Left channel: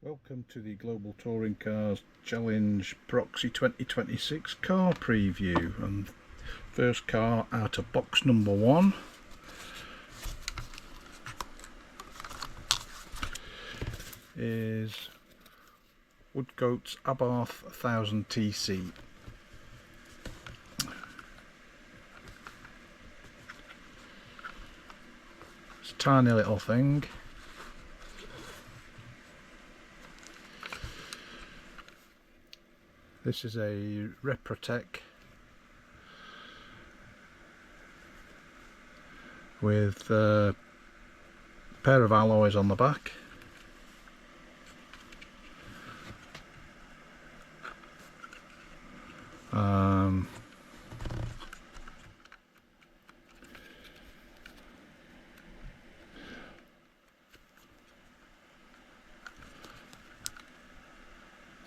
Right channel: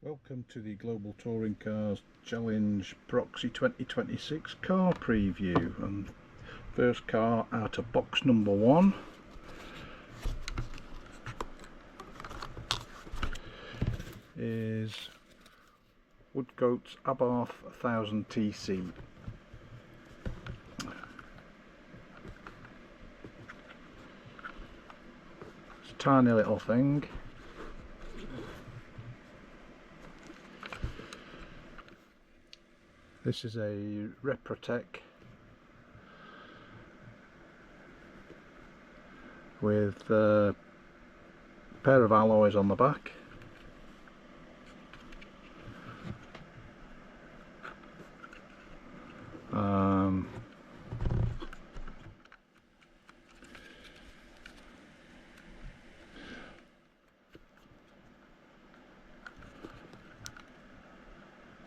Welcome to the Global Touring Cars Challenge Proxy 2026 car preview, and first car out of box number 1 is Woodcote's Abarth 1000 TC. It's a tiny little thing. This is a Reprotec with a pair of alloys on the back.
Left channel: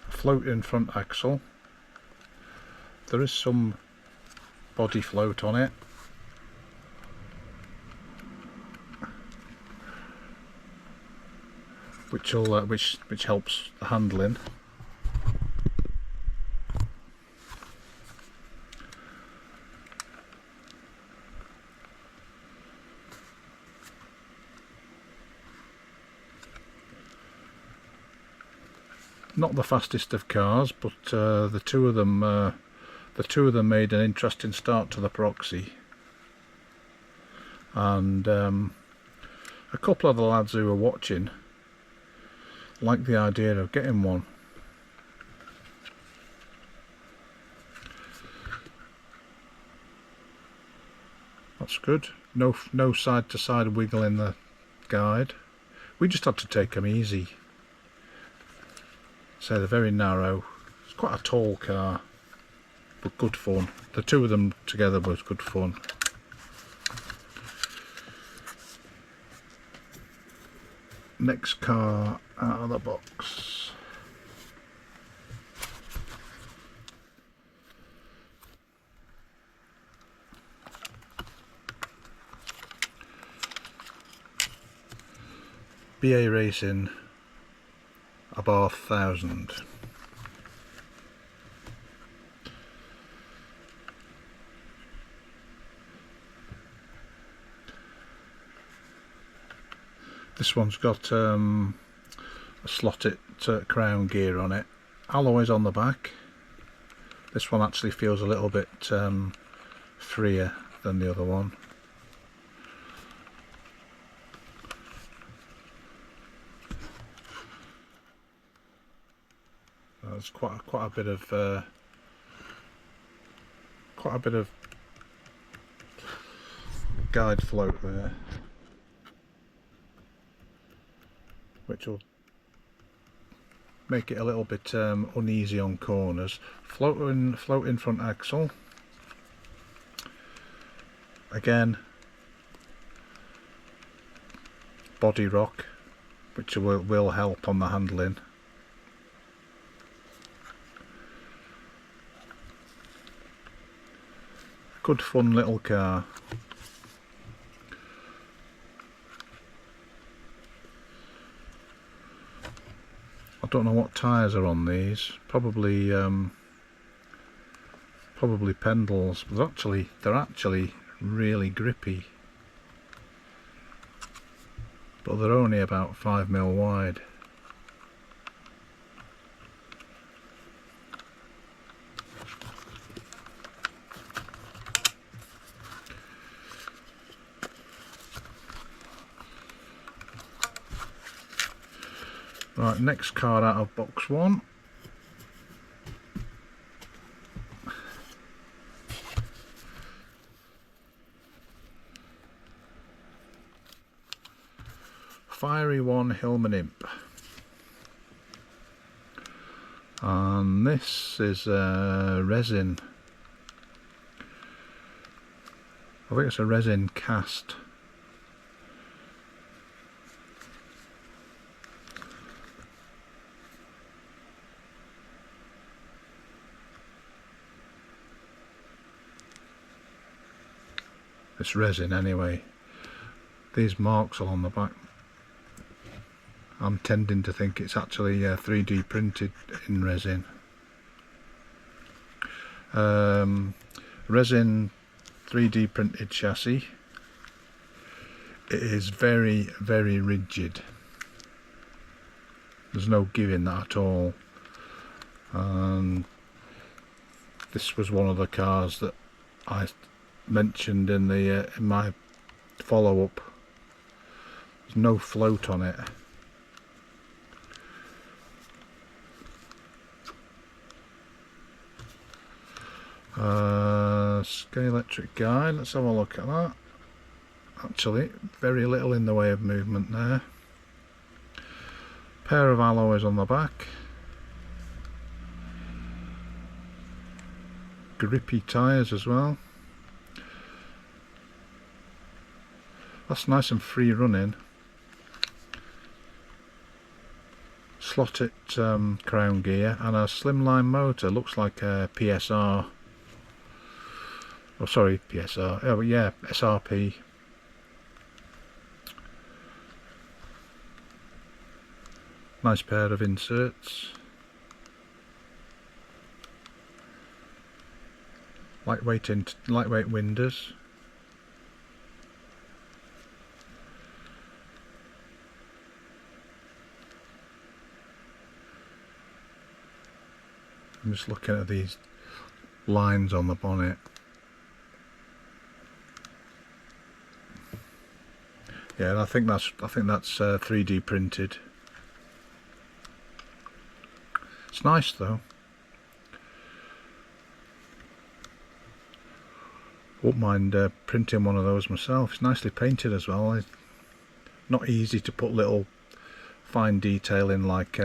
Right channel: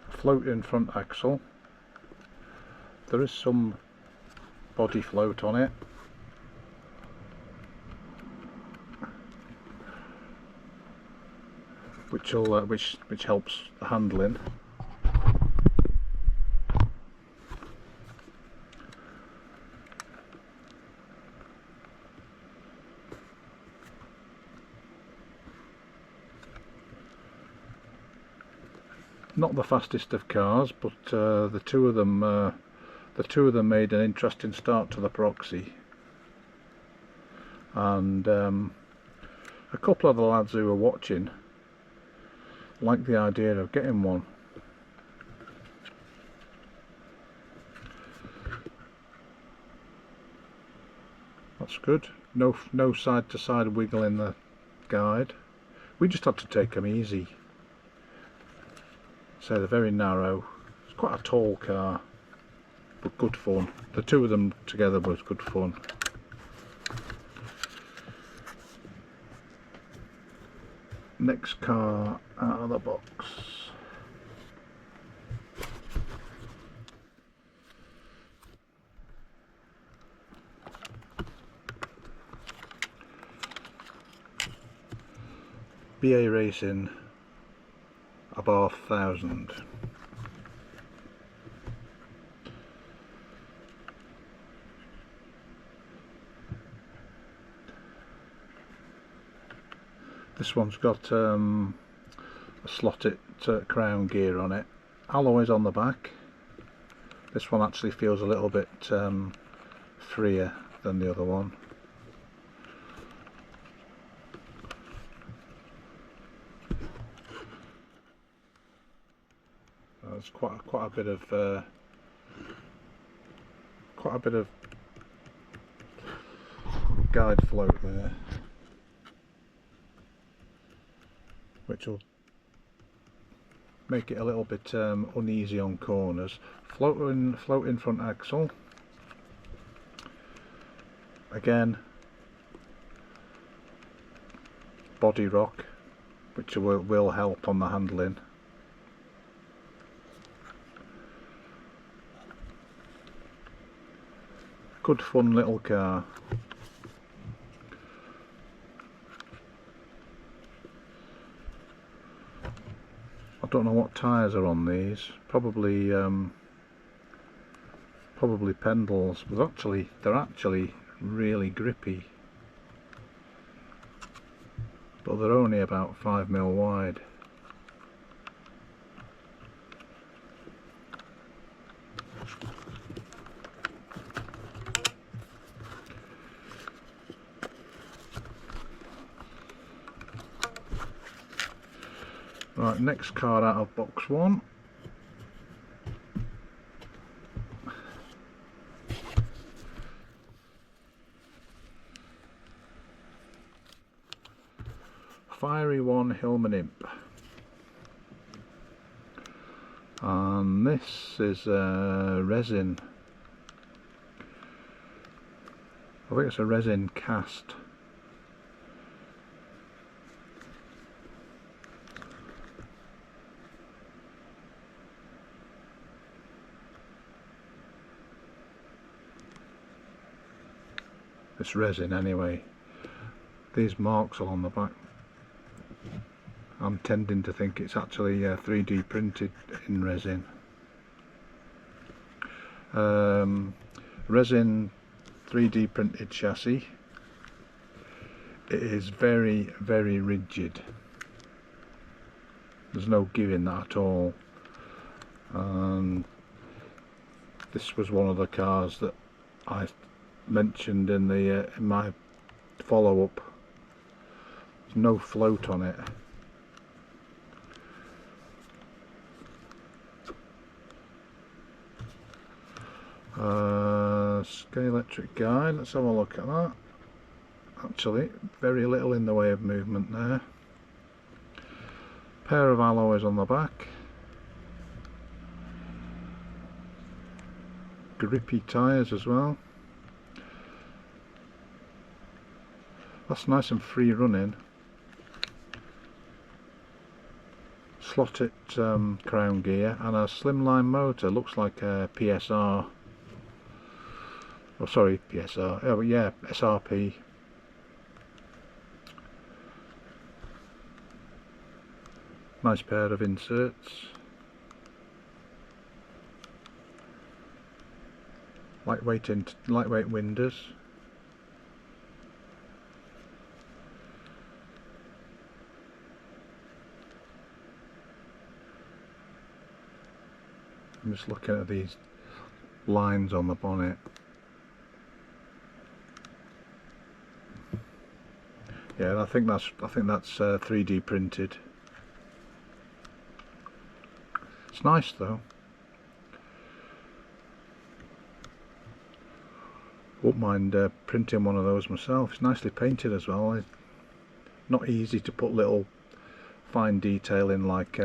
Floating front axle. There is some body float on it. Which helps the handling. Not the fastest of cars, but the two of them made an interesting start to the Proxy, and a couple of the lads who were watching liked the idea of getting one. That's good. No side to side wiggle in the guide. We just had to take them easy. So they're very narrow. It's quite a tall car, but good fun. The two of them together was good fun. Next car out of the box. BA Racing Abarth 1000. This one's got a slotted crown gear on it. Alloys on the back. This one actually feels a little bit freer than the other one. There's quite a bit of guide float there, which will make it a little bit uneasy on corners. Floating front axle. Again, body rock, which will help on the handling. Good fun little car. I don't know what tyres are on these. Probably Pendles, but they're actually really grippy. But they're only about 5mm wide. Right, next car out of box 1. Fiery One Hillman Imp. And this is resin. I think it's a resin cast. It's resin anyway. These marks are on the back I'm tending to think it's actually 3D printed in resin. Resin 3D printed chassis. It is very, very rigid. There's no giving that at all. And this was one of the cars that I mentioned in the in my follow-up. There's no float on it. Scalextric guide, let's have a look at that. Actually, very little in the way of movement there. Pair of alloys on the back. Grippy tyres as well. That's nice and free running. Slotted crown gear and a slimline motor. Looks like a PSR. Oh, sorry, PSR. Oh, yeah, SRP. Nice pair of inserts. Lightweight windows. I'm just looking at these lines on the bonnet. Yeah, I think that's 3D printed. It's nice though. Won't mind printing one of those myself. It's nicely painted as well. It's not easy to put little fine detail in like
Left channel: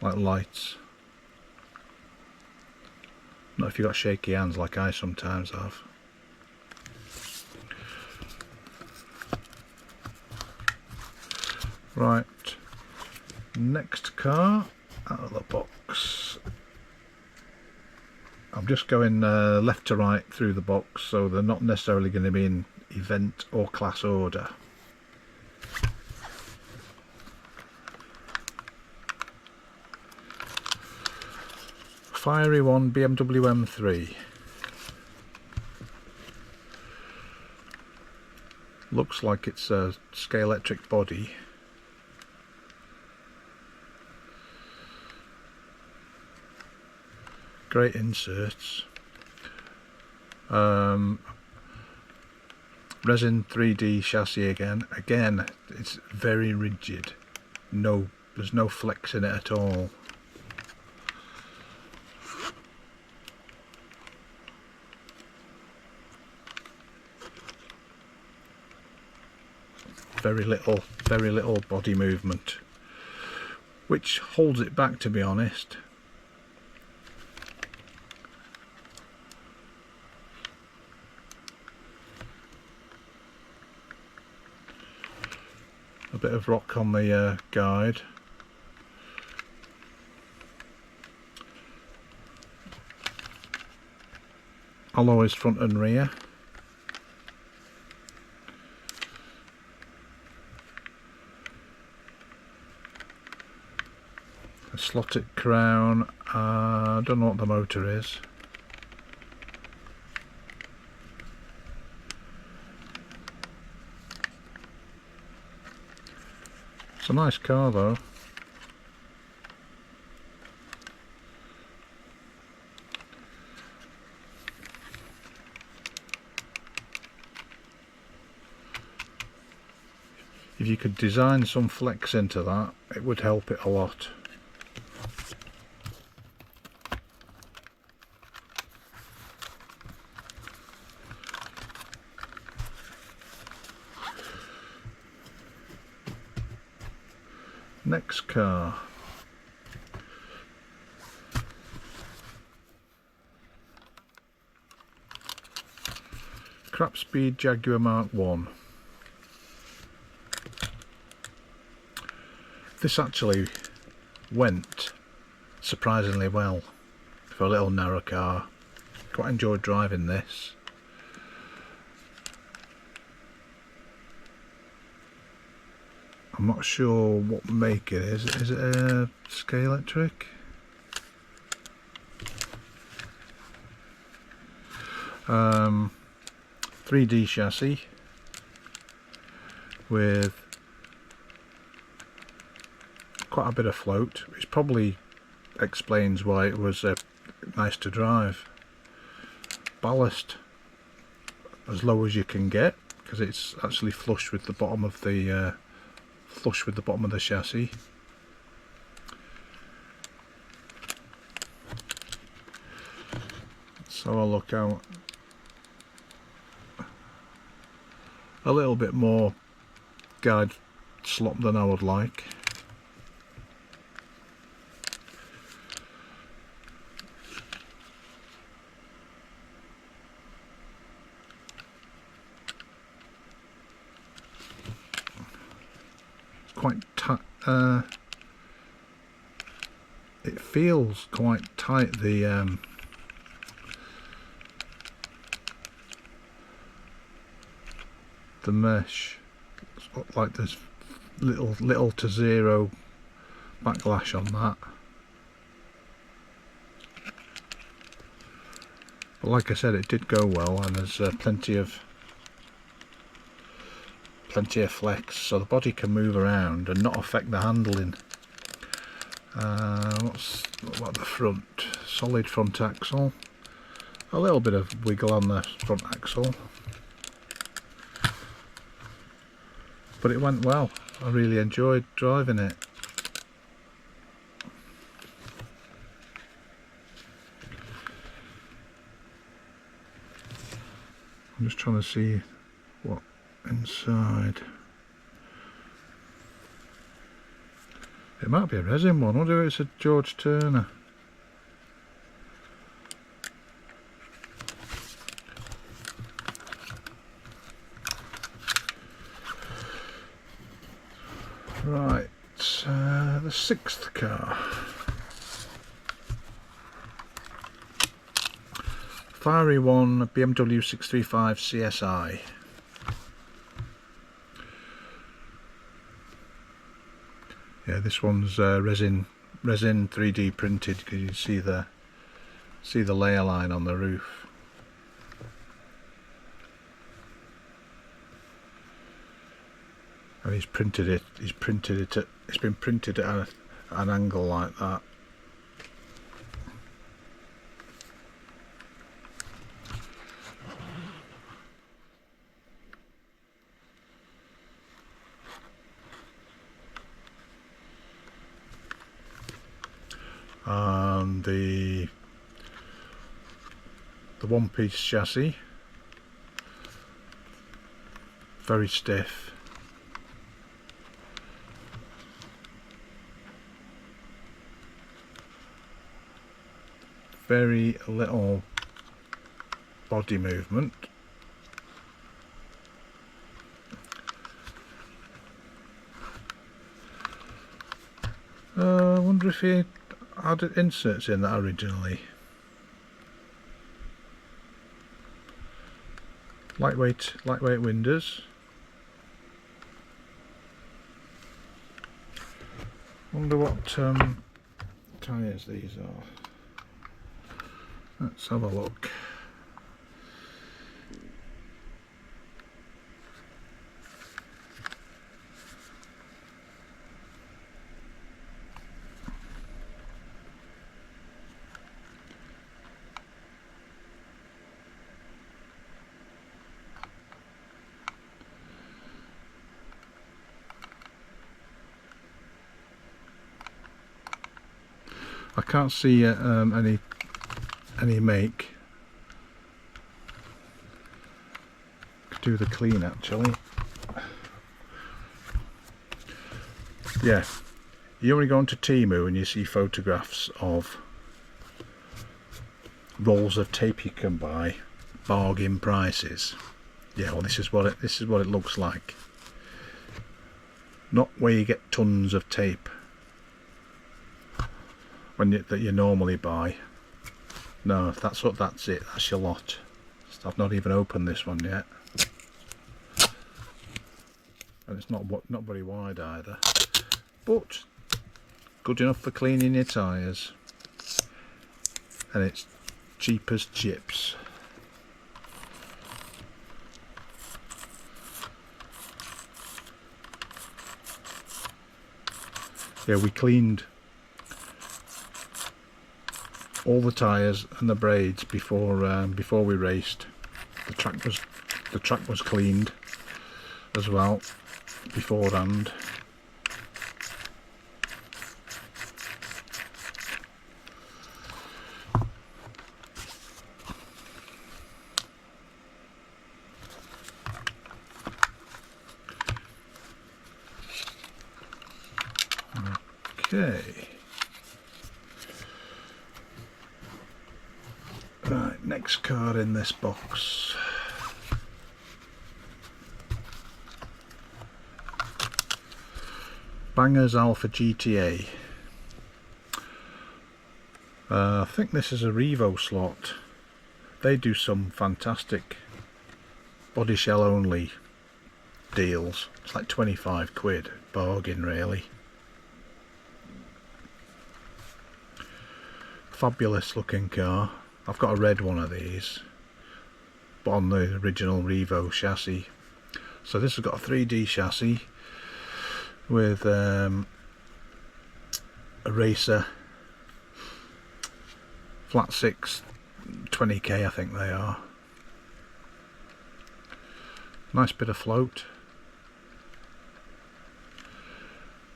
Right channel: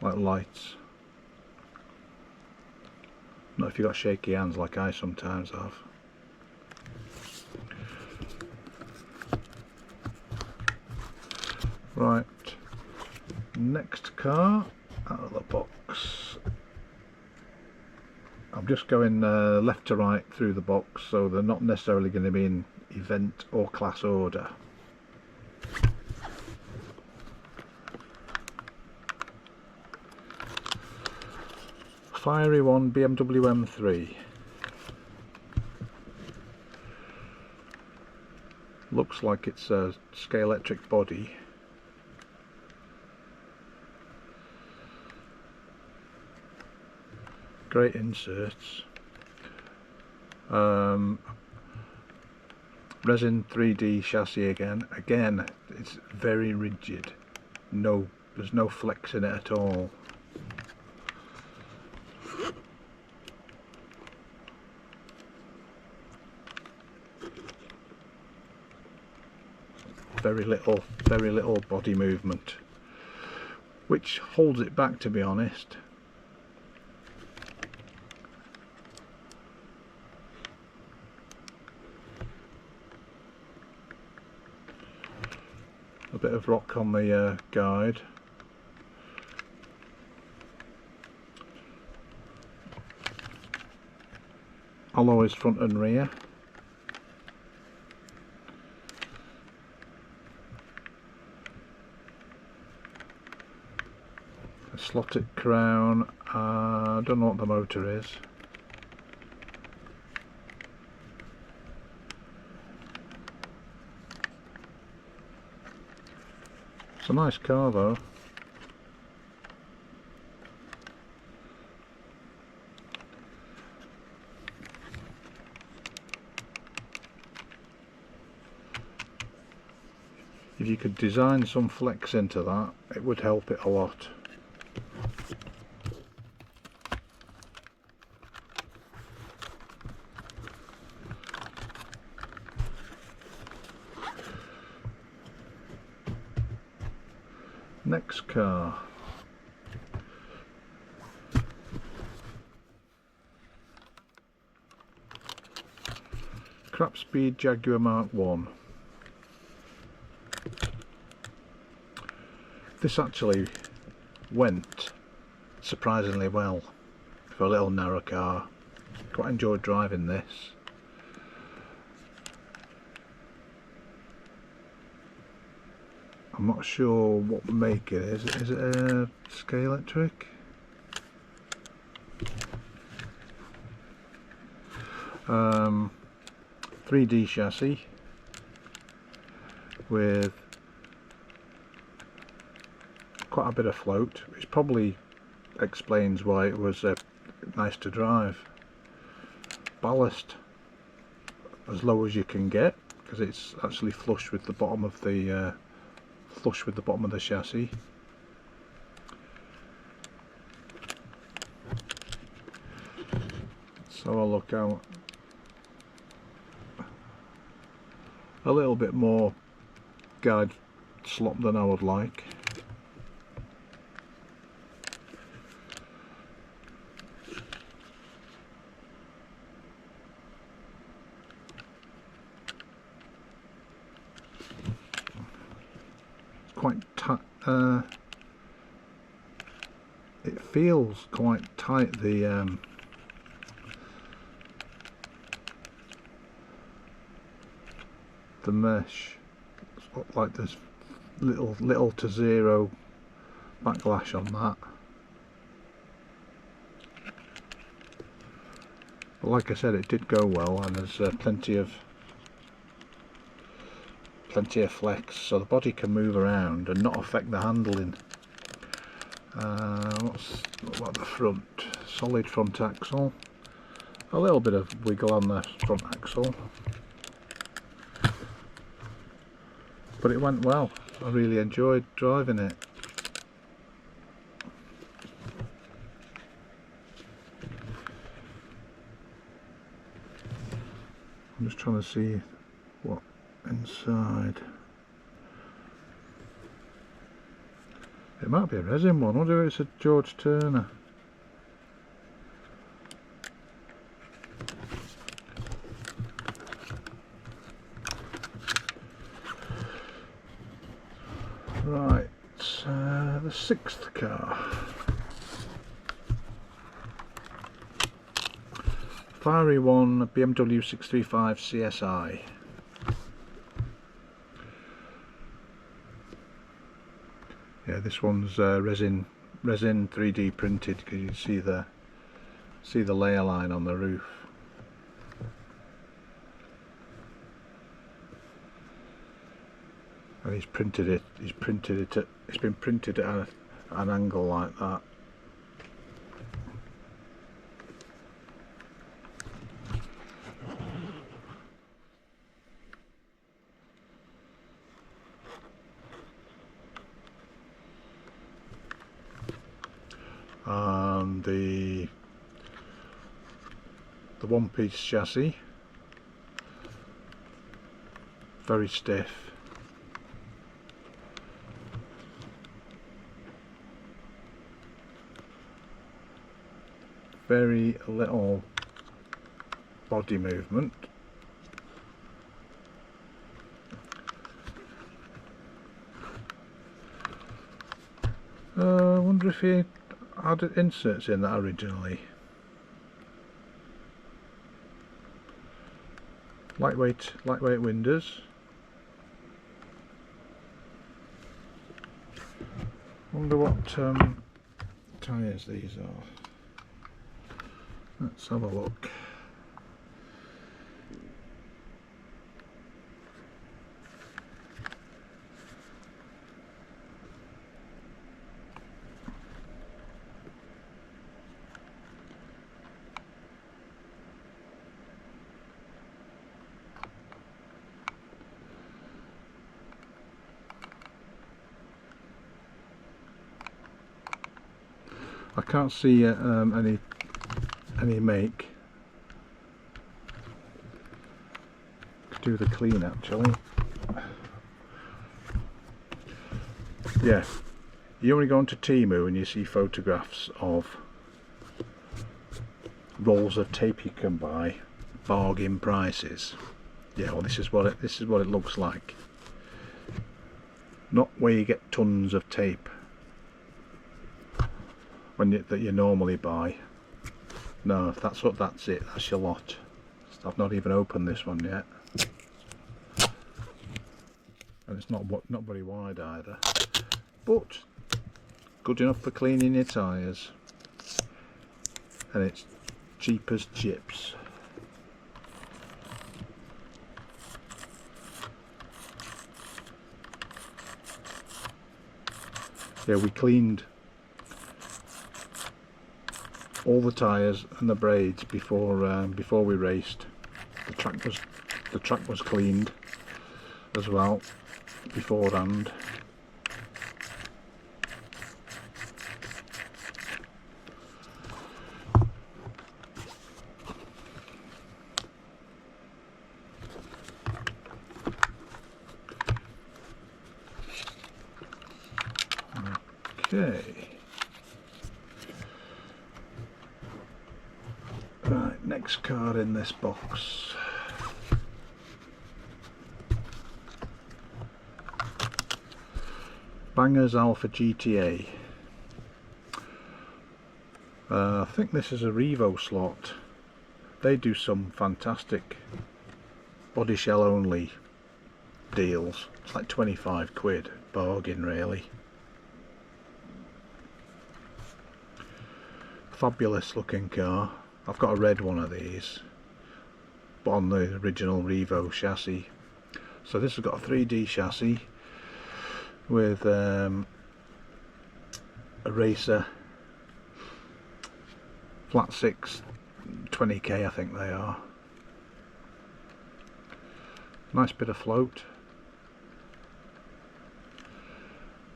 lights. Not if you've got shaky hands like I sometimes have. Right, next car out of the box. I'm just going left to right through the box, so they're not necessarily going to be in event or class order. Fiery one, BMW M3. Looks like it's a Scalextric body. Great inserts. Resin 3D chassis again. Again, it's very rigid. There's no flex in it at all. Very little body movement, which holds it back, to be honest. A bit of rock on the guide. Alloys front and rear. A slotted crown. I don't know what the motor is. It's a nice car though. If you could design some flex into that, it would help it a lot. Next car. Krapspeed Jaguar Mark 1. This actually went surprisingly well for a little narrow car. Quite enjoyed driving this. I'm not sure what make it is. Is it a Scalextric? Um, 3D chassis with quite a bit of float, which probably explains why it was nice to drive. Ballast as low as you can get, because it's actually flush with the bottom of the chassis. So I'll look out a little bit more guide slop than I would like. Quite tight. It feels quite tight. The mesh, it's like there's little to zero backlash on that. But like I said, it did go well, and there's plenty of flex, so the body can move around and not affect the handling. What about the front? Solid front axle, a little bit of wiggle on the front axle, but it went well. I really enjoyed driving it. I'm just trying to see what inside. It might be a resin one. I wonder if it's a George Turner. Right, the sixth car. Fiery one, BMW 635 CSI. Yeah, this one's resin 3D printed, because you can see the layer line on the roof. And it's been printed at an angle like that. And the one-piece chassis, very stiff. Very little body movement. I wonder if he had inserts in that originally. Lightweight windows. Wonder what tyres these are. Let's have a look. I can't see any make. Could do the clean actually. Yeah, you only go onto Temu and you see photographs of rolls of tape you can buy, bargain prices. Yeah, well, this is what it looks like. Not where you get tons of tape that you normally buy. No, that's it. That's your lot. I've not even opened this one yet. and it's not very wide either, but good enough for cleaning your tyres, and it's cheap as chips. Yeah, we cleaned all the tyres and the braids before we raced. The track was cleaned as well beforehand. Okay. Right, next car in this box. Bangers Alfa GTA. I think this is a Revo slot. They do some fantastic body shell only deals. It's like 25 quid, bargain really. Fabulous looking car. I've got a red one of these, but on the original Revo chassis. So this has got a 3D chassis with a racer, flat 6, 20k I think they are. Nice bit of float.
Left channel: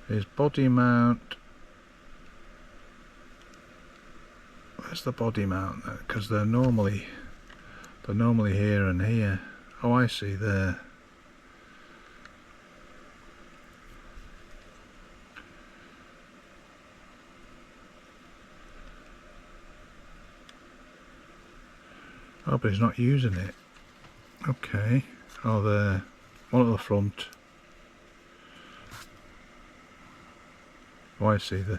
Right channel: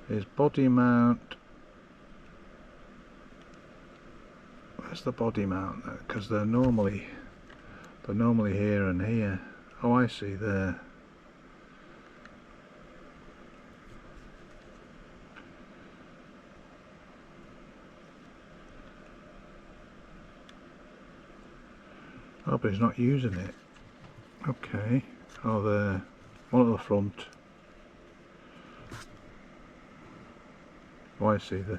Here's body mount. Where's the body mount? Because they're normally here and here. Oh, I see there. Oh, but he's not using it. Okay. Oh, there. One at the front. Oh, I see the.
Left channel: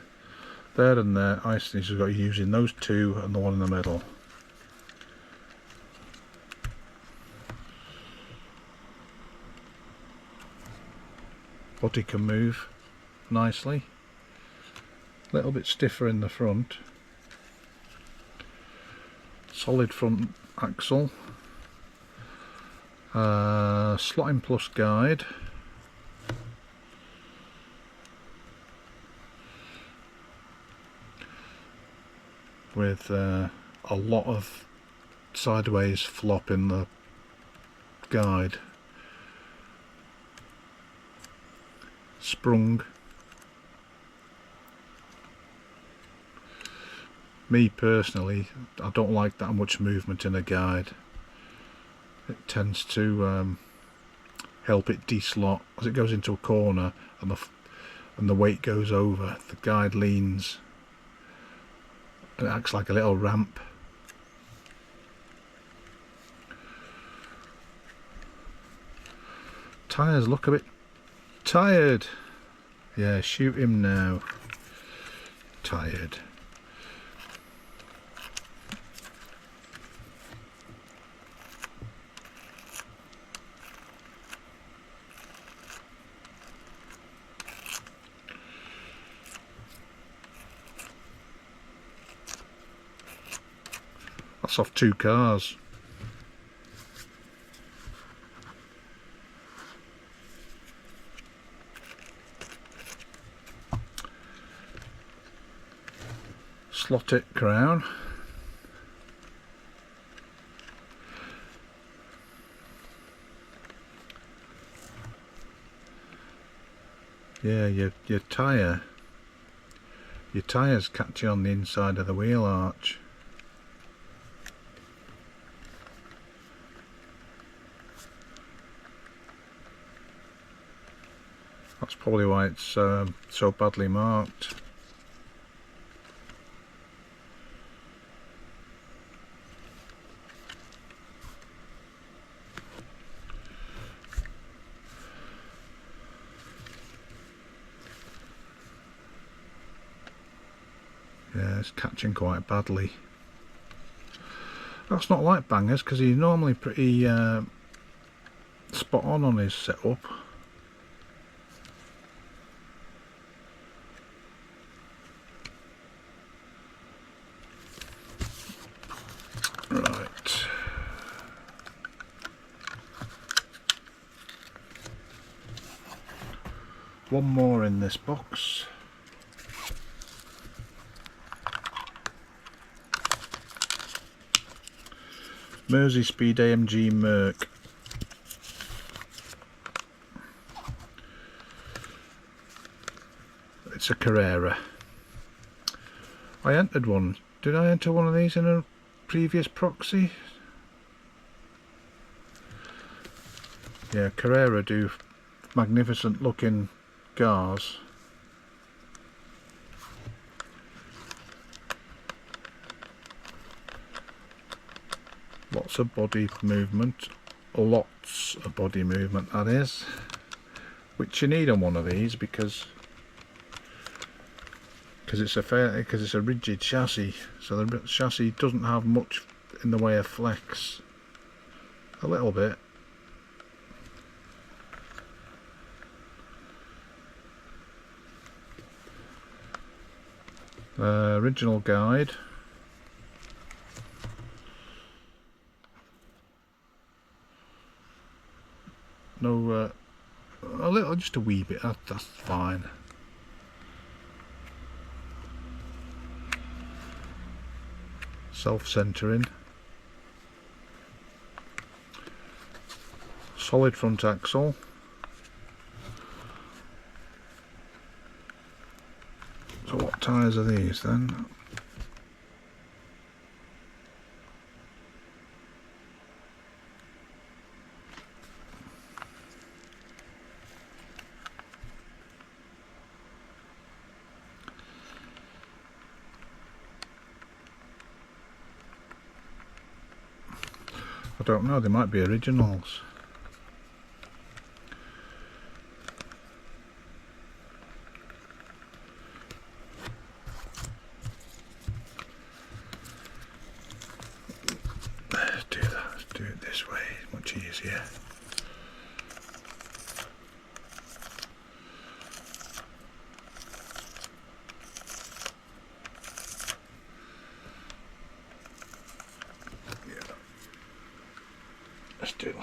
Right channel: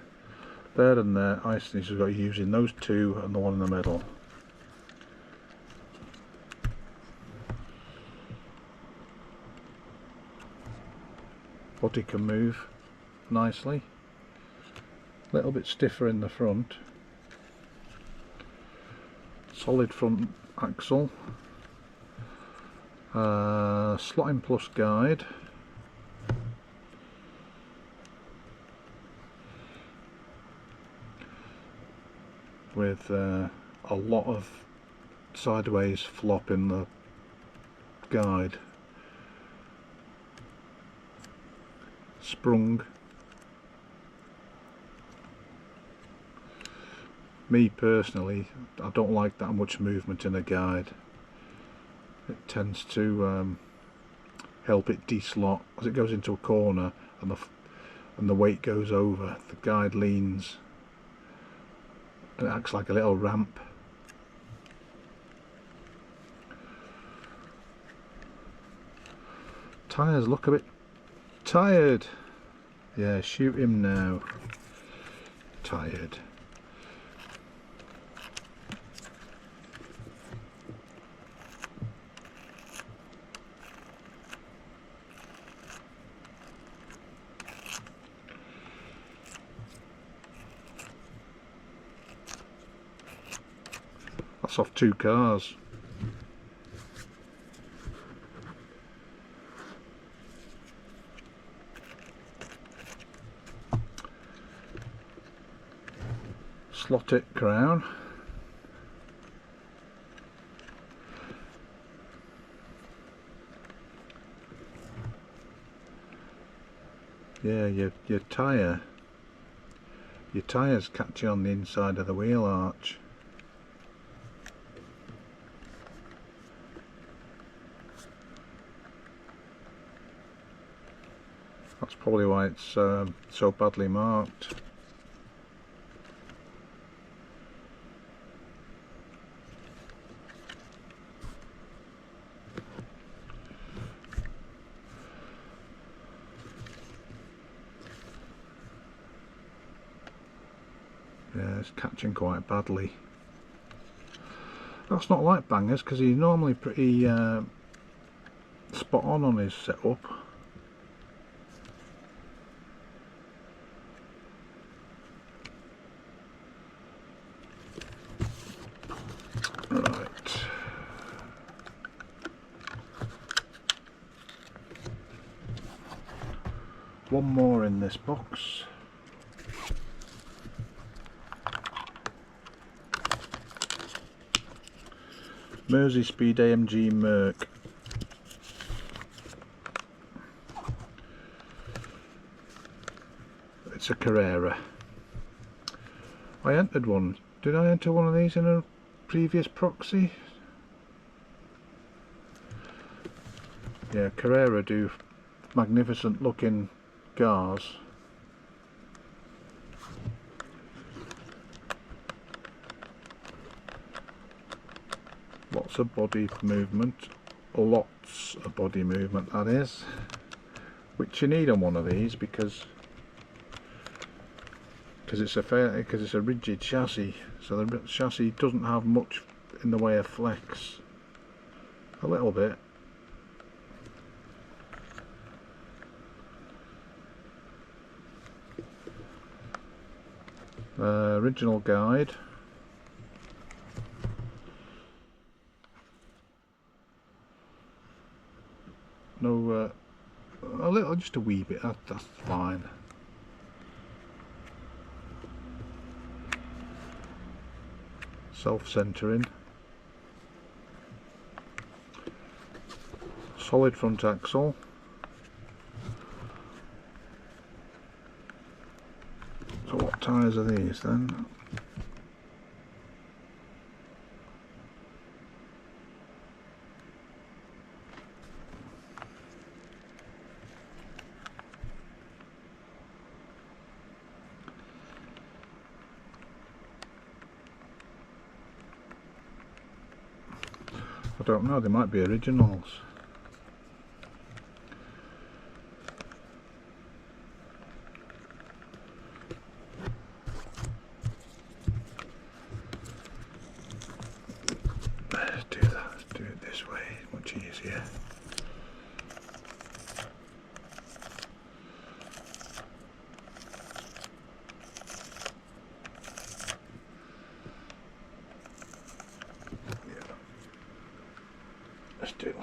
There and there, I see he's got using those two and the one in the middle. Body can move nicely. A little bit stiffer in the front. Solid front axle. Slotting plus guide. With a lot of sideways flop in the guide. Sprung. Me personally, I don't like that much movement in a guide. It tends to help it deslot as it goes into a corner, and the weight goes over. The guide leans. It acts like a little ramp. Tyres look a bit tired. Yeah, shoot him now. Tired. That's off 2 cars. Slotted crown. Yeah, your tyres catch you on the inside of the wheel arch. That's probably why it's so badly marked. Yeah, it's catching quite badly. That's not like Bangers, because he's normally pretty spot on his setup. one more in this box. Merseyspeed AMG Merc. It's a Carrera. I entered one. Did I enter one of these in a previous Proxy? Yeah, Carrera do magnificent looking cars. Lots of body movement. Lots of body movement, that is. Which you need on one of these because it's a rigid chassis, so the chassis doesn't have much in the way of flex. A little bit. Original guide. No, a little, just a wee bit. That's fine. Self-centering. Solid front axle. So what tyres are these then? I don't know, they might be originals. Let's do that, let's do it this way, much easier. Let's do it.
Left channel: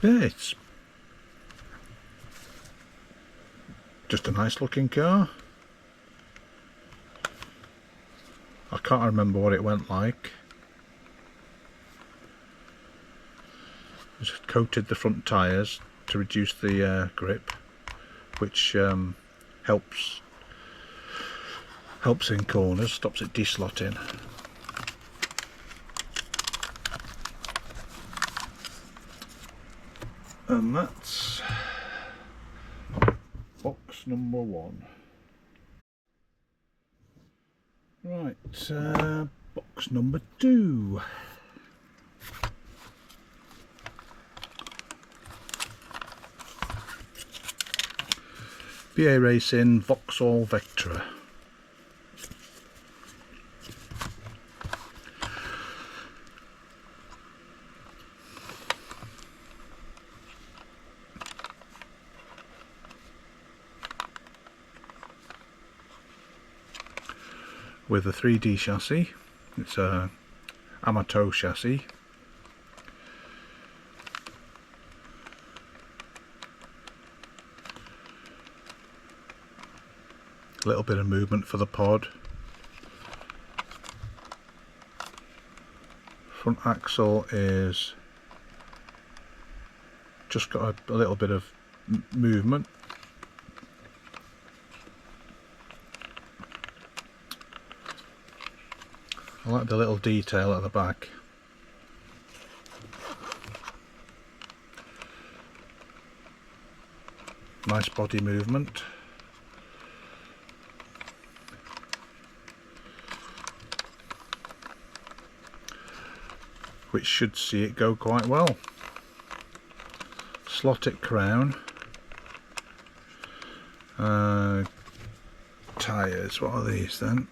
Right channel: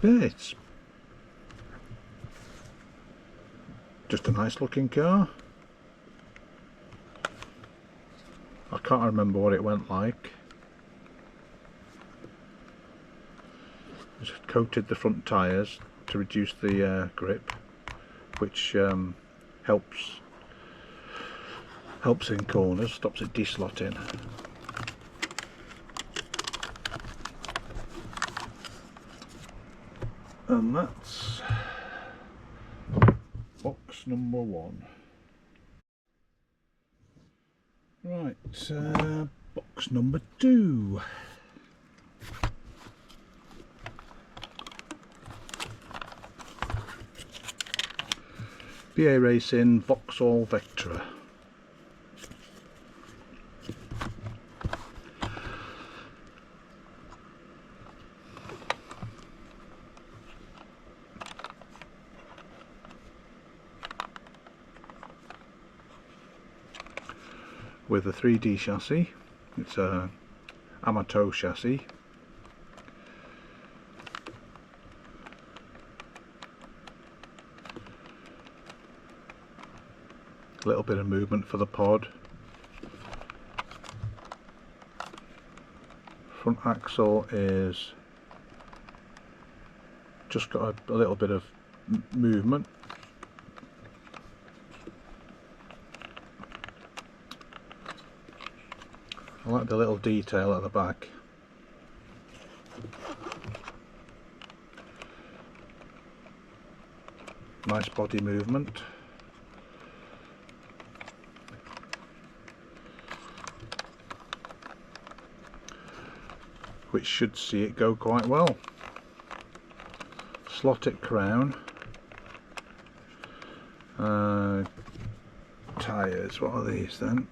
Yeah, it's just a nice looking car. I can't remember what it went like. Just coated the front tyres to reduce the grip, which helps in corners, stops it deslotting. And that's box number one. Right, box number two. BA Racing Vauxhall Vectra. With a 3D chassis. It's a Amato chassis. A little bit of movement for the pod. Front axle is just got a little bit of movement. I like the little detail at the back. Nice body movement. Which should see it go quite well. Slotted crown. Tyres, what are these then?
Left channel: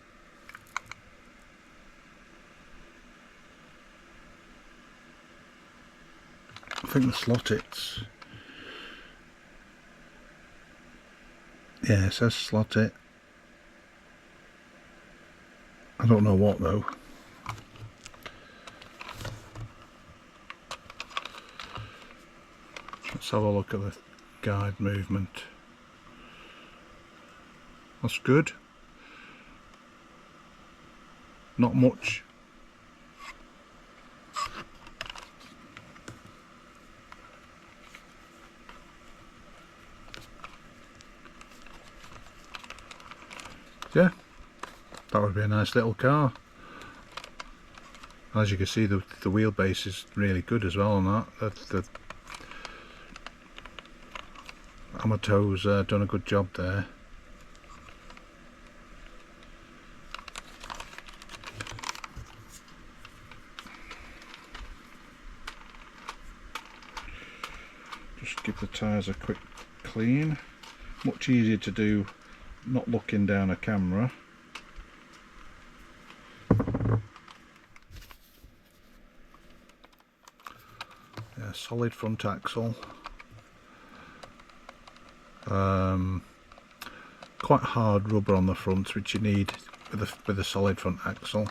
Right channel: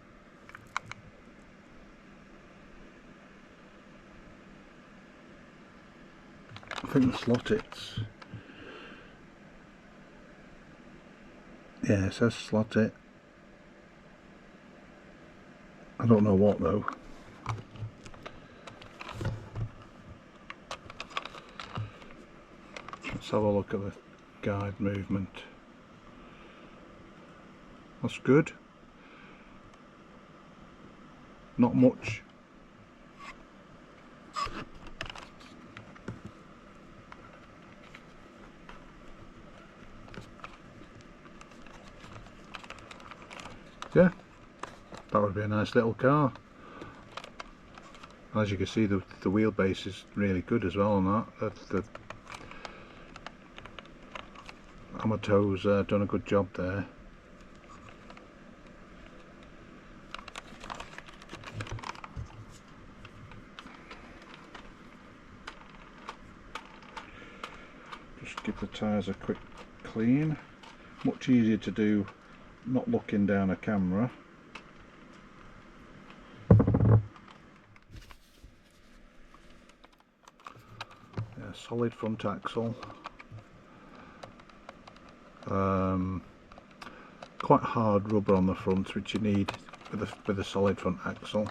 I think the Slottits. Yeah, it says Slottit. I don't know what though. Let's have a look at the guide movement. That's good. Not much. Yeah, that would be a nice little car. As you can see, the wheelbase is really good as well on that. The Amato's done a good job there. Just give the tyres a quick clean. Much easier to do not looking down a camera. Yeah, solid front axle. Quite hard rubber on the front, which you need with a solid front axle.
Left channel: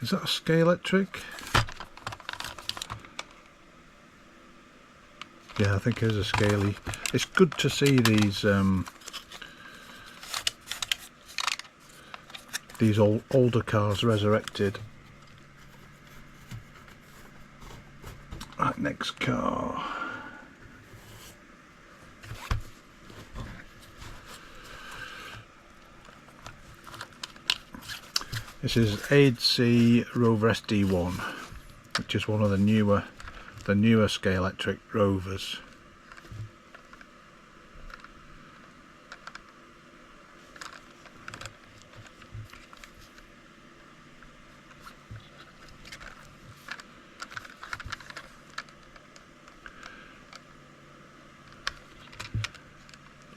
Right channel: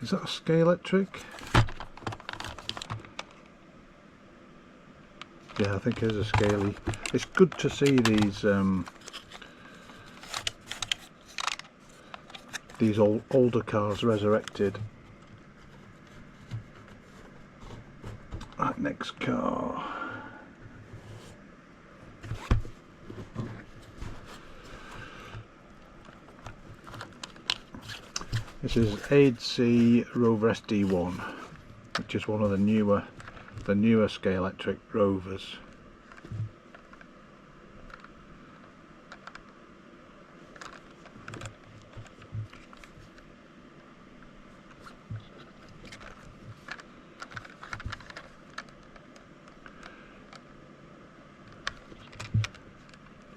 Is that a Scalextric? Yeah, I think it is a Scaly. It's good to see these older cars resurrected. Right, next car. This is AdeC Rover SD1, which is one of the newer Scalextric Rovers.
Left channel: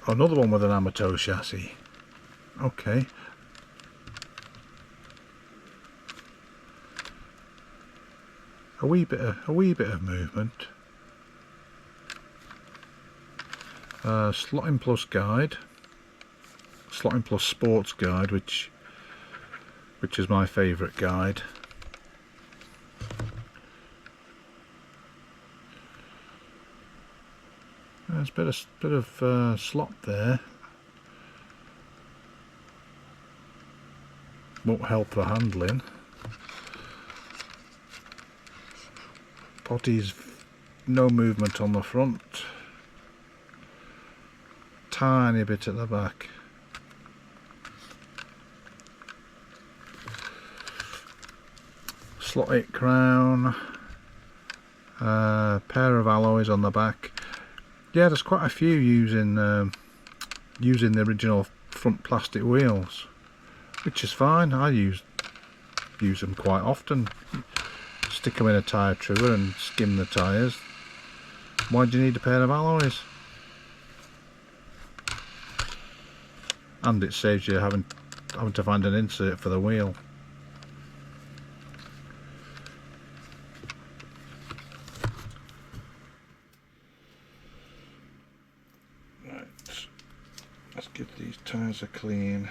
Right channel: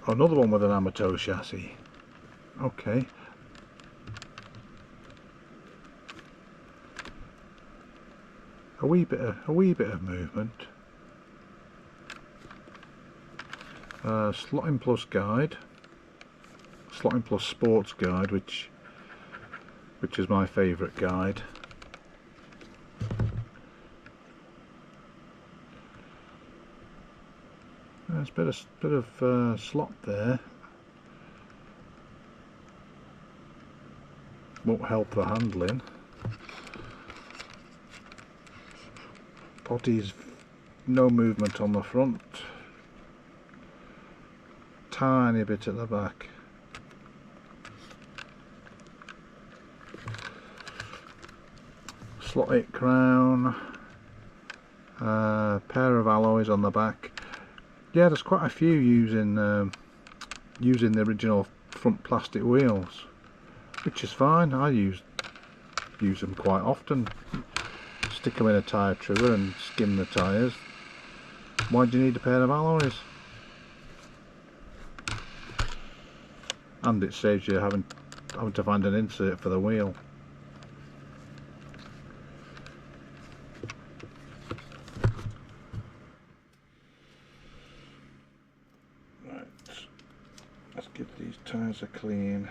Another one with an Amato chassis. Okay. A wee bit of movement. Slotting Plus guide, Slotting Plus Sports guide, which is my favourite guide. There's a bit of slot there. Won't help the handling. Body's no movement on the front. Tiny bit at the back. Slotted crown. Pair of alloys on the back. Yeah, there's quite a few using the original front plastic wheels, which is fine. I use them quite often. Stick them in a tyre trimmer and skim the tyres. Why do you need a pair of alloys? And it saves you having to find an insert for the wheel. Right, let's give these tyres a clean.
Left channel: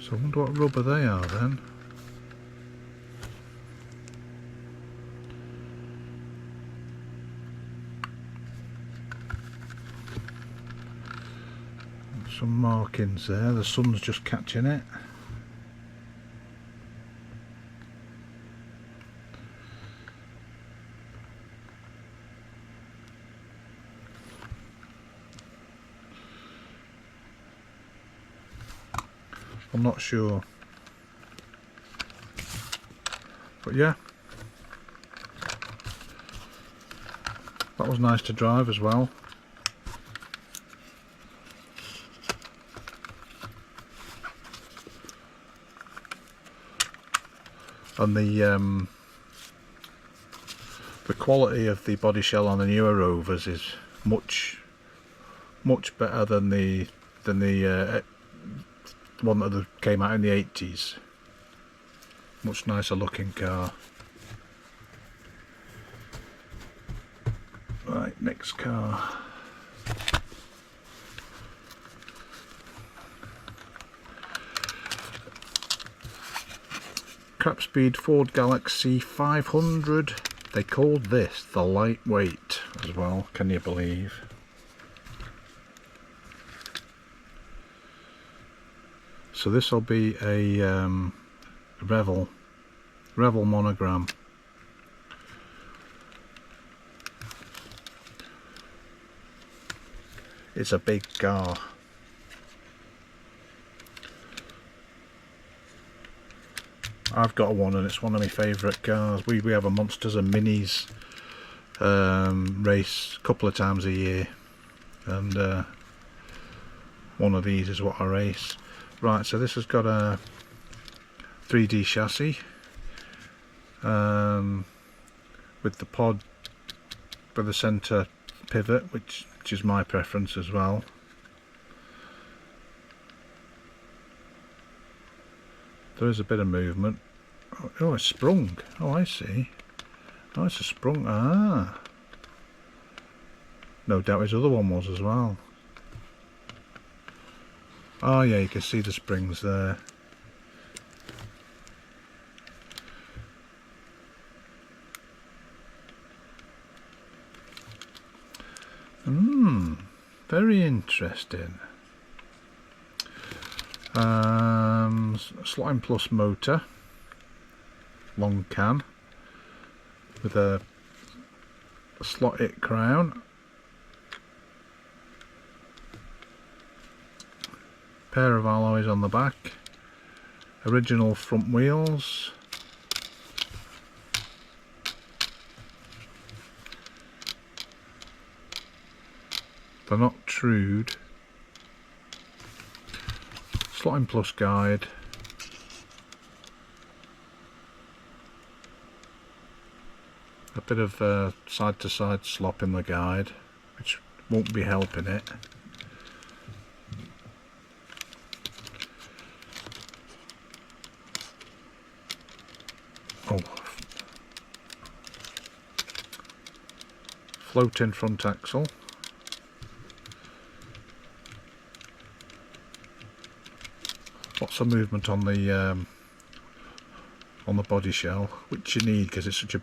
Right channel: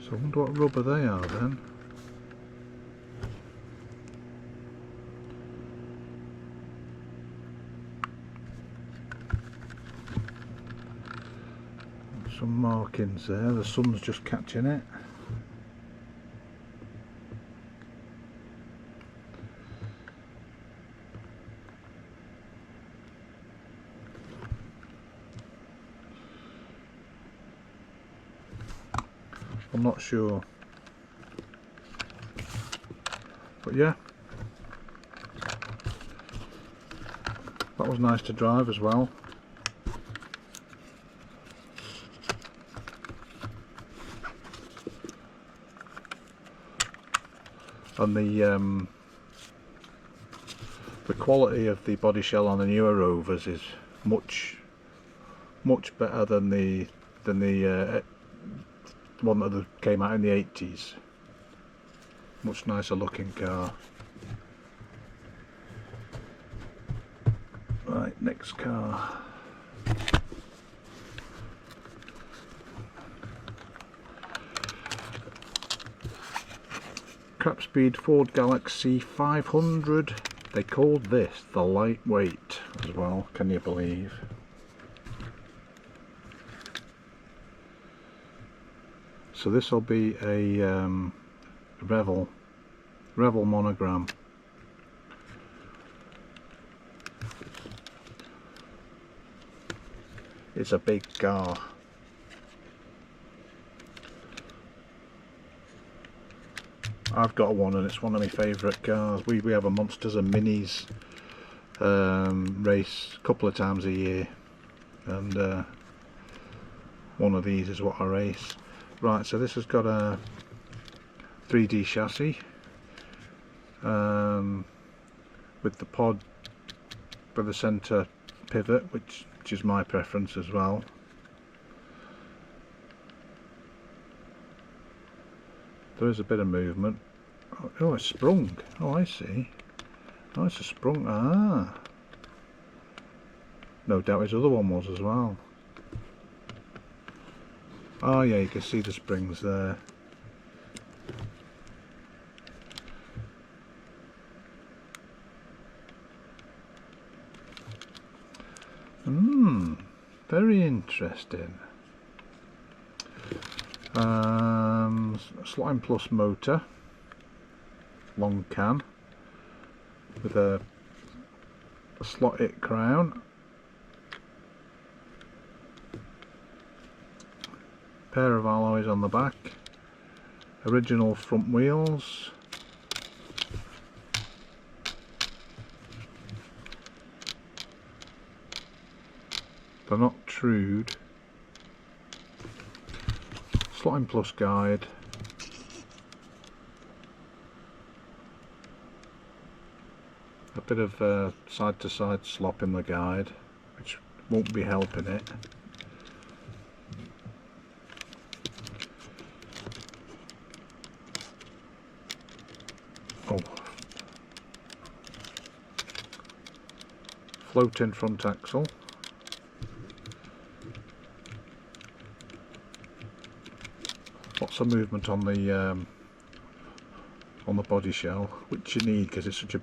So I wonder what rubber they are then. Some markings there, the sun's just catching it. I'm not sure, but yeah, that was nice to drive as well. and the quality of the body shell on the newer Rovers is much better than the one that came out in the 80s. Much nicer looking car. Right, next car. Krapspeed Ford Galaxie 500. They called this the lightweight as well, can you believe? So this will be a Revel monogram. It's a big car. I've got one and it's one of my favourite cars. We have a Monsters and Minis race a couple of times a year, and one of these is what I race. Right, so this has got a 3D chassis with the pod with the centre pivot, which is my preference as well. There is a bit of movement. Oh, it's sprung. Oh, I see. Oh, it's a sprung. Ah. No doubt his other one was as well. Oh yeah, you can see the springs there. Very interesting. Slime Plus motor, long cam, with a slot-it crown, pair of alloys on the back, original front wheels, they're not trued, Slotting Plus guide, a bit of side to side slop in the guide, which won't be helping it. Oh, floating front axle. Lots of movement on the body shell, which you need because it's such a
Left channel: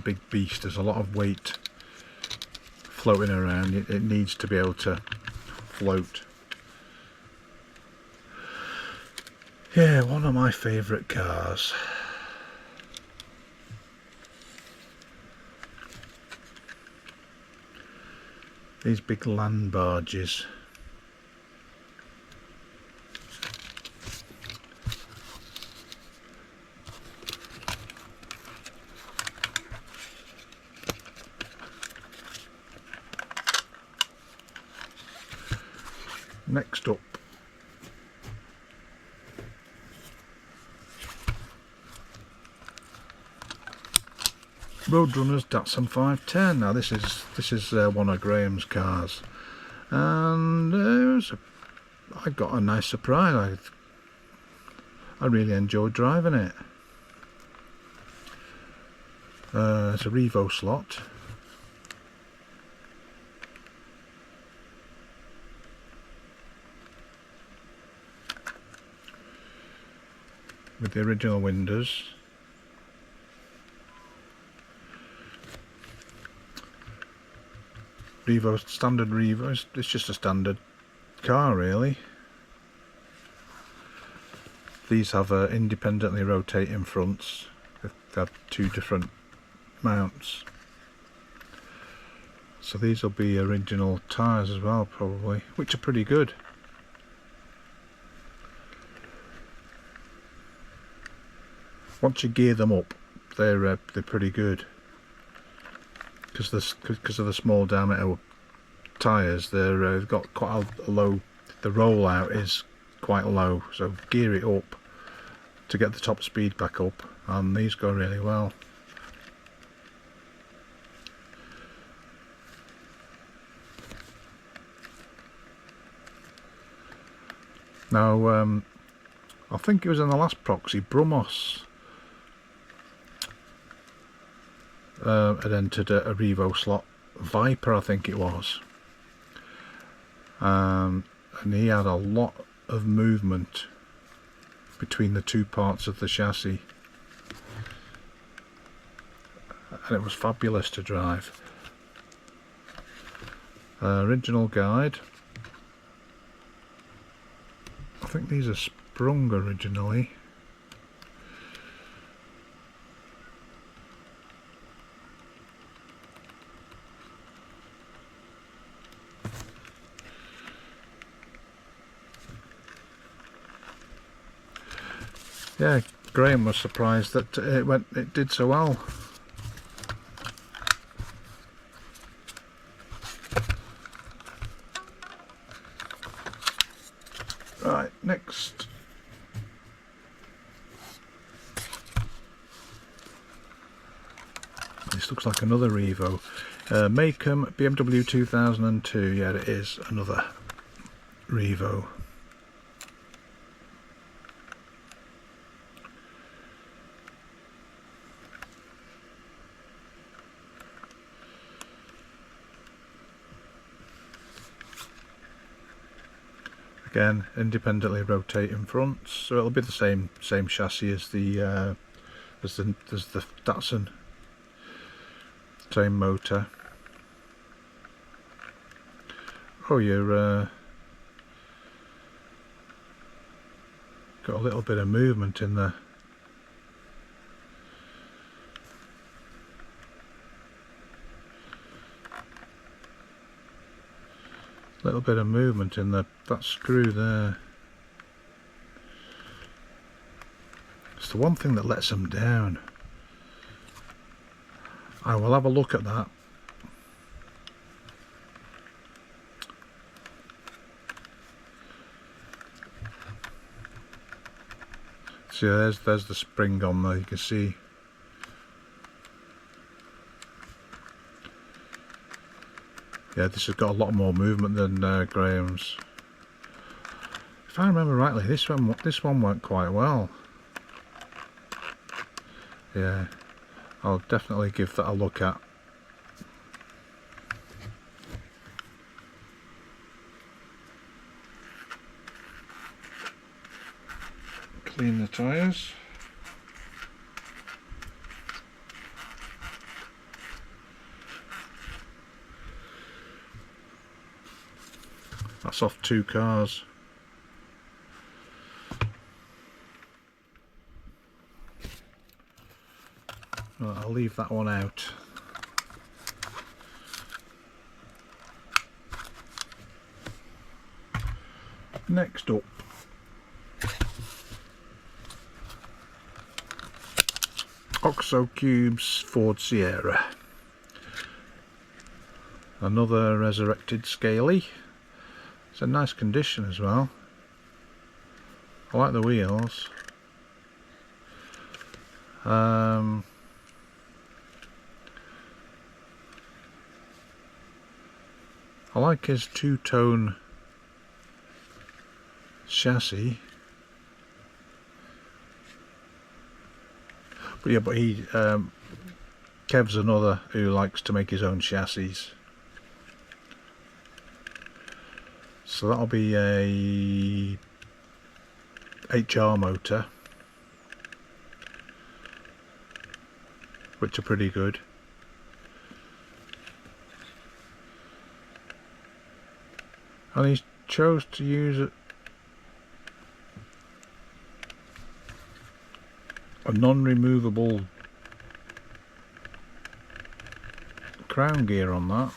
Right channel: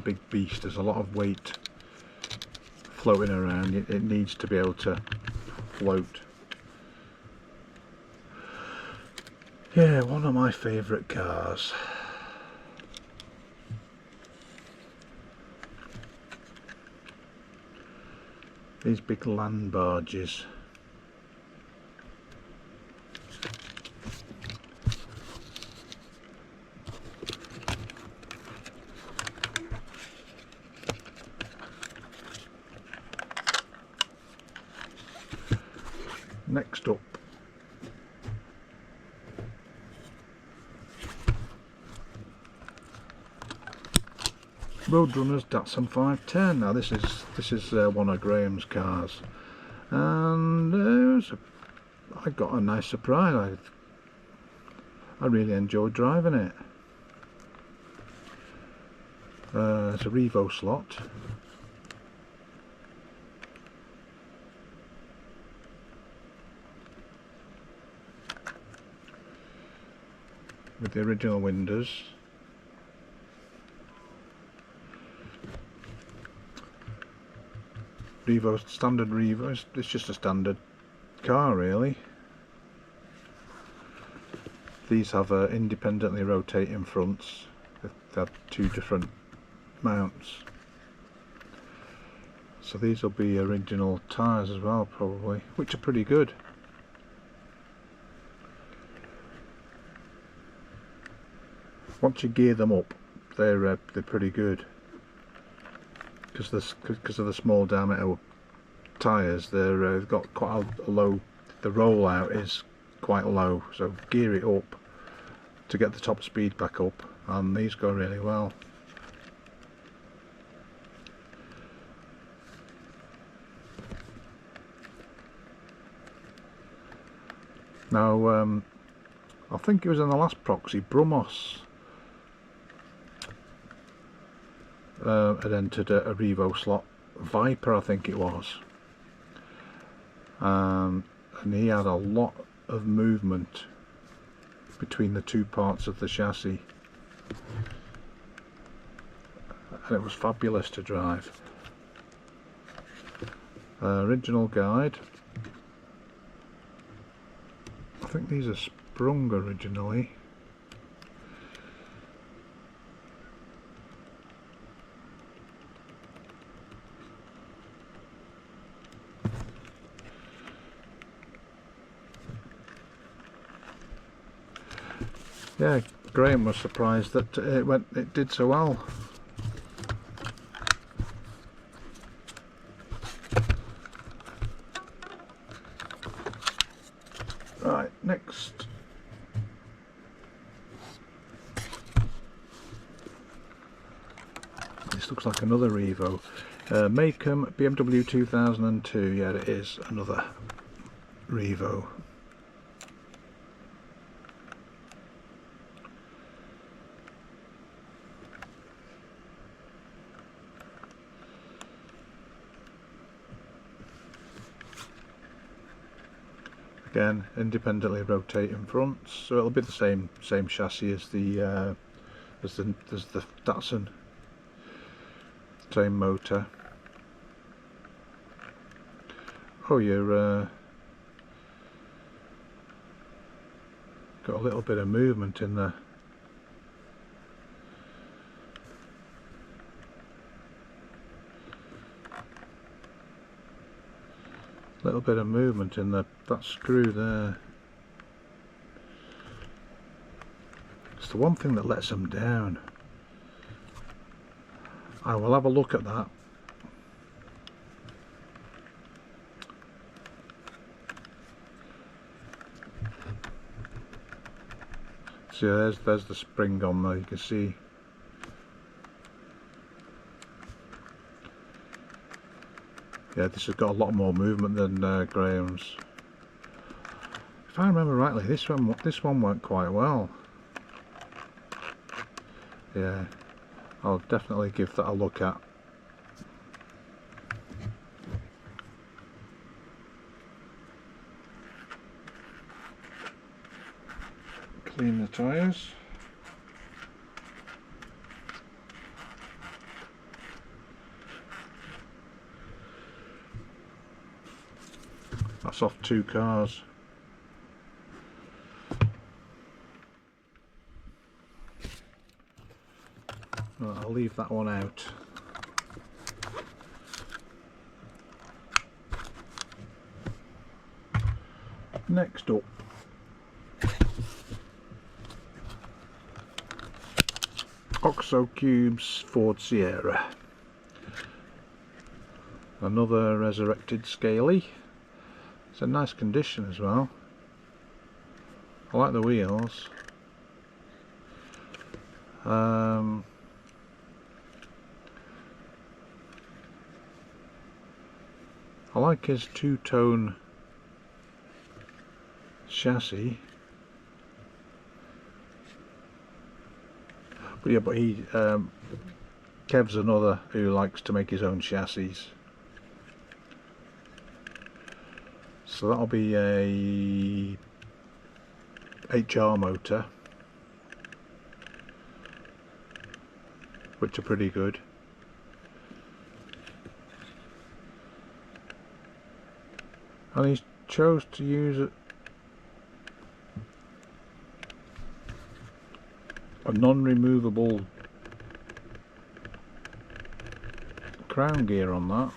big beast. There's a lot of weight floating around. It needs to be able to float. Yeah, one of my favourite cars. These big land barges. Next up, Roadrunners Datsun 510. Now this is one of Graham's cars, and I got a nice surprise. I really enjoyed driving it. It's a Revo slot. With the original windows. Revo, standard Revo, it's just a standard car really. These have independently rotating fronts. They have two different mounts. So these will be original tyres as well probably, which are pretty good. Once you gear them up, they're pretty good. Because of the small diameter tyres, they've got quite a low. The rollout is quite low, so gear it up, to get the top speed back up, and these go really well. Now I think it was in the last Proxy, Brumos had entered a Revo slot, Viper I think it was, and he had a lot of movement between the two parts of the chassis, and it was fabulous to drive. Original guide, I think these are sprung originally. Yeah, Graham was surprised that it did so well. Right, next. This looks like another Revo. Makem BMW 2002. Yeah, it is another Revo. Again, independently rotating fronts, so it'll be the same chassis as the Datsun. Same motor. Oh, you're got a little bit of movement in there. Little bit of movement in that screw there. It's the one thing that lets them down. I will have a look at that. See, there's the spring on there, you can see. Yeah, this has got a lot more movement than Graham's. If I remember rightly, this one went quite well. Yeah, I'll definitely give that a look at. Clean the tyres. That's off 2 cars. Well, I'll leave that one out. Next up, Oxo Cube's Ford Sierra. Another resurrected Scaly. It's in nice condition as well. I like the wheels. I like his two-tone chassis. But yeah, he Kev's another who likes to make his own chassis. So that'll be a HR motor, which are pretty good. And he chose to use a non-removable crown gear on that.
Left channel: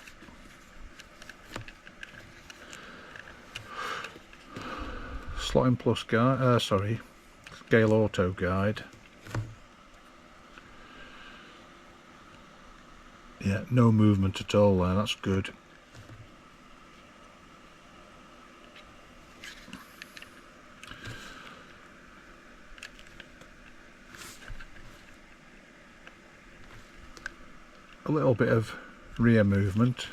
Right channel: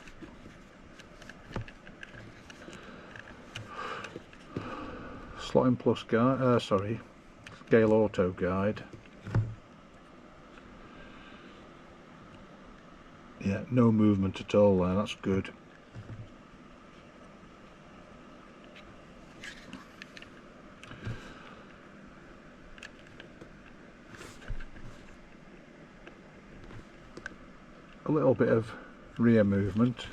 Slotting plus guide, scale auto guide. Yeah, no movement at all there, that's good. a little bit of rear movement.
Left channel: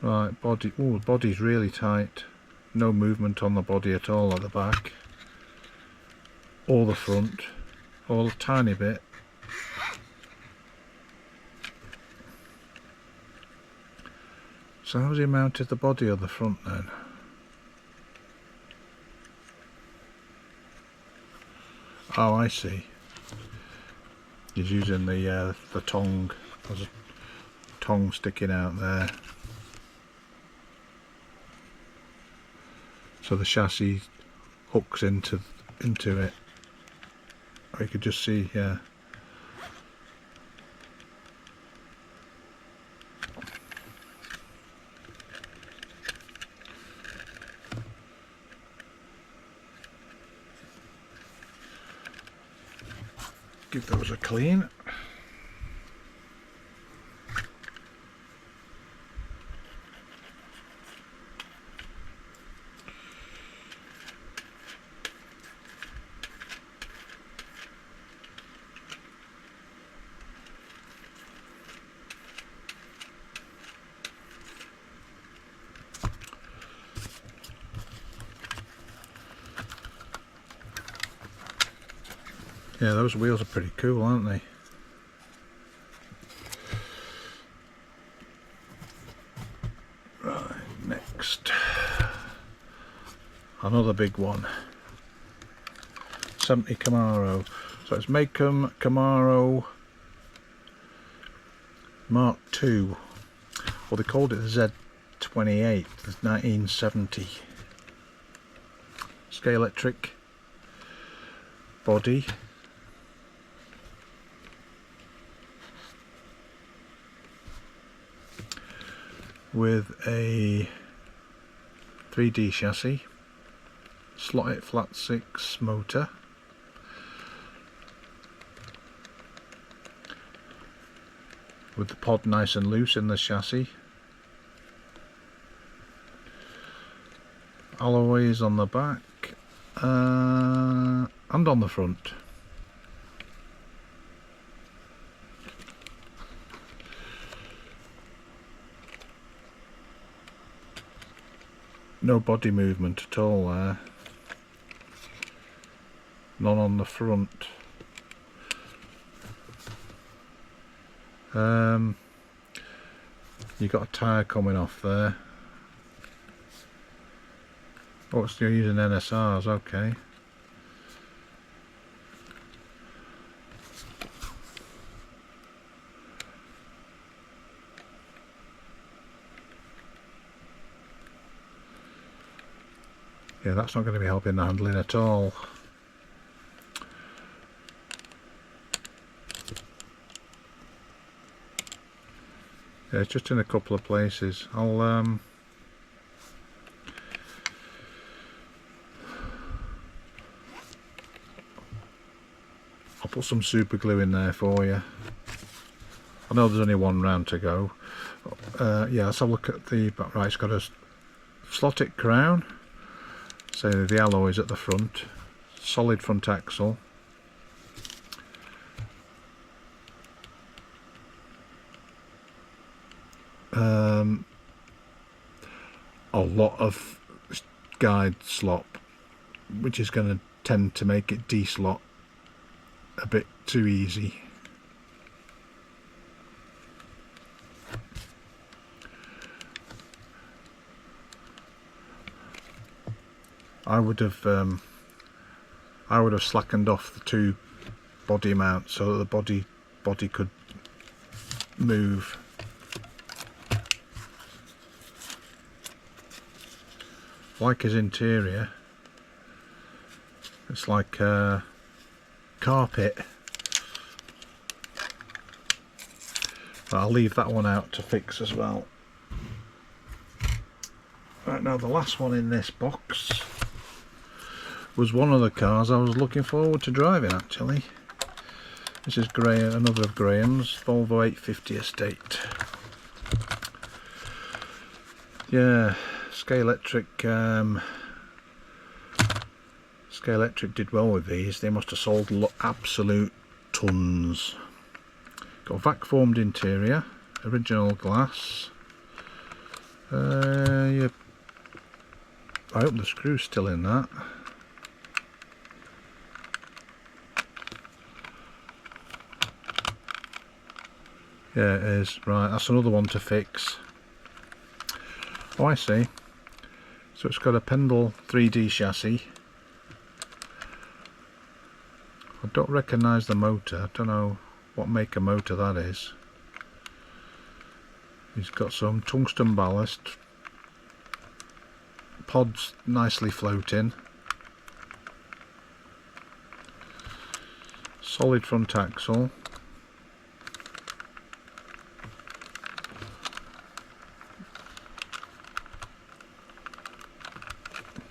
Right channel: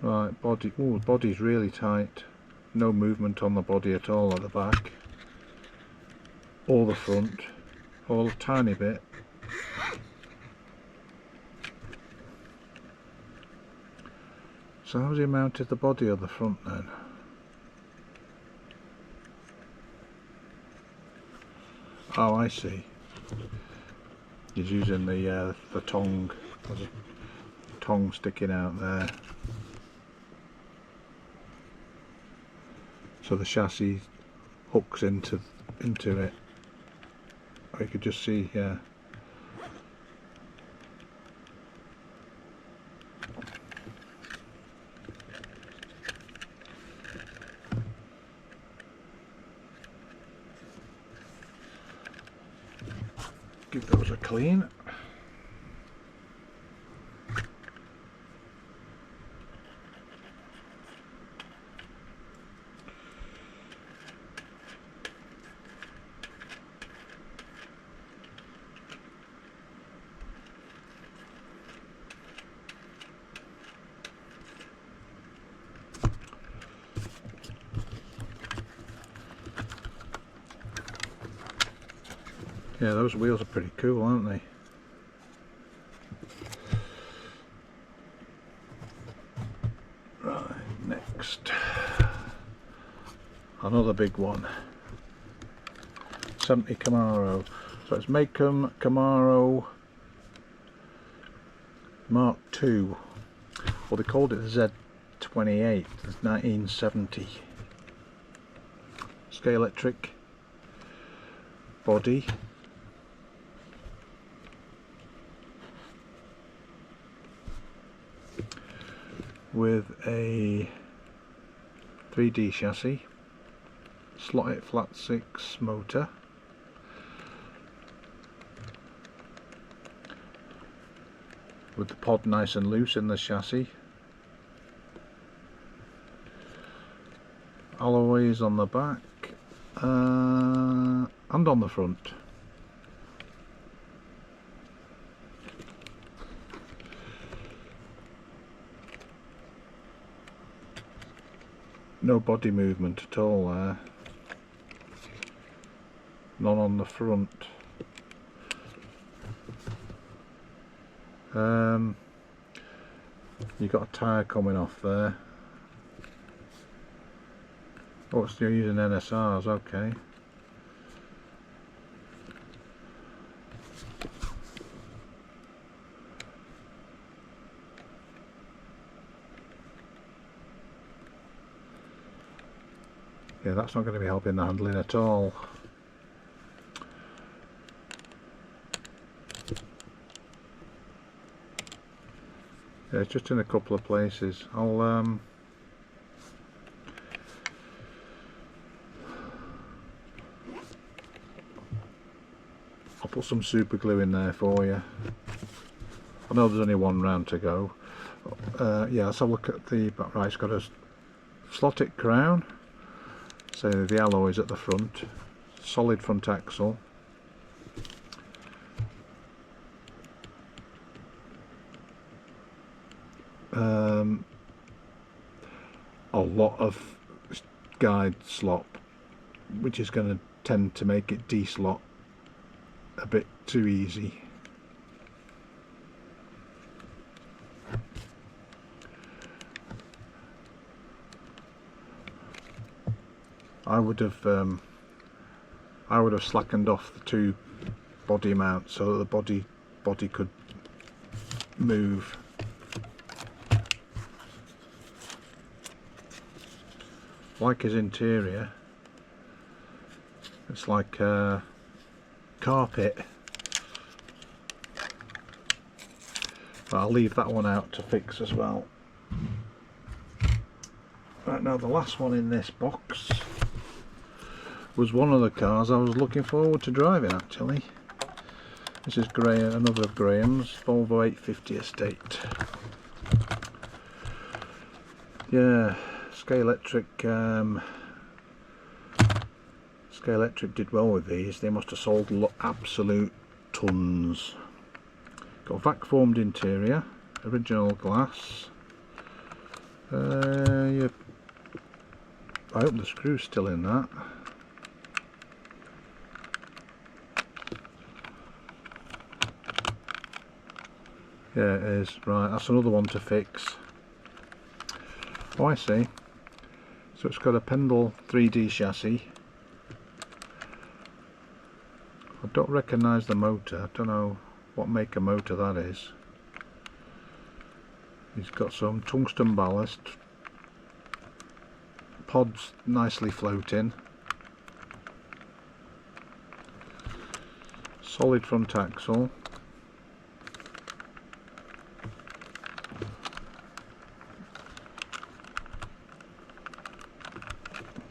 Right, body, ooh, body's really tight. No movement on the body at all at the back. Or the front. Or a tiny bit. So how's he mounted the body of the front then? Oh, I see. He's using the tongue. There's a tongue sticking out there. So the chassis hooks into it. Or you could just see, yeah. Give those a clean. Yeah, those wheels are pretty cool, aren't they? Right, next. Another big one. 70 Camaro. So it's Makem Camaro Mark II. Well, they called it the Z28. It's 1970. Scalextric body. With a 3D chassis, slotted flat 6 motor, with the pod nice and loose in the chassis, alloys on the back and on the front. No body movement at all there. None on the front. You got a tyre coming off there. Oh, it's still using NSRs, okay. Yeah, that's not going to be helping the handling at all. Yeah, it's just in a couple of places. I'll put some super glue in there for you. I know there's only one round to go. Yeah, let's have a look at the back. Right, it's got a slotted crown. So the alloys at the front, solid front axle, a lot of guide slop, which is going to tend to make it de-slot a bit too easy. I would have slackened off the two body mounts so that the body could move. Like his interior, it's like carpet. But I'll leave that one out to fix as well. Right, now the last one in this box was one of the cars I was looking forward to driving actually. This is another of Graham's, Volvo 850 Estate. Yeah, Scalextric Scalextric did well with these. They must have sold absolute tons. Got vac formed interior, original glass. Yeah, I hope the screw's still in that. Yeah, it is. Right, that's another one to fix. Oh, I see. So it's got a Pendle 3D chassis. I don't recognise the motor. I don't know what make of motor that is. He's got some tungsten ballast. Pods nicely floating. Solid front axle.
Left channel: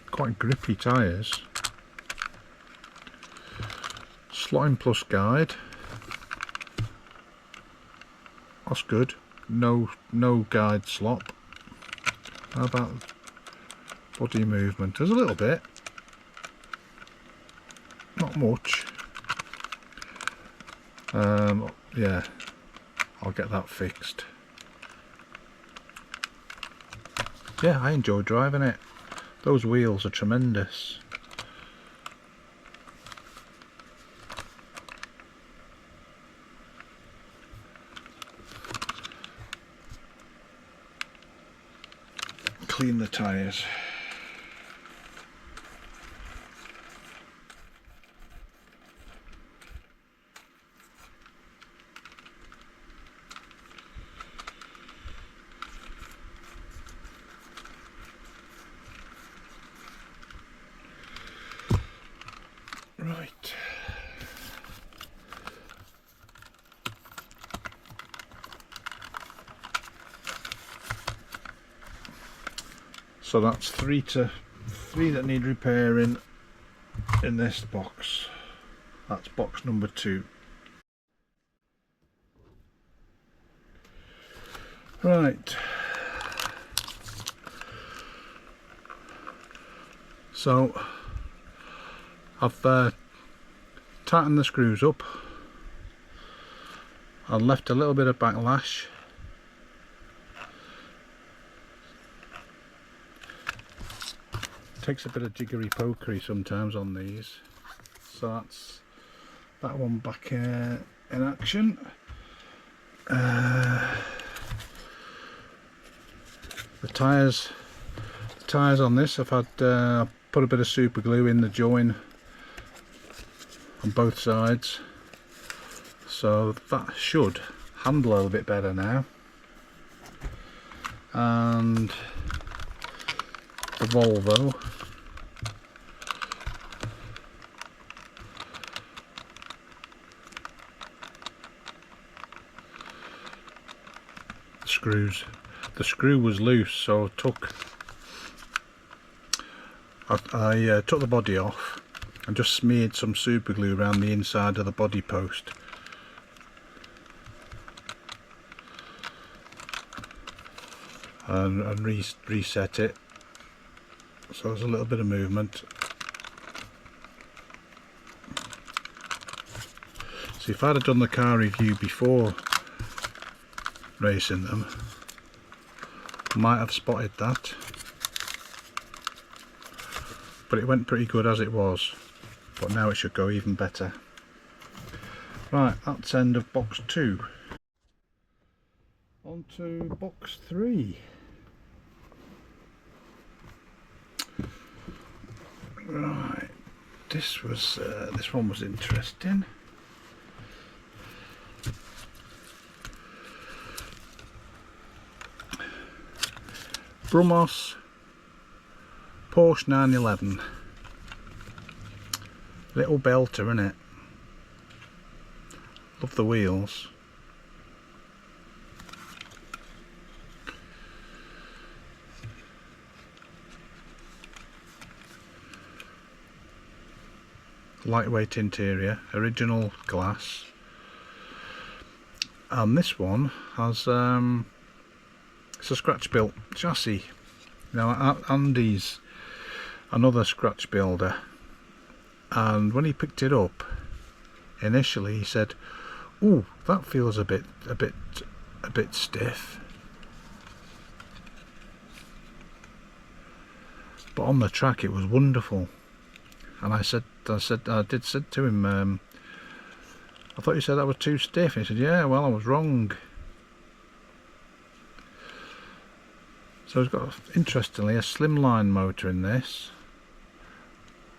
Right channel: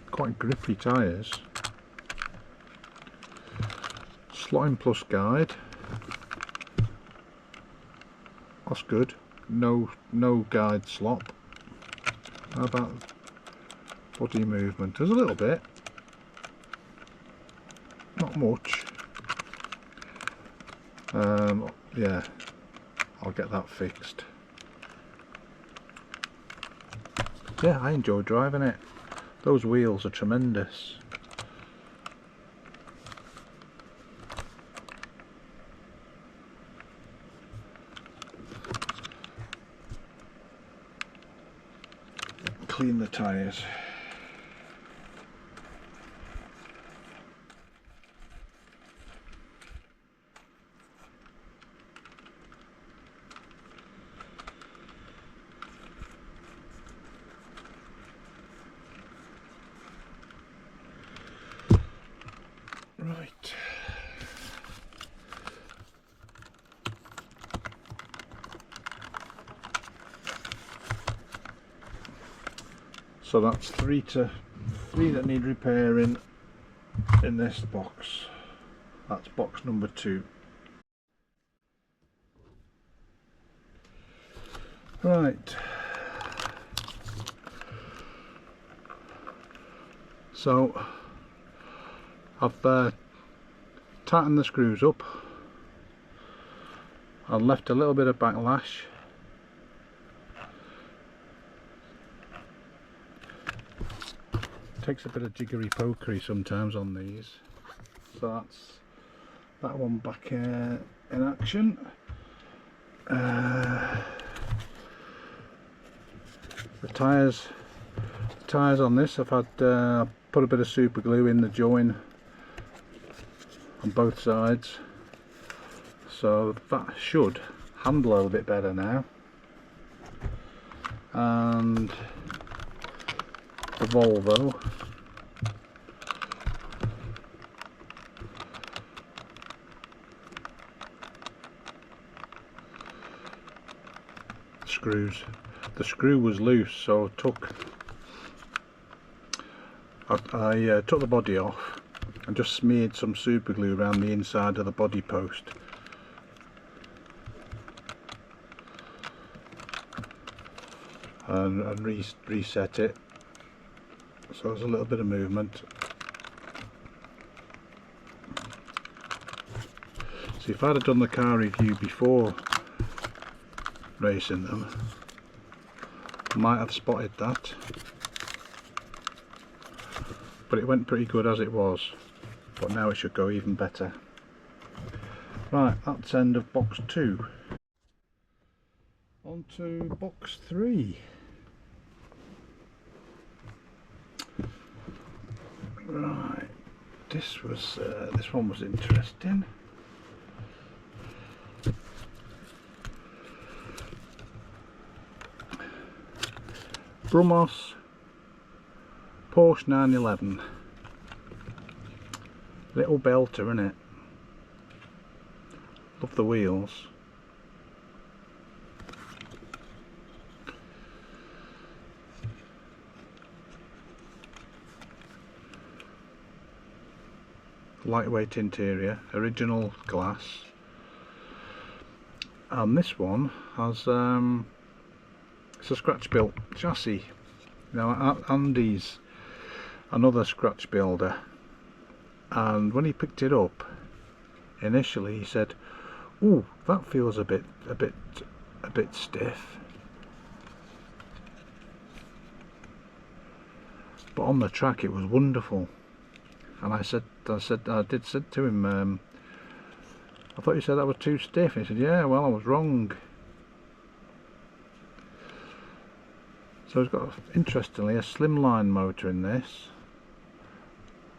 Quite grippy tyres. Slotting plus guide. That's good. No guide slop. How about body movement? There's a little bit. Not much. Yeah, I'll get that fixed. Yeah, I enjoy driving it. Those wheels are tremendous. Clean the tyres. Right. So that's three that need repairing in this box. That's box number 2. Right. So I've tightened the screws up. I've left a little bit of backlash. Takes a bit of jiggery pokery sometimes on these. So that's that one back in action. The tyres on this, I've had put a bit of super glue in the join on both sides, so that should handle a little bit better now. And the Volvo, the screw was loose, so I took the body off and just smeared some super glue around the inside of the body post. And reset it, so there's a little bit of movement. So if I'd have done the car review before racing them, I might have spotted that, but it went pretty good as it was, but now it should go even better. Right, that's end of box 2. On to box 3. Right, this one was interesting. Brumos Porsche 911. Little belter, innit? Love the wheels. Lightweight interior, original glass, and this one has it's a scratch built chassis. Now Andy's another scratch builder, and when he picked it up initially he said, "Ooh, that feels a bit stiff." But on the track it was wonderful. And I did say to him, "I thought you said that was too stiff." And he said, "Yeah, well, I was wrong." So it's got, interestingly, a slimline motor in this,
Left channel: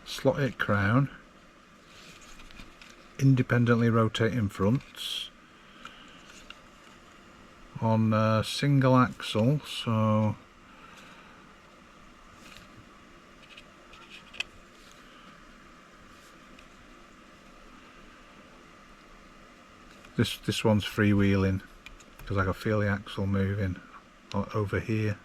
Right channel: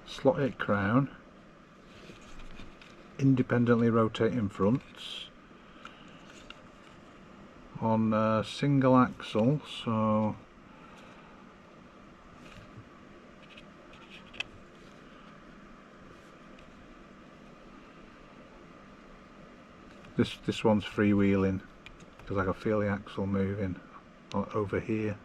slotted crown, independently rotating fronts, on a single axle, so this one's freewheeling because I can feel the axle moving over here.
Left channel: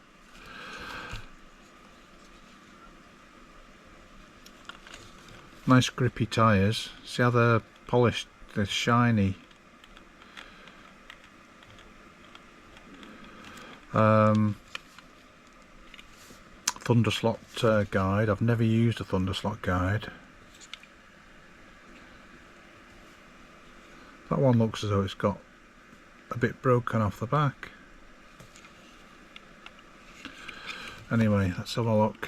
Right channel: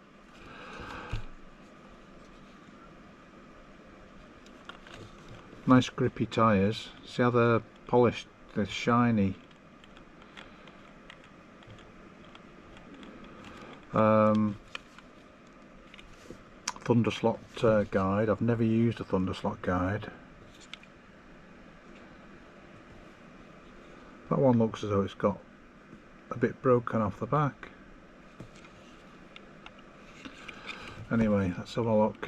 Nice grippy tyres. See how they're polished, they're shiny. Thunderslot guide. I've never used a Thunderslot guide. That one looks as though it's got a bit broken off the back. Anyway, let's have a look.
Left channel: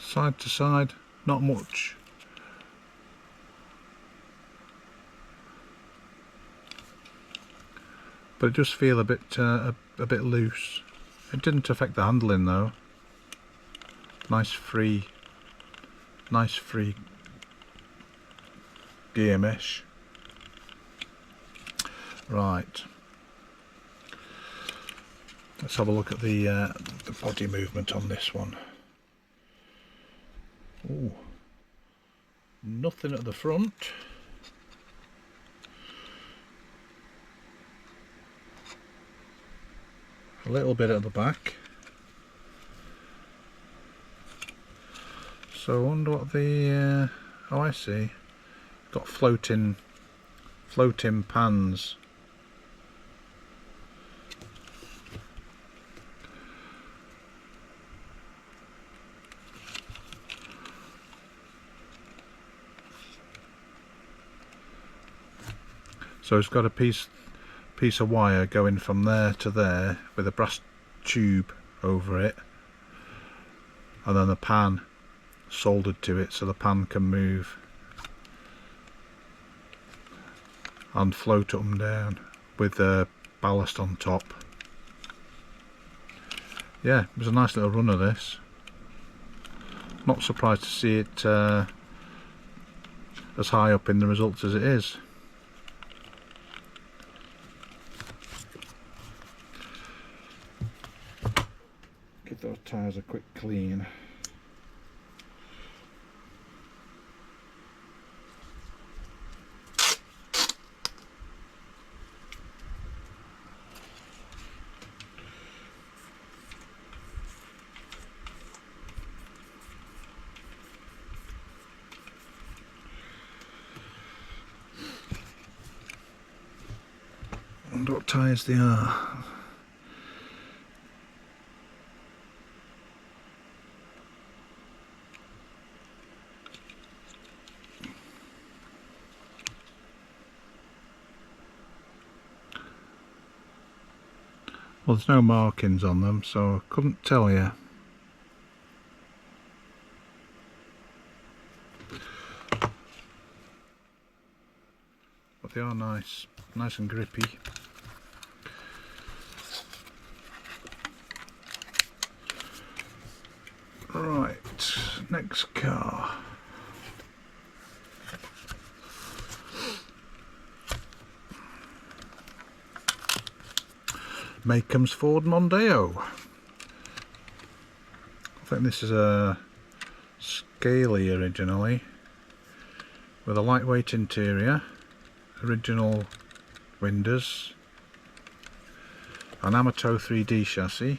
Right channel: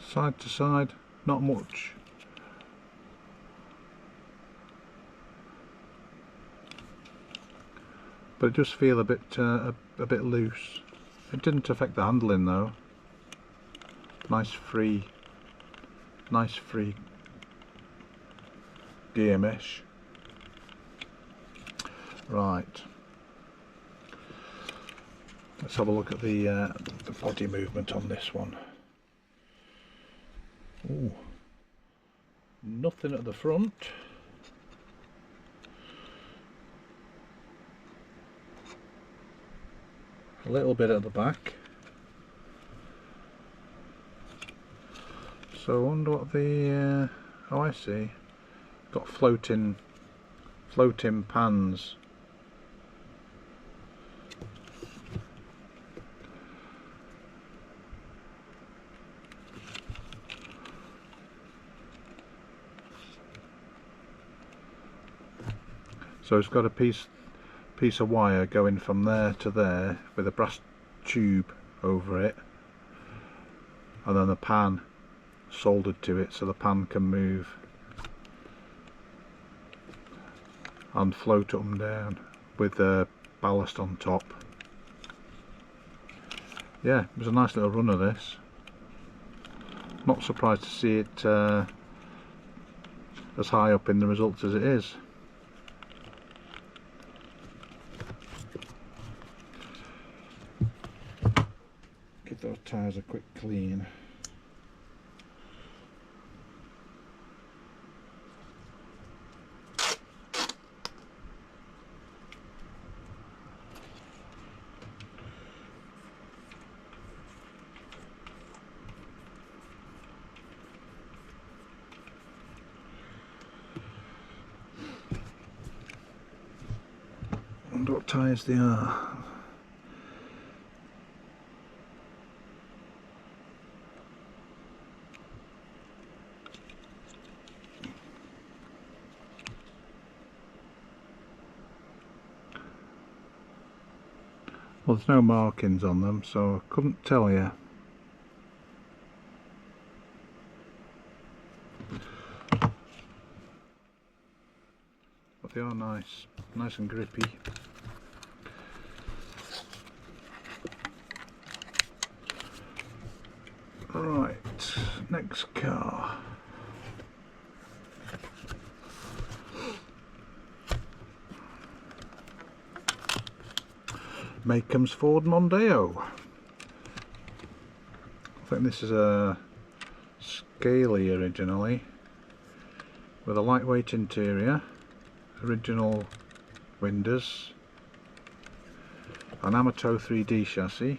Side to side, not much. But it does feel a bit loose. It didn't affect the handling though. Nice free gear mesh. Right. Let's have a look at the body movement on this one. Ooh, nothing at the front. A little bit at the back. So I wonder what the oh, I see. Got floating pans. So it's got a piece of wire going from there to there with a brass tube over it, and then the pan soldered to it so the pan can move and float up and down with the ballast on top. Yeah, it was a nice little runner, this. Not surprised to see it as high up in the results as it is. Give those tyres a quick clean. I wonder what tyres they are. Well, there's no markings on them, so I couldn't tell you. But they are nice and grippy. Right, next car. Makem's Ford Mondeo. I think this is a Scaly originally, with a lightweight interior, original windows, an Amato 3D chassis,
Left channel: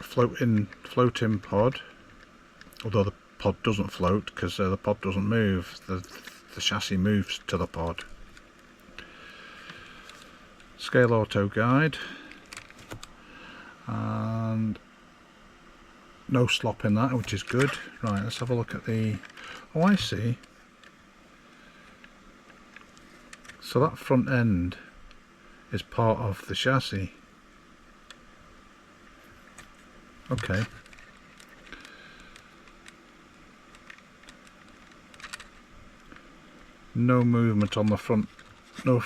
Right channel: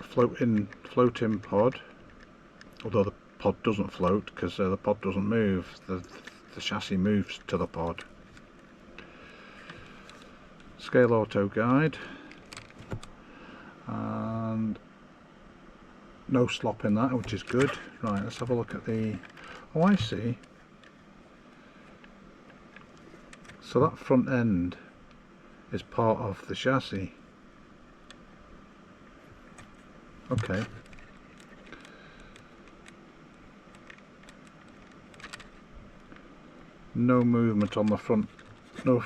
floating pod, although the pod doesn't float because the pod doesn't move, the chassis moves to the pod. Scale Auto guide, and no slop in that, which is good. Right, let's have a look at the... oh, I see. So that front end is part of the chassis. Okay. No movement on the front. No,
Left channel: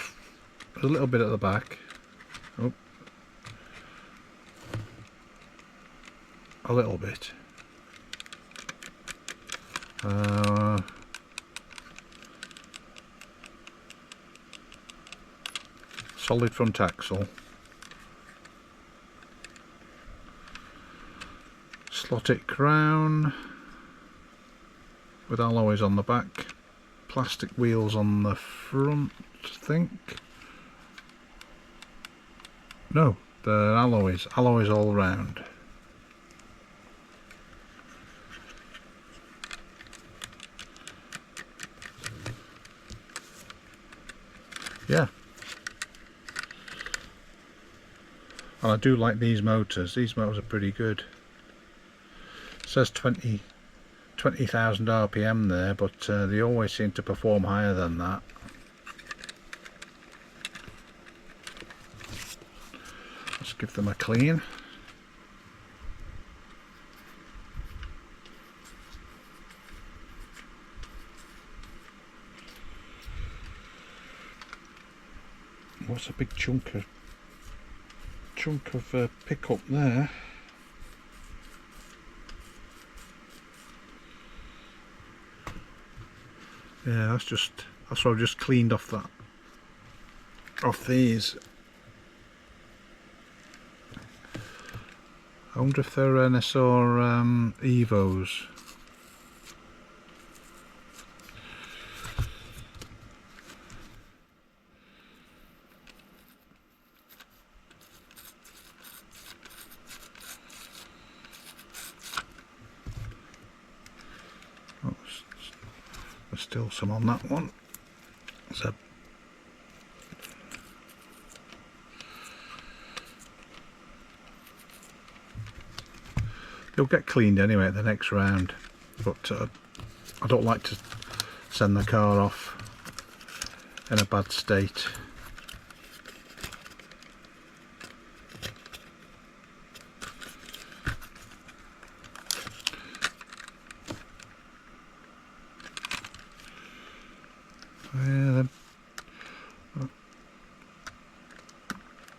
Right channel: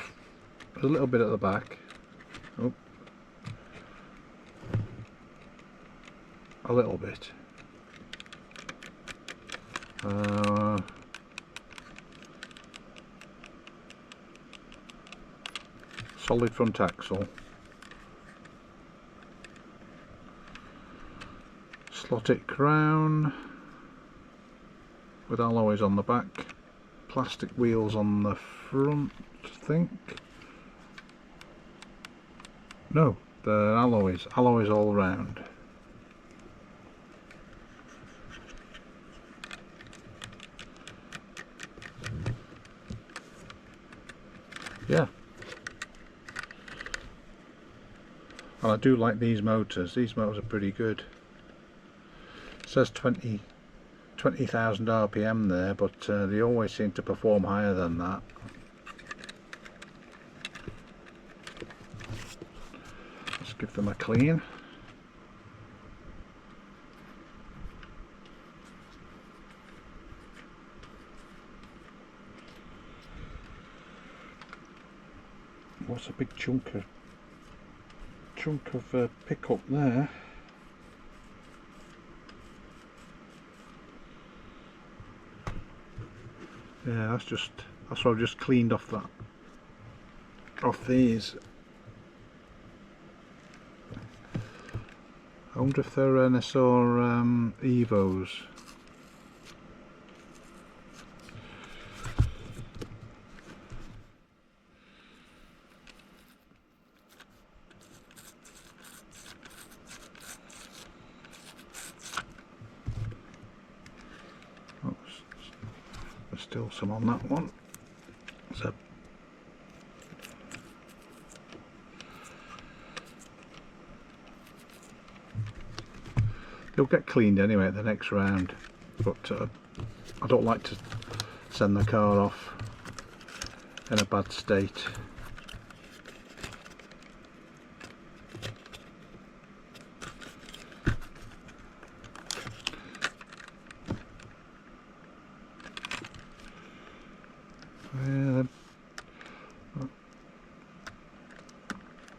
a little bit at the back. Oh. A little bit. Solid front axle. Slotted crown with alloys on the back. Plastic wheels on the front, I think. No, they're alloys all round. Yeah. And I do like these motors. These motors are pretty good. It says 20,000 RPM there, but they always seem to perform higher than that. Let's give them a clean. What's a big chunk of pickup there? Yeah, that's what I've just cleaned off these. I wonder if they're NSR Evos. There's still some on that one. So they'll get cleaned anyway at the next round, but I don't like to send the car off in a bad state. Yeah,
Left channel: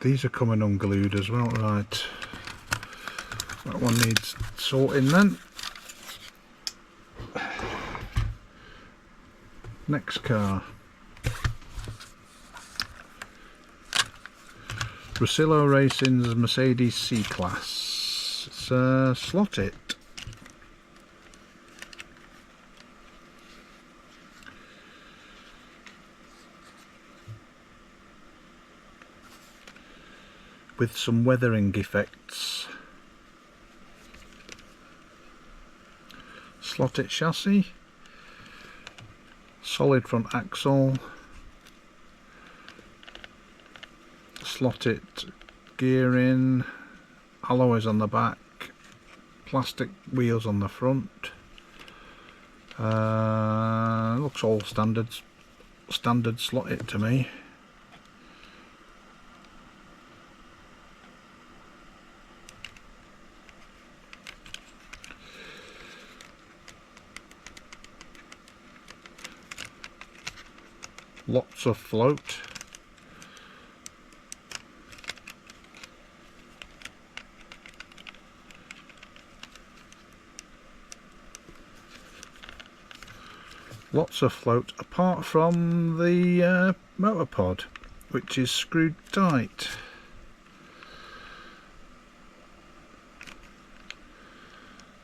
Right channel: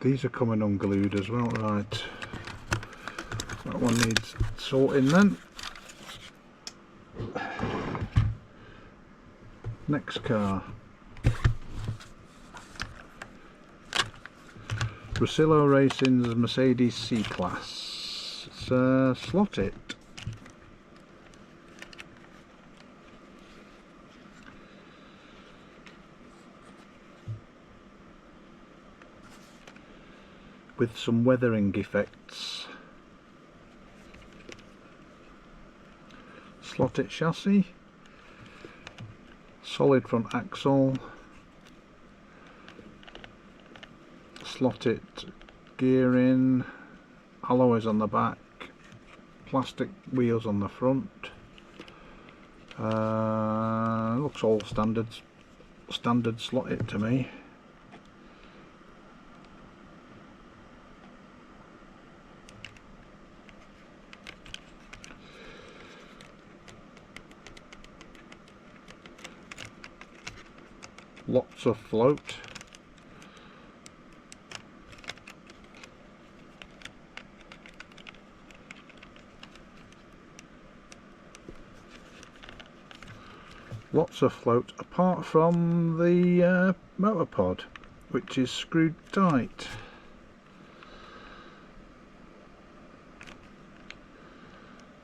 these are coming unglued as well, right? That one needs sorting then. Next car. Ruscillo Racing's Mercedes C-Class. It's slotted. With some weathering effects. Slotted chassis, solid front axle, slotted gearing, alloys on the back, plastic wheels on the front. Looks all standard slotted to me. Lots of float. Lots of float apart from the motor pod, which is screwed tight.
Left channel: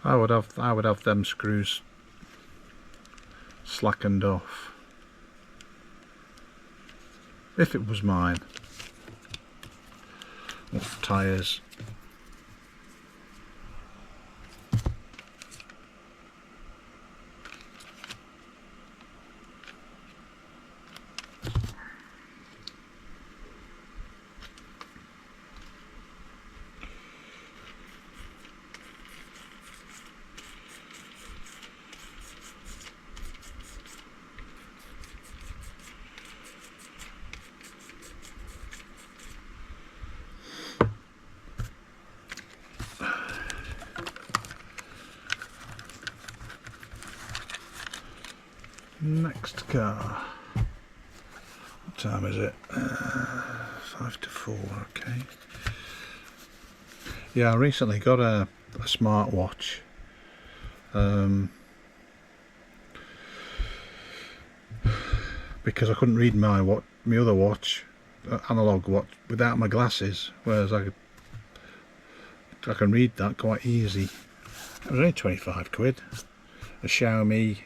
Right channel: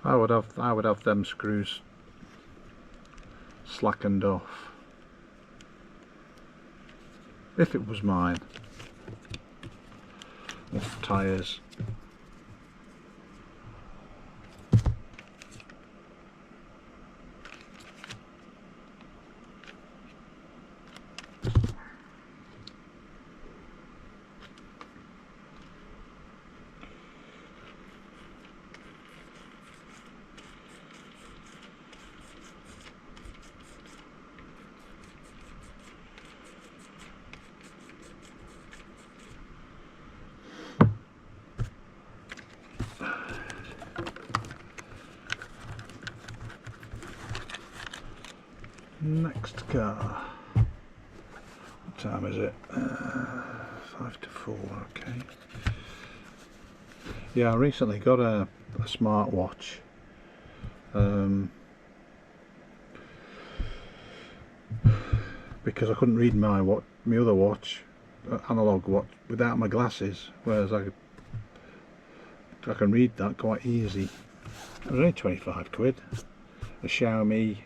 I would have them screws slackened off. If it was mine. Off tyres. Next car. What time is it? 5 to 4, okay. Yeah, I recently got a smartwatch. Because I couldn't read my other watch, analog watch, without my glasses, whereas I can read that quite easy. It was only 25 quid. A Xiaomi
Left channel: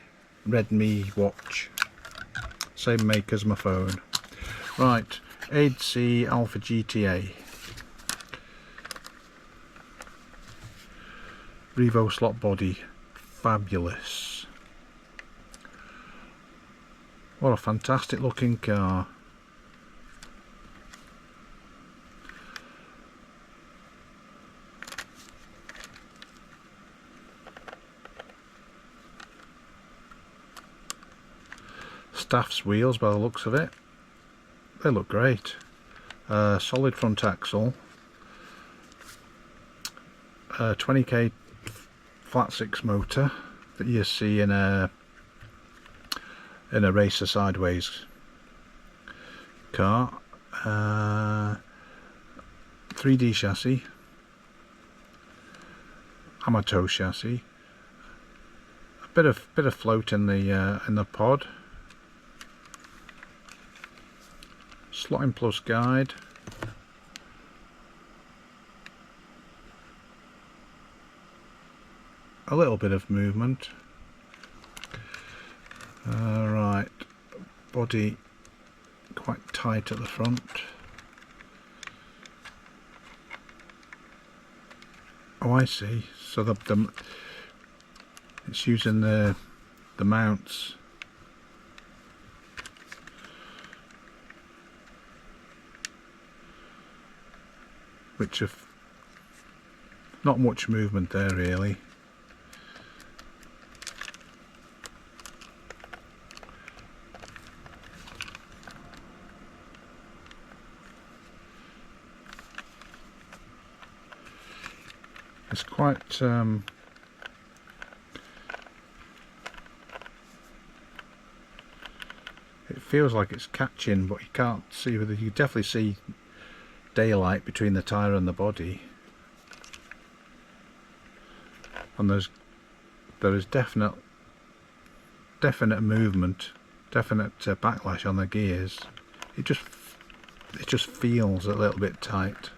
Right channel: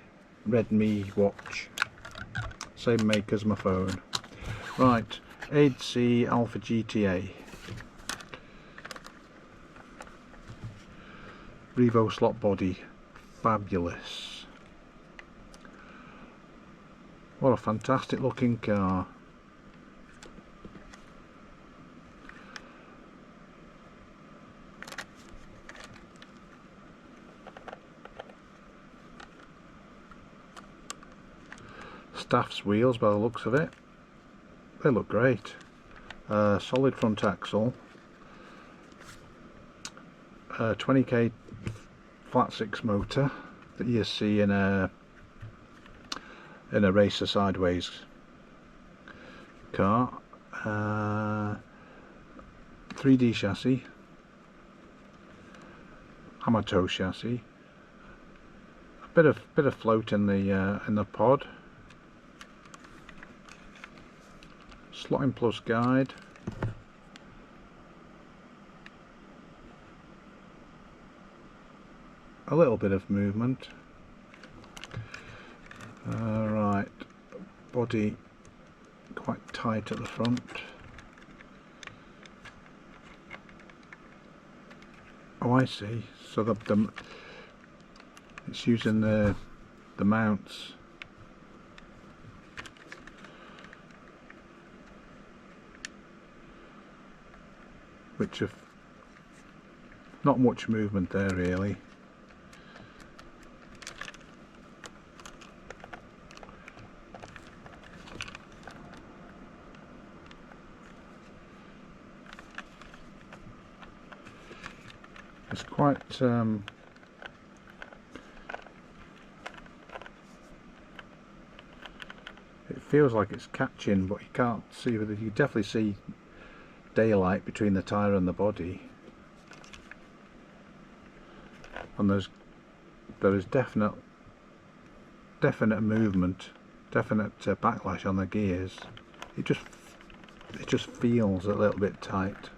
Redmi watch, same make as my phone. Right, AdeC Alfa GTA. Revo slot body, fabulous. What a fantastic looking car. Staff's wheels by the looks of it. They look great. Solid front axle. 20k flat 6 motor that you see in a racer sideways car. 3D chassis, Amato chassis, a bit of float in the pod, slotting plus guide, a little bit of movement. Right, body quite tight at the front. Oh, I see. So it's using the mounts. Which have not much movement there really. It's quite it feels like it's catching, but you can't see whether you definitely see daylight between the tyre and the body, and there is definite movement, definite backlash on the gears. It just feels a little bit tight.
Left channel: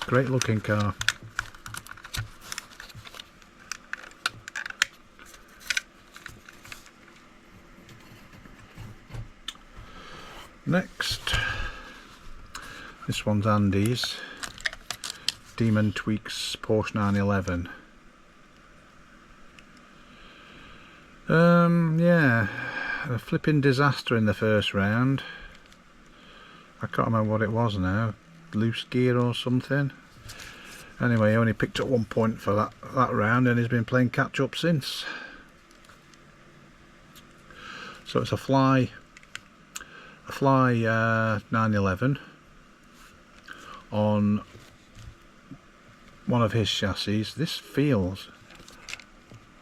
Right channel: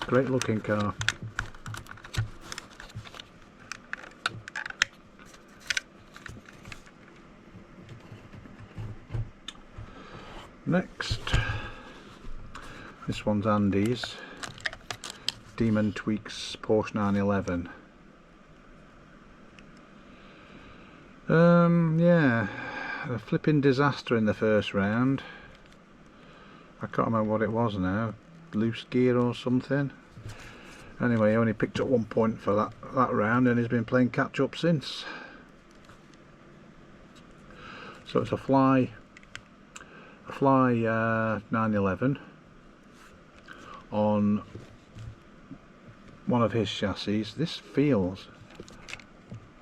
Great looking car. Next, this one's Andy's Demon Tweeks Porsche 911. Yeah, a flipping disaster in the first round. I can't remember what it was now. Loose gear or something. Anyway, he only picked up 1 point for that round, and he's been playing catch up since. So it's a fly 911 on one of his chassis. This feels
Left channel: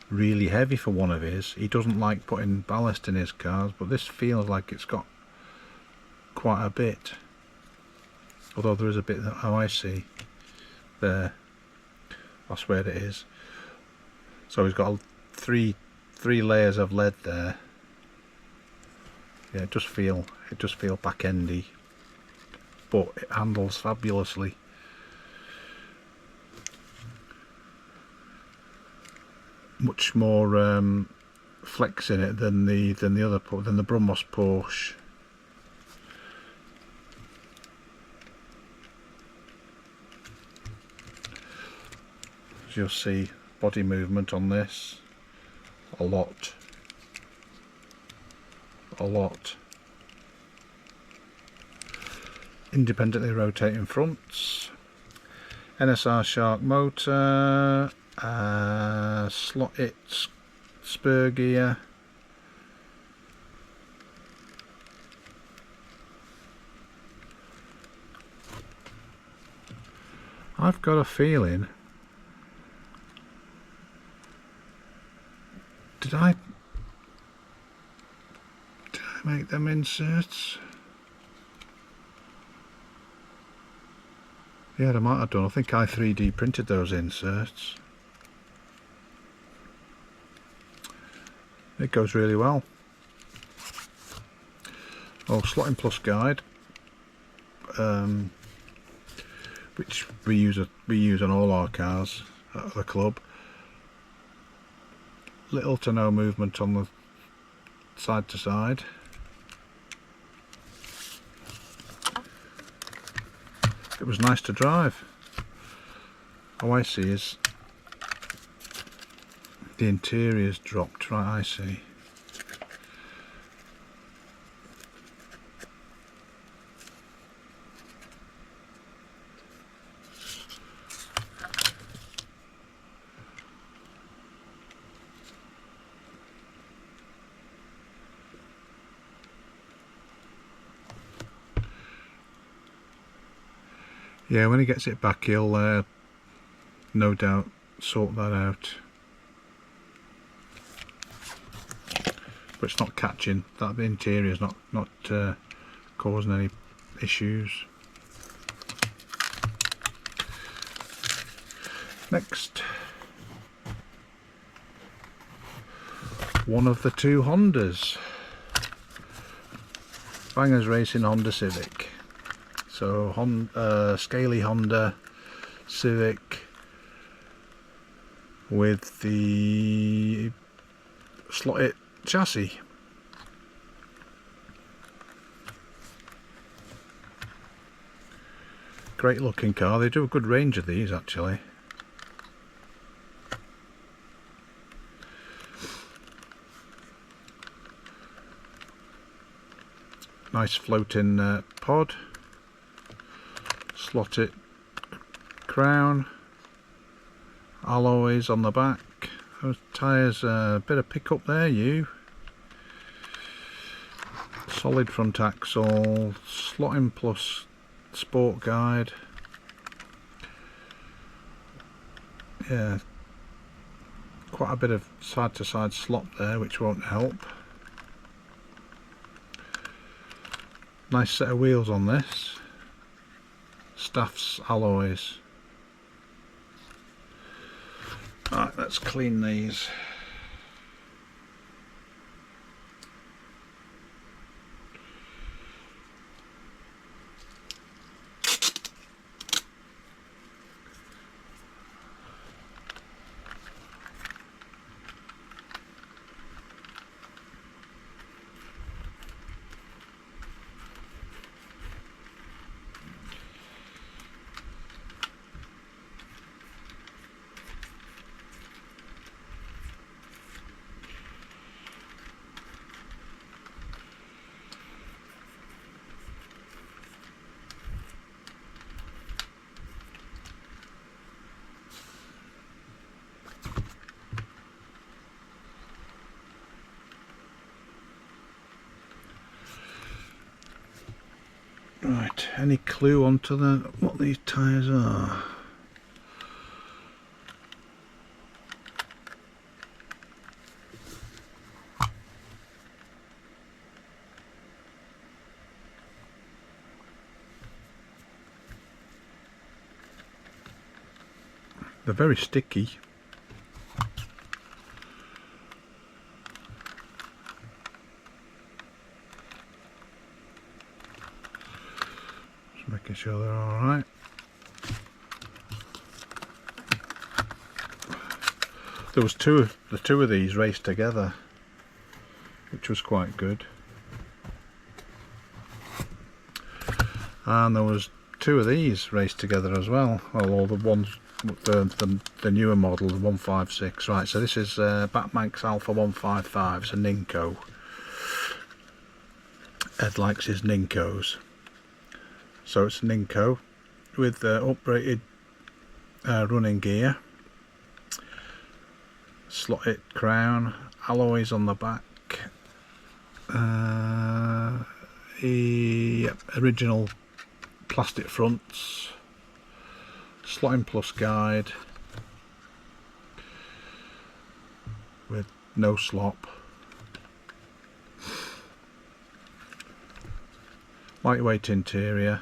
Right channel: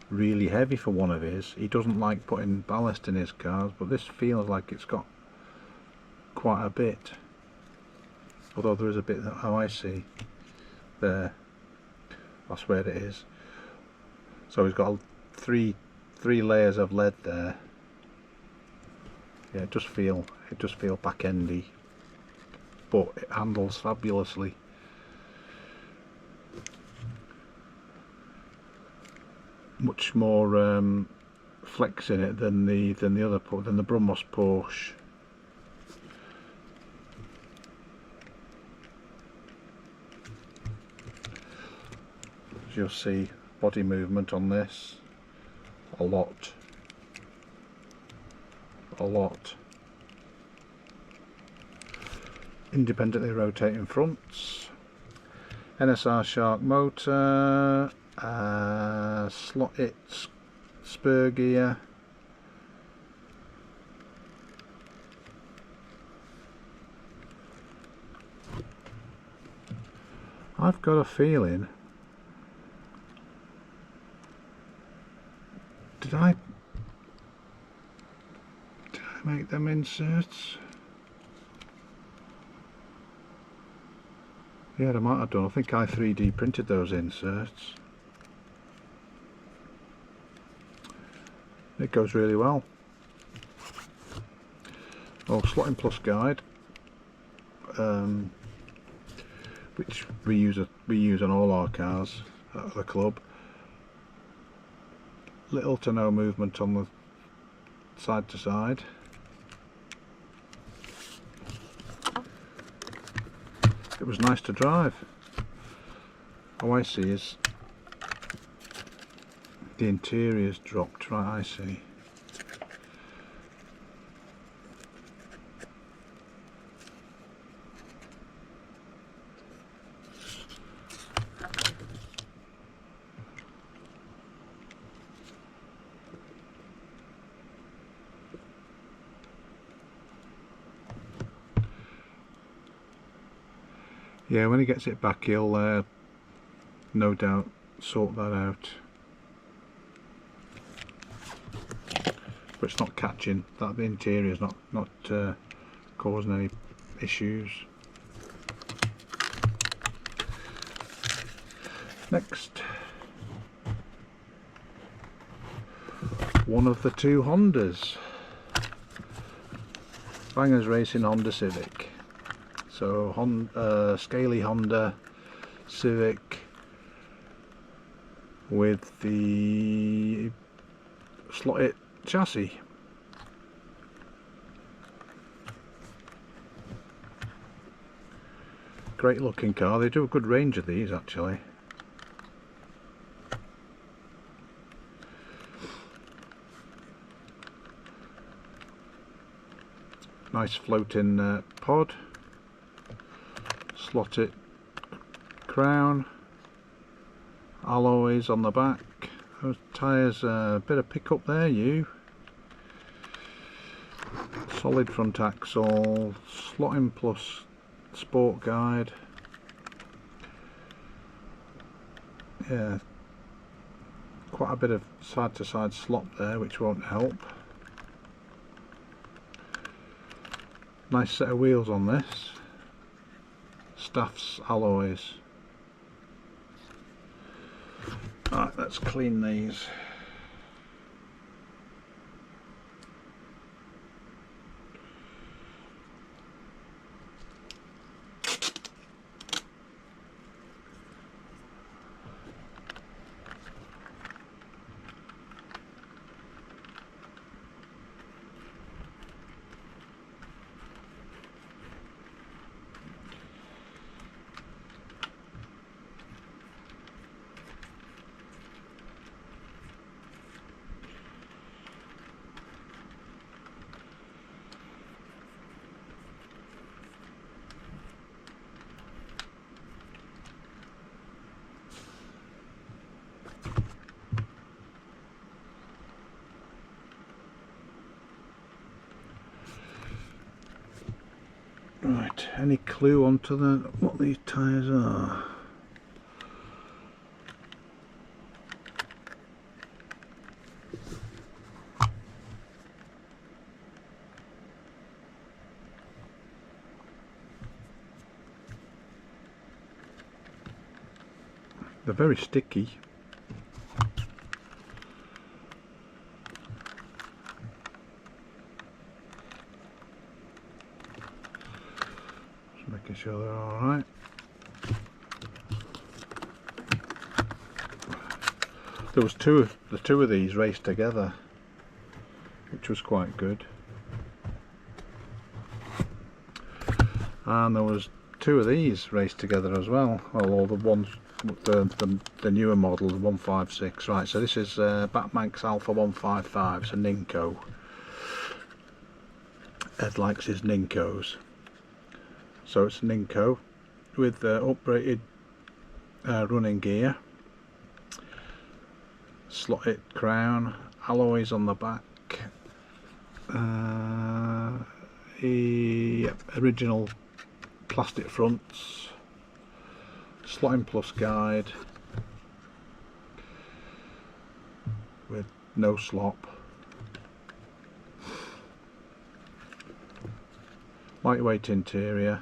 really heavy for one of his. He doesn't like putting ballast in his cars, but this feels like it's got quite a bit. Although there is a bit that, oh, I see there, that's where it is. So he's got three layers of lead there. Yeah, it does feel back endy, but it handles fabulously. Much more flex in it than the Brumos Porsche. As you'll see, body movement on this, a lot. Independently rotating fronts, NSR Shark motor, slotted spur gear, I've got a feeling Did I make them inserts? Yeah, I might have done. I think I 3D printed those inserts. It goes really well. Oh, slotting plus guide, which we use on all our cars at the club. Little to no movement on the side to side. It was nice to drive. All I see is the interior's dropped, right, I see. Yeah, when he gets it back, he'll no doubt sort that out. But it's not catching. That the interior is not causing any issues. Next, one of the two Hondas. Bangers Racing Honda Civic. So Scaly Honda Civic with the slotted chassis. Great looking car. They do a good range of these actually. Nice floating pod. Slotted crown, alloys on the back. Those tyres, a bit of pickup there, solid front axle, slotting plus sport guide. Yeah, quite a bit of side to side slot there, which won't help. Nice set of wheels on this. Staff's alloys. Right, let's clean these. Right, any clue onto what these tyres are? They're very sticky. Making sure they're all right. There was the two of these raced together, which was quite good, and there was two of these raced together as well. Well, all the ones, the newer model, the 156. Right, so this is Batmanx Alpha 155. It's a Ninko. Ed likes his Ninkos. So it's Ninko with uprated running gear, slotted crown, alloys on the back, original plastic fronts, slotting plus guide with no slop. Lightweight interior.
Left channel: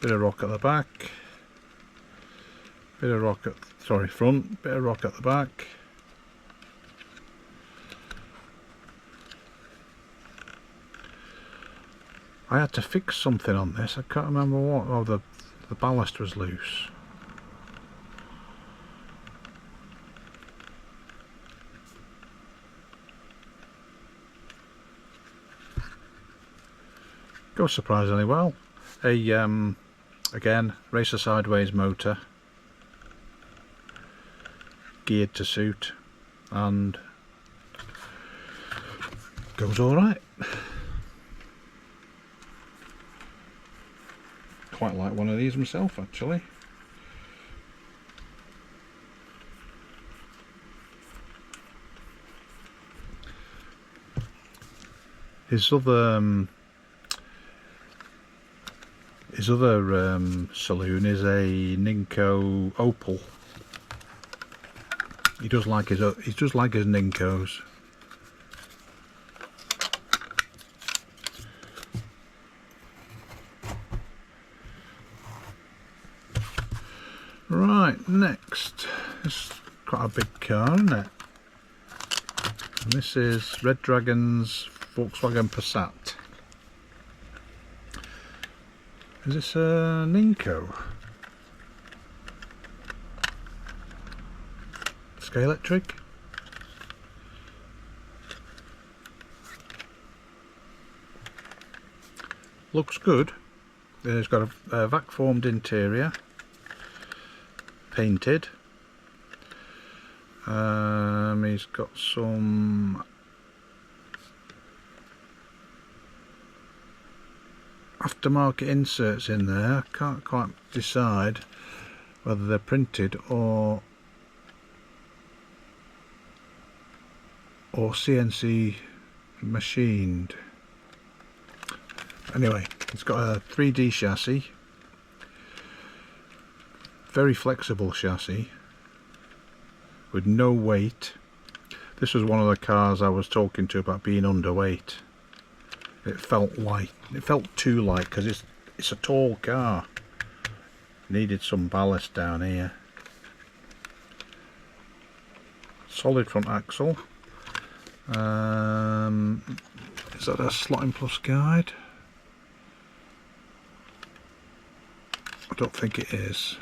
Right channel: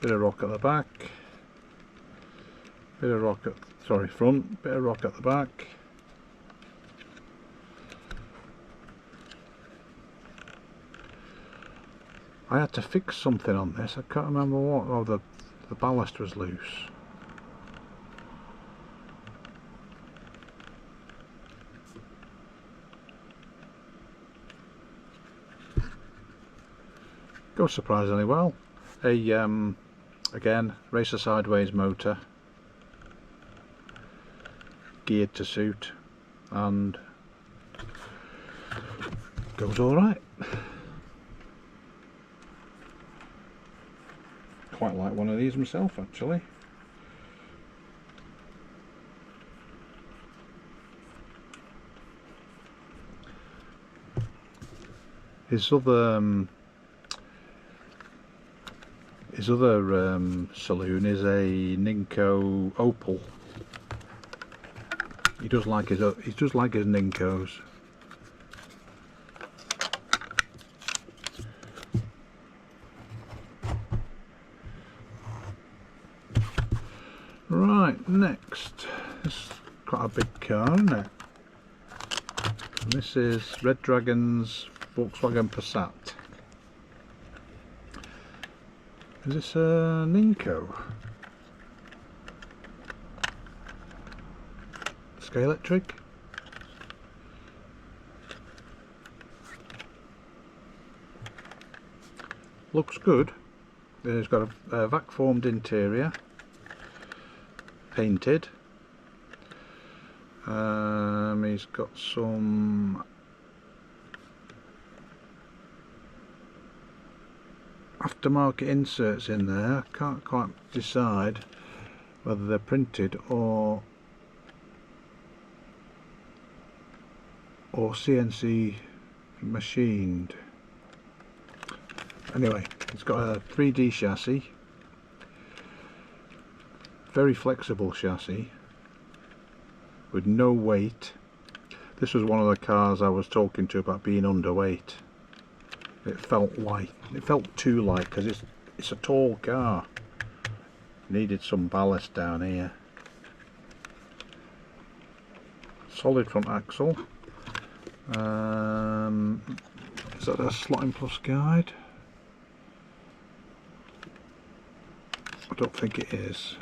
Bit of rock at the back. Bit of rock at, sorry, front. Bit of rock at the back. I had to fix something on this. I can't remember what. Oh, the ballast was loose. Goes surprisingly well. Again, racer sideways motor, geared to suit, and goes all right. Quite like one of these myself, actually. His other saloon is a Ninko Opal. He does like his Ninkos. Right, next. This is quite a big car, isn't it? And this is Red Dragon's Volkswagen Passat. Is this a Ninko? Scalextric? Looks good. It's got a vac formed interior, painted. He's got some aftermarket inserts in there. I can't quite decide whether they're printed or CNC machined. Anyway, it's got a 3D chassis, very flexible chassis with no weight. This was one of the cars I was talking to about being underweight. It felt light. It felt too light because it's a tall car. Needed some ballast down here. Solid front axle. Is that a slotting plus guide? I don't think it is.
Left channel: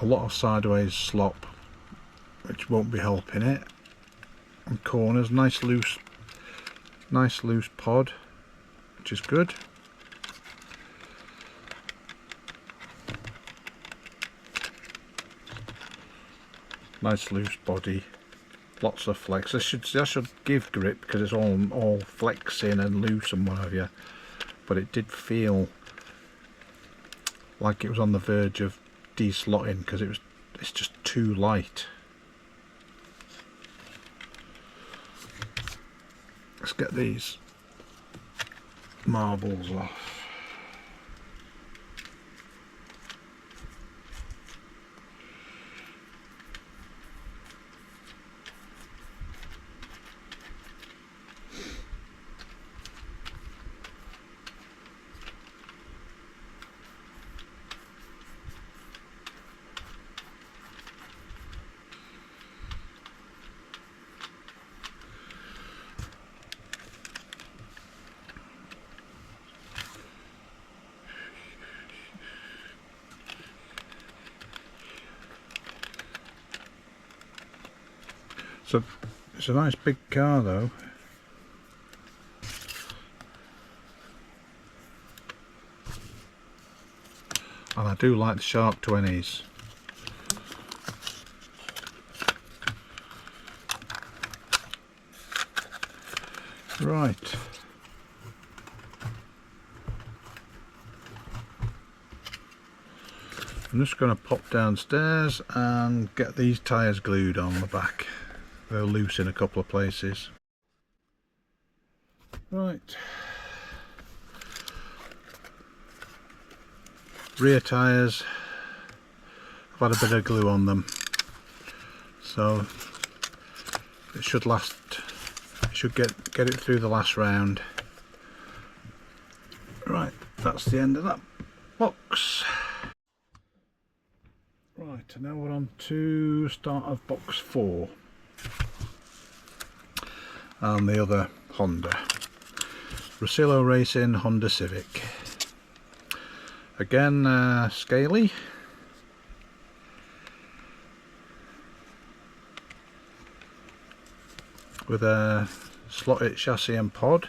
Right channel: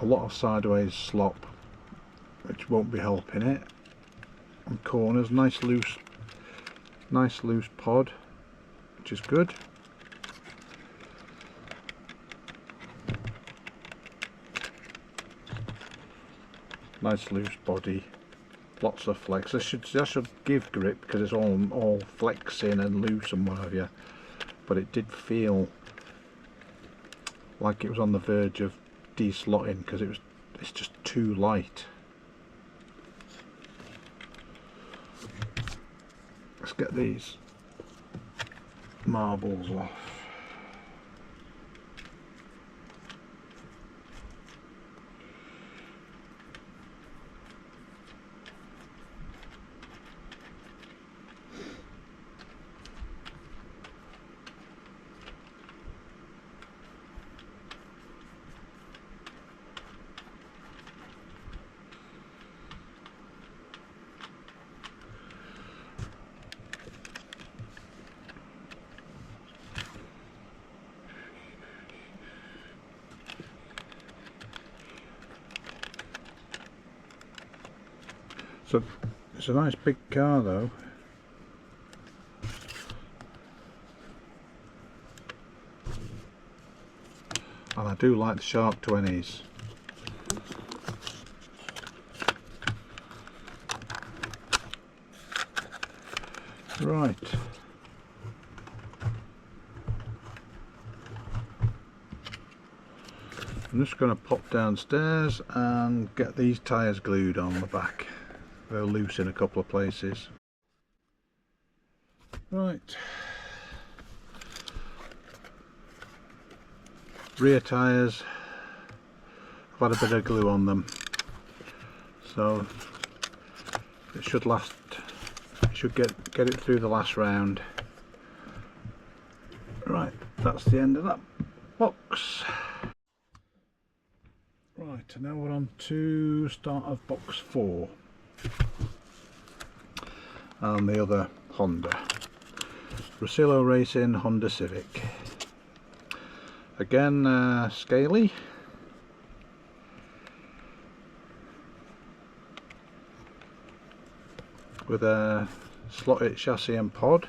A lot of sideways slop, which won't be helping it. And corners, nice loose pod, which is good. Nice loose body, lots of flex. That should give grip because it's all flexing and loose and what have you. But it did feel like it was on the verge of de-slotting because it's just too light. Let's get these marbles off. So it's a nice big car though. And I do like the Shark 20s. Right. I'm just going to pop downstairs and get these tyres glued on the back. They're loose in a couple of places. Right. Rear tyres, I've had a bit of glue on them, so it should last. It should get it through the last round. Right, that's the end of that box. Right, and now we're on to start of box 4 and the other Honda. Ruscillo Racing Honda Civic. Again, scaly. With a slotted chassis and pod.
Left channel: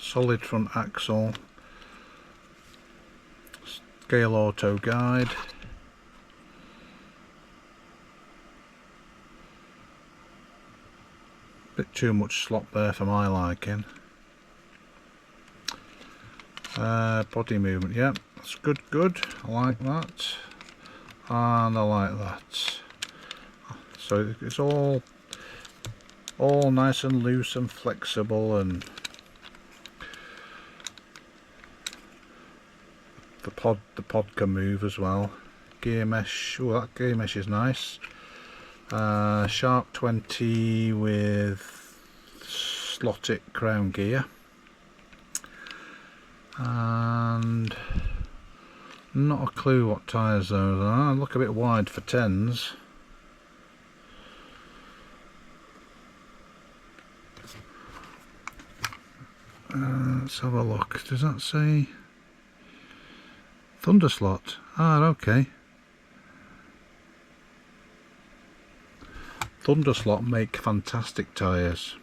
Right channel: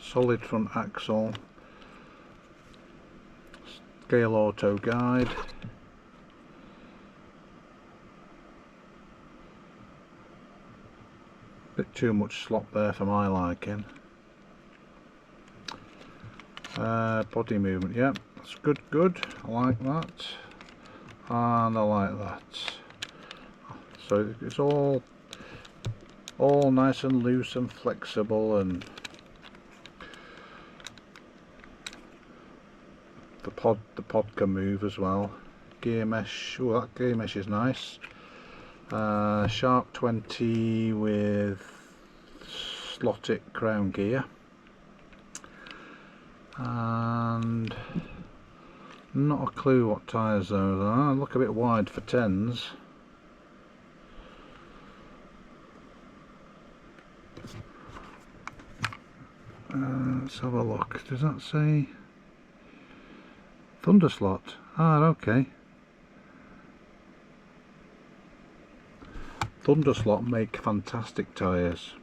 Solid front axle. Scale auto guide. Bit too much slop there for my liking. Body movement, yeah, that's good, I like that, and I like that. So it's all nice and loose and flexible, and the pod can move as well. Gear mesh, oh, that gear mesh is nice. Sharp 20 with slotted crown gear, and not a clue what tyres those are. Look a bit wide for 10s. Let's have a look. Does that say Thunderslot? Ah, okay. Thunderslot make fantastic tyres.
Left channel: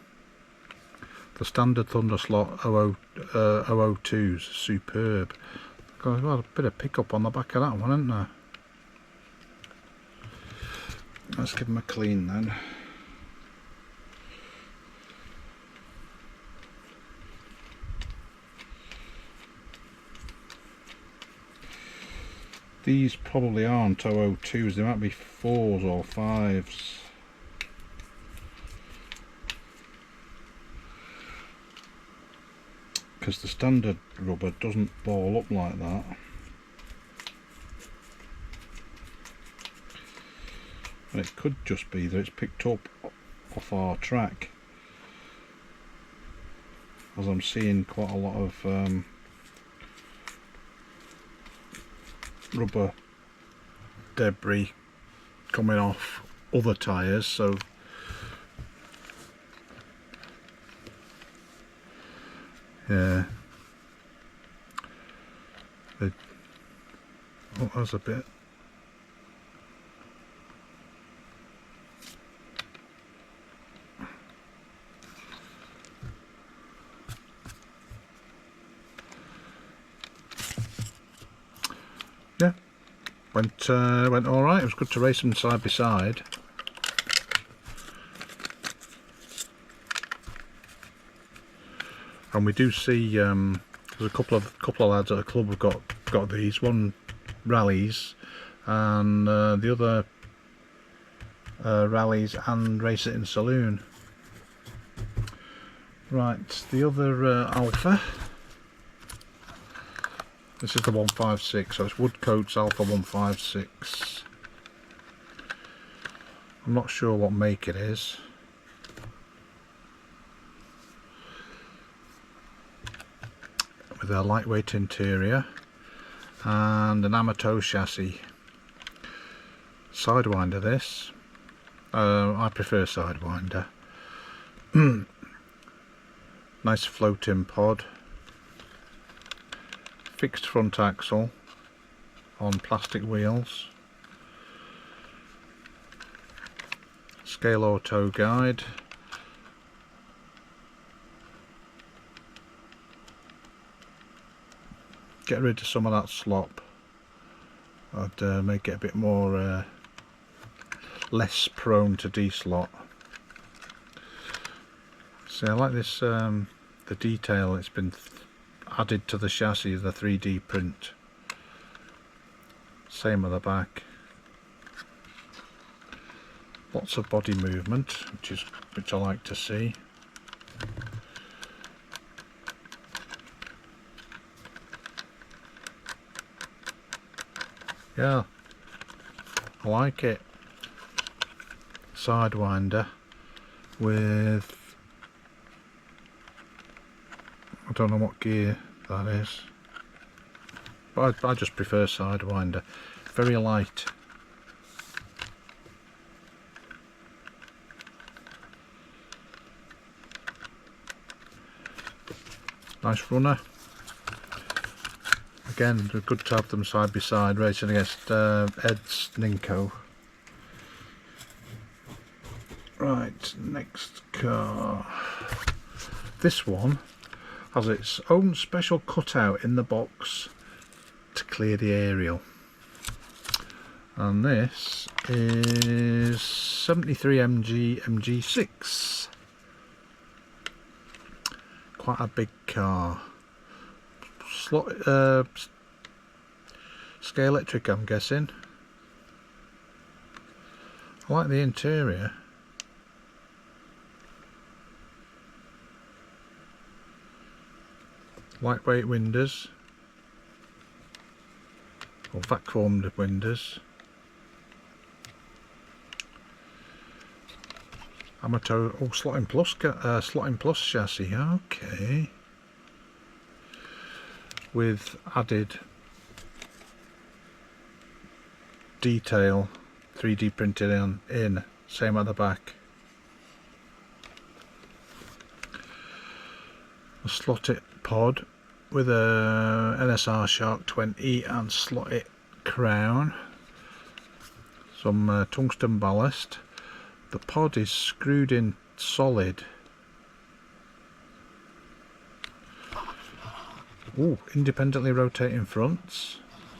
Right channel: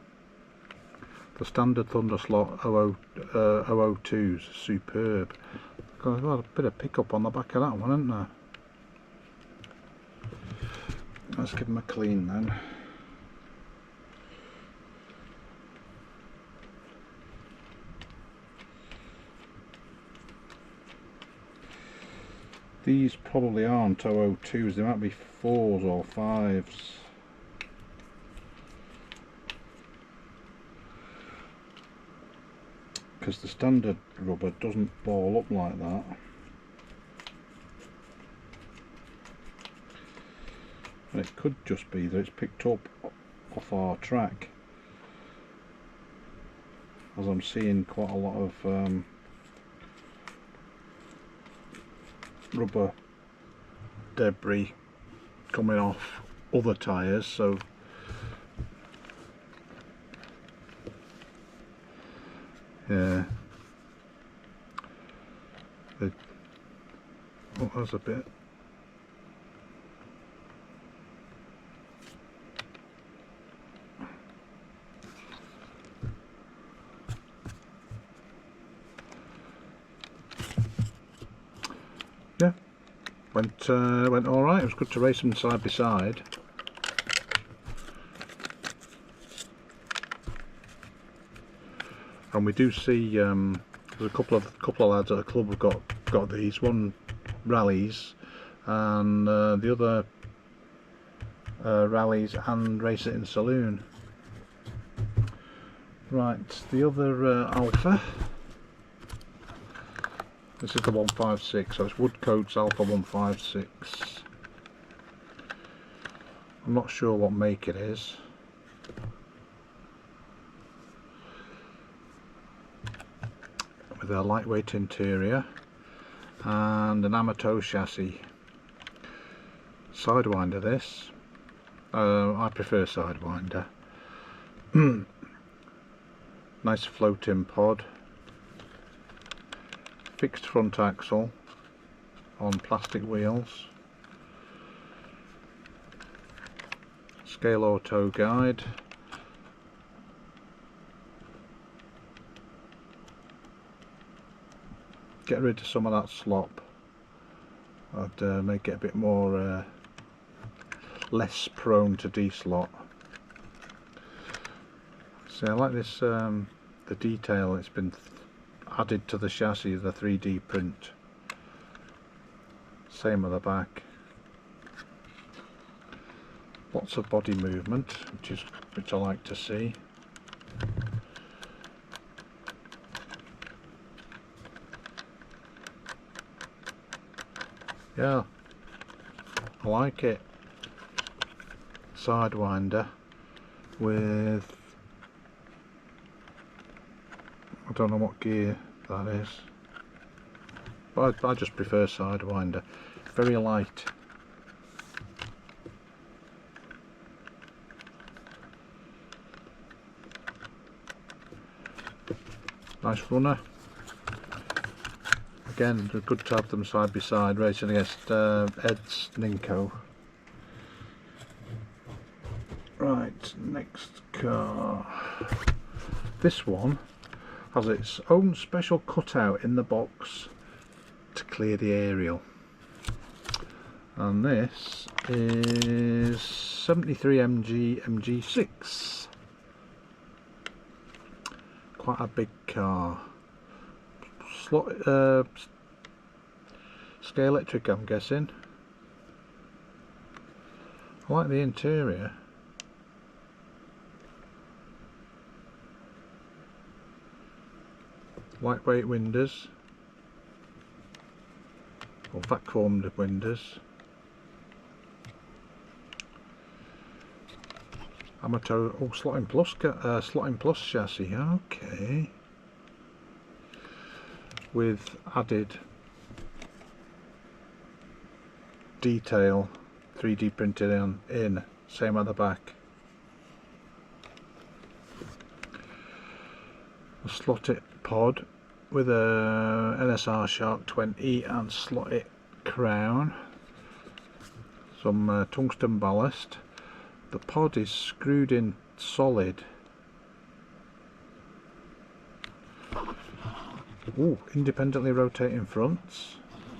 The standard Thunderslot 002's superb. Got a bit of pickup on the back of that one, isn't there? Let's give them a clean then. These probably aren't 002's, they might be 4s or 5s. Because the standard rubber doesn't ball up like that. And it could just be that it's picked up off our track, as I'm seeing quite a lot of rubber debris coming off other tyres, so yeah, oh, there's a bit. Yeah, went all right. It was good to race them side by side. And we do see there's a couple of lads at the club have got these. One rallies, and the other rallies and race it in saloon. Right, the other Alfa. This is the 156, so it's Woodcote's Alfa 156. I'm not sure what make it is. With a lightweight interior and an Amato chassis. Sidewinder this. I prefer Sidewinder. Nice floating pod. Fixed front axle on plastic wheels. Scale auto guide. Get rid of some of that slop. I'd make it a bit more less prone to deslot. See, I like this the detail it's been added to the chassis, the 3D print. Same at the back. Lots of body movement, which I like to see. Yeah, I like it. Sidewinder with, I don't know what gear that is, but I just prefer Sidewinder. Very light. Nice runner. Again, they're good to have them side by side, racing against Ed's Ninko. Right, next car. This one has its own special cutout in the box to clear the aerial. And this is 73 MG MG6. Quite a big car. Scalextric, I'm guessing. I like the interior. Lightweight windows, or vac-formed windows. Amateur, oh, slotting plus chassis. Okay. With added detail, 3D printed in, same at the back. A slotted pod with a NSR Shark 20 and slotted crown. Some tungsten ballast. The pod is screwed in solid. Ooh, independently rotating fronts.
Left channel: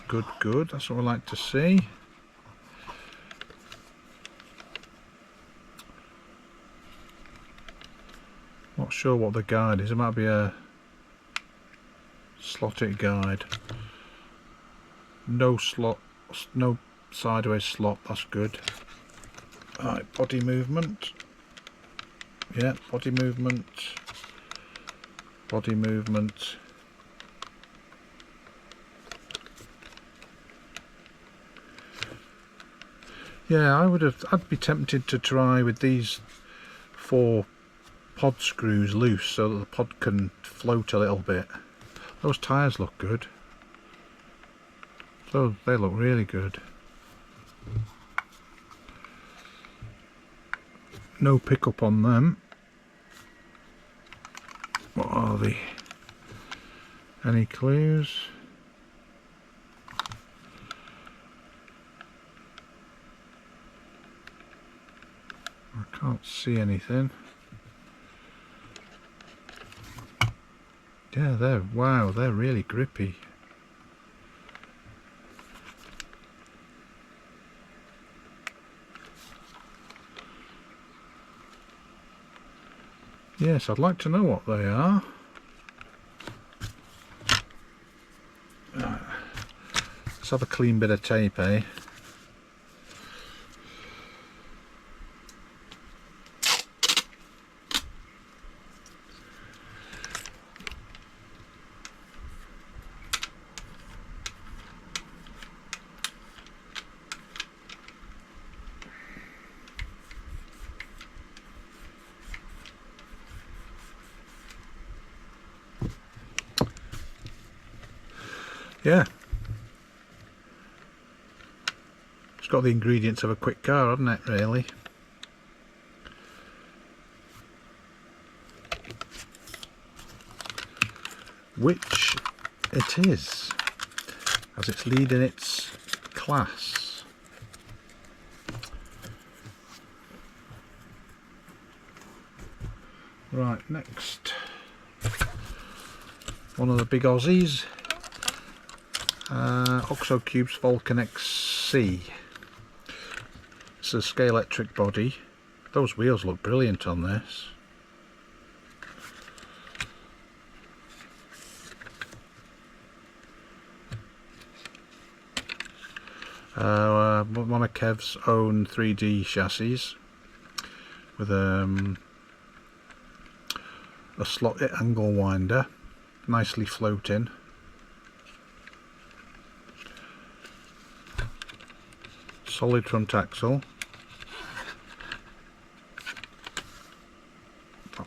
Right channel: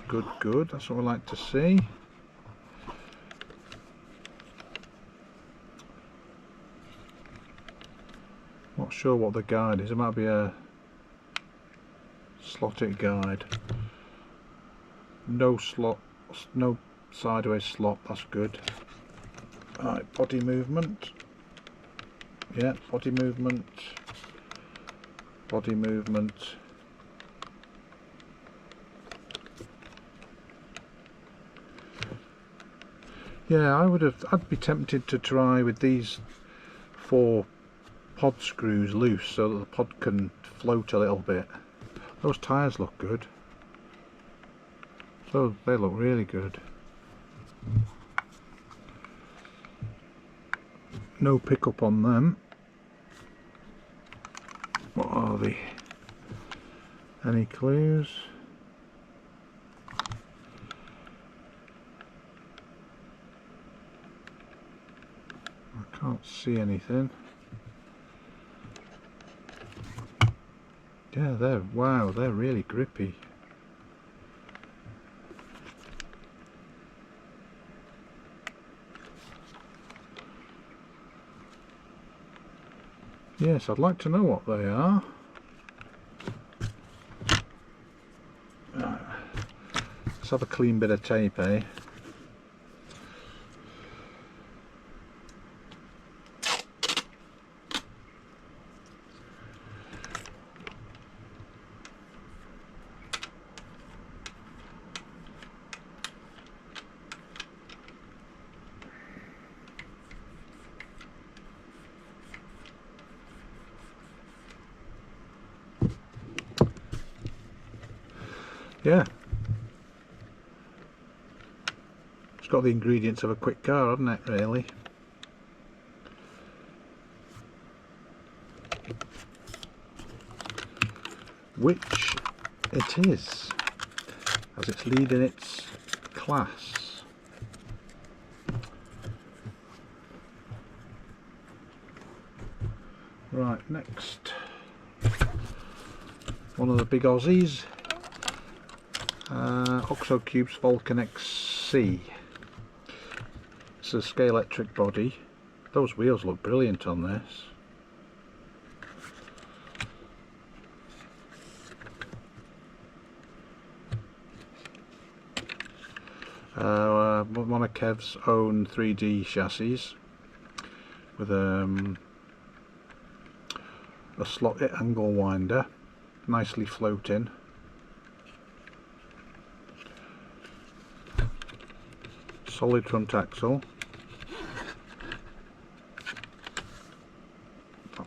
Good, good. That's what we like to see. Not sure what the guide is. It might be a slotted guide. No slot, no sideways slot. That's good. Right, body movement. Yeah, body movement. Body movement. Yeah, I'd be tempted to try with these 4 pod screws loose so that the pod can float a little bit. Those tyres look good. So they look really good. No pickup on them. What are they? Any clues? I can't see anything. Yeah, they're really grippy. Yes, I'd like to know what they are. Let's have a clean bit of tape, eh? Yeah, it's got the ingredients of a quick car, hasn't it, really? Which it is, as it's leading its class. Right, next, one of the big Aussies. Oxo Cube's Falcon XC. It's a Scalextric body. Those wheels look brilliant on this. One of Kev's own 3D chassis with a slotted angle winder, nicely floating. solid front axle. I'm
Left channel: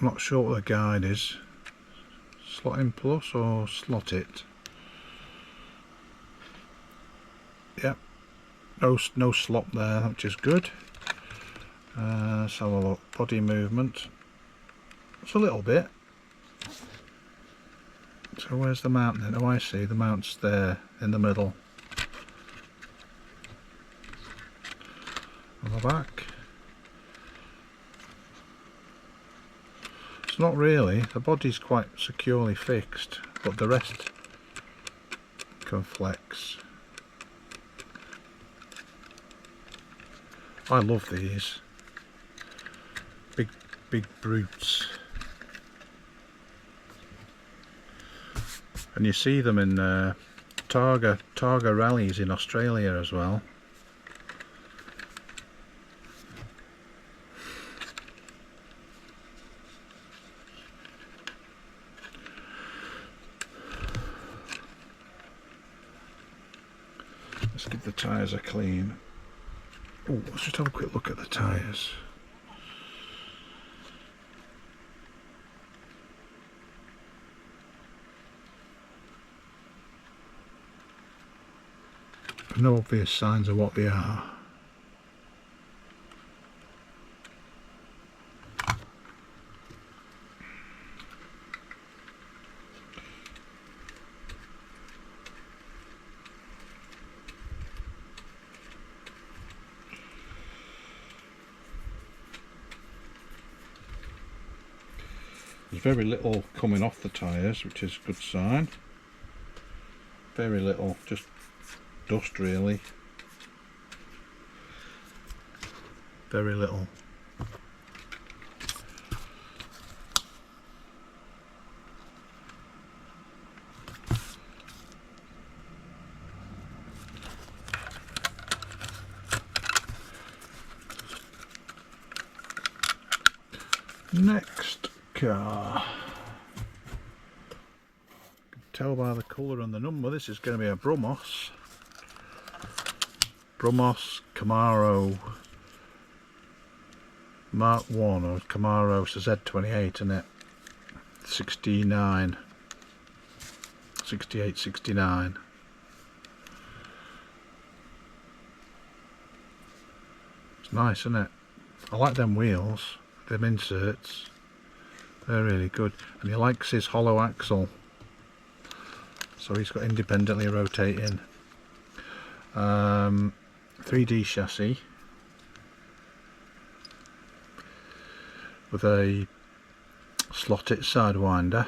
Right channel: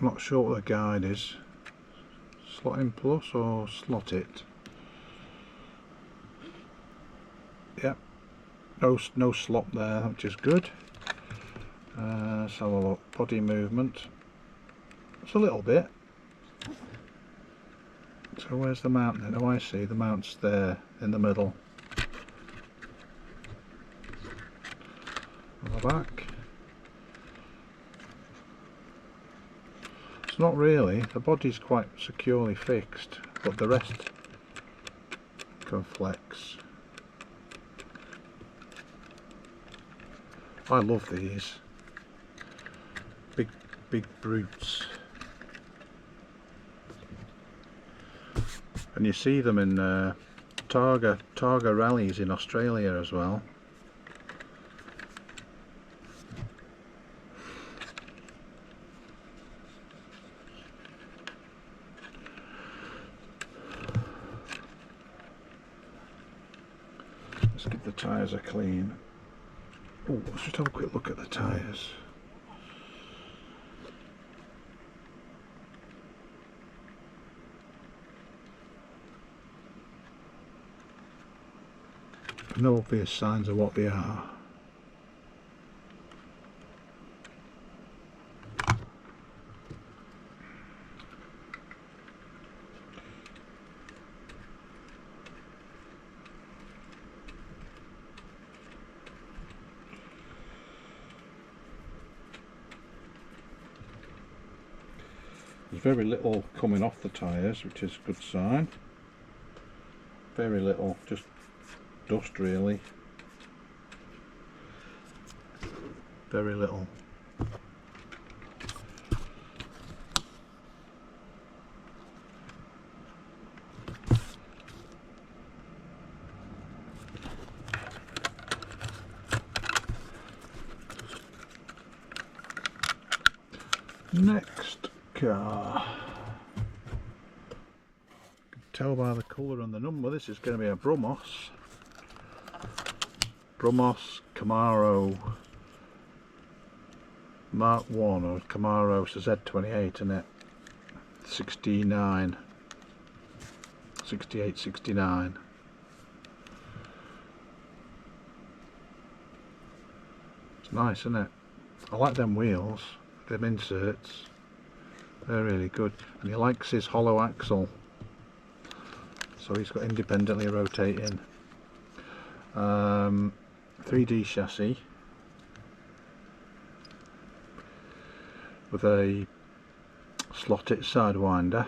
not sure what the guide is. Slot in plus or slot it. Yep, no slop there, which is good. Let's have a look. Body movement. It's a little bit. So where's the mount then? Oh, I see, the mount's there in the middle. On the back. It's not really, the body's quite securely fixed, but the rest can flex. I love these. Big brutes. And you see them in Targa rallies in Australia as well. Let's give the tyres a clean. Oh, let's just have a quick look at the tyres. No obvious signs of what they are. There's very little coming off the tyres, which is a good sign. Very little, just dust really. Very little. Next car. You can tell by the colour and the number this is going to be a Brumos Camaro Mark 1 or Camaro Z28, isn't it? 69, 68, 69. It's nice, isn't it? I like them wheels, them inserts. They're really good. And he likes his hollow axle, so he's got independently rotating 3D chassis with a slotted sidewinder.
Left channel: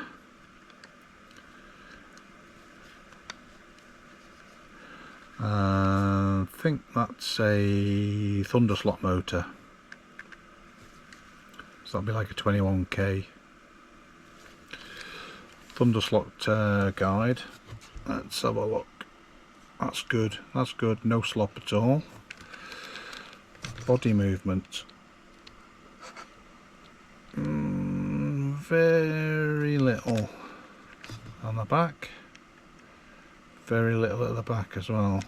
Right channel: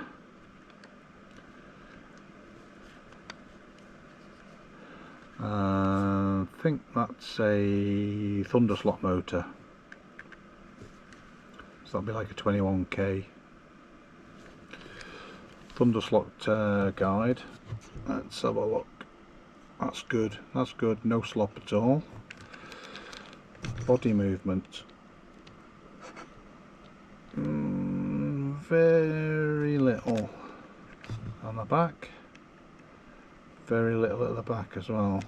I think that's a Thunderslot motor, so that'll be like a 21k. Thunderslot guide. Let's have a look. That's good, that's good, no slop at all. Body movement. Very little on the back. Very little at the back as well.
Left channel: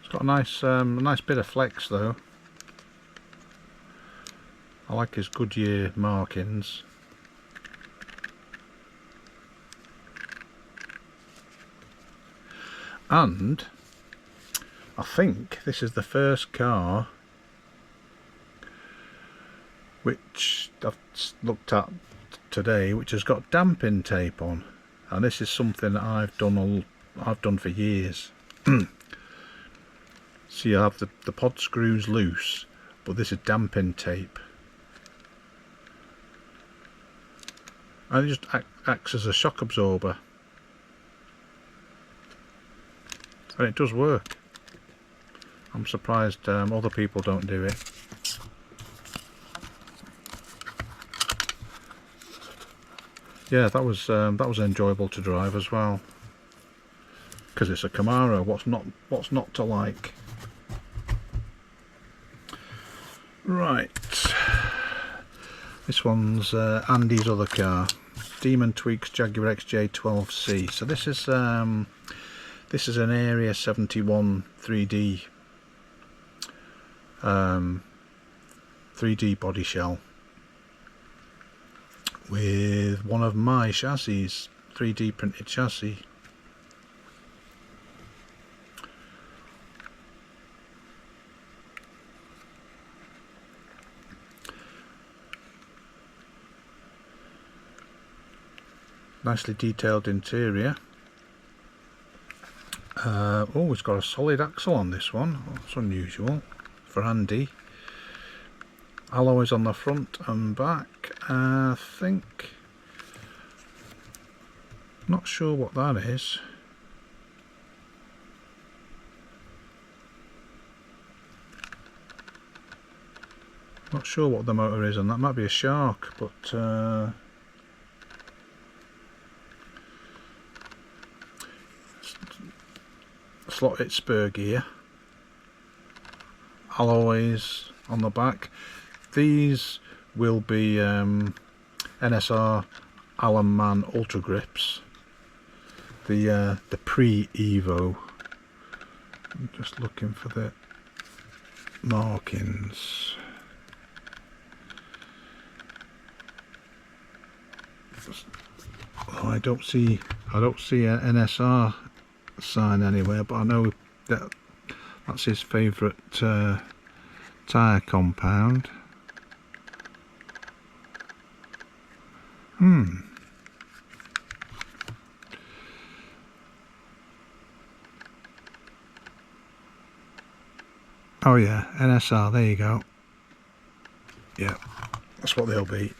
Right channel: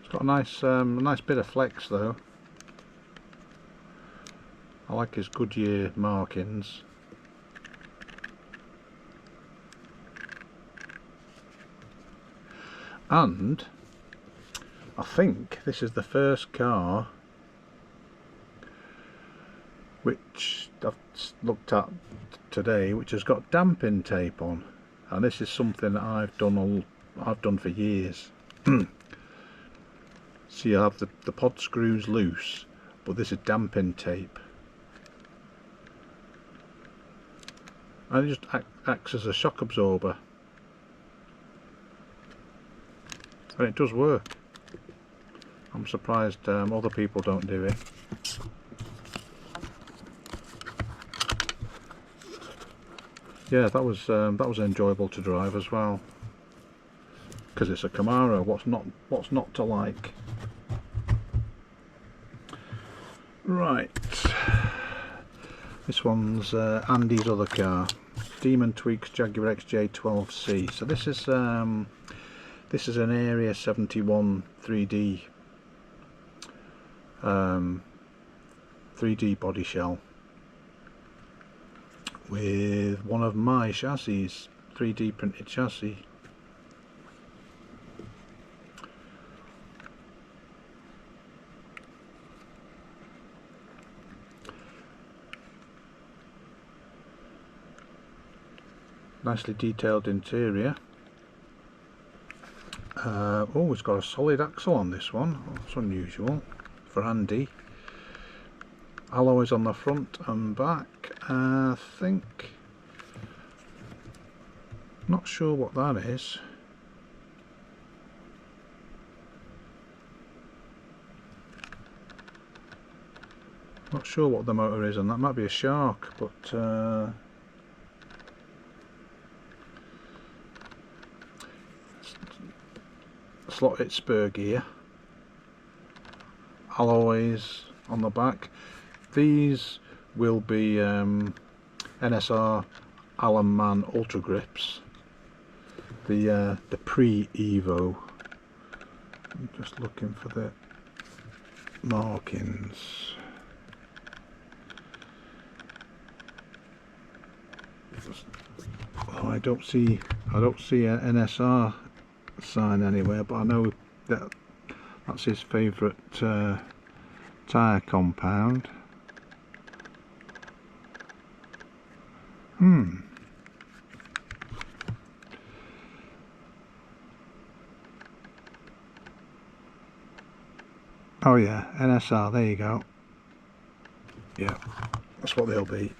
It's got a nice bit of flex though. I like his Goodyear markings. And I think this is the first car which I've looked at today which has got damping tape on, and this is something that I've done for years. See, you have the pod screws loose, but this is damping tape, and it just acts as a shock absorber. And it does work. I'm surprised other people don't do it. Yeah, that was enjoyable to drive as well. Because it's a Camaro. What's not to like? Right. This one's Andy's other car. Demon Tweeks Jaguar XJ12C. So this is an Area 71 3D 3D body shell with one of my chassis, 3D printed chassis. Nicely detailed interior. Oh, it's got a solid axle on this one. That's unusual for Andy. Alloys on the front and back. I think, not sure what that is. Not sure what the motor is, and that might be a Shark, but slotted spur gear, alloys on the back. These will be NSR Allen Man Ultra Grips, the pre-Evo. I'm just looking for the markings. Oh, I don't see an NSR sign anywhere, but I know that that's his favourite tyre compound. Oh yeah, NSR, there you go. Yeah, that's what they'll be.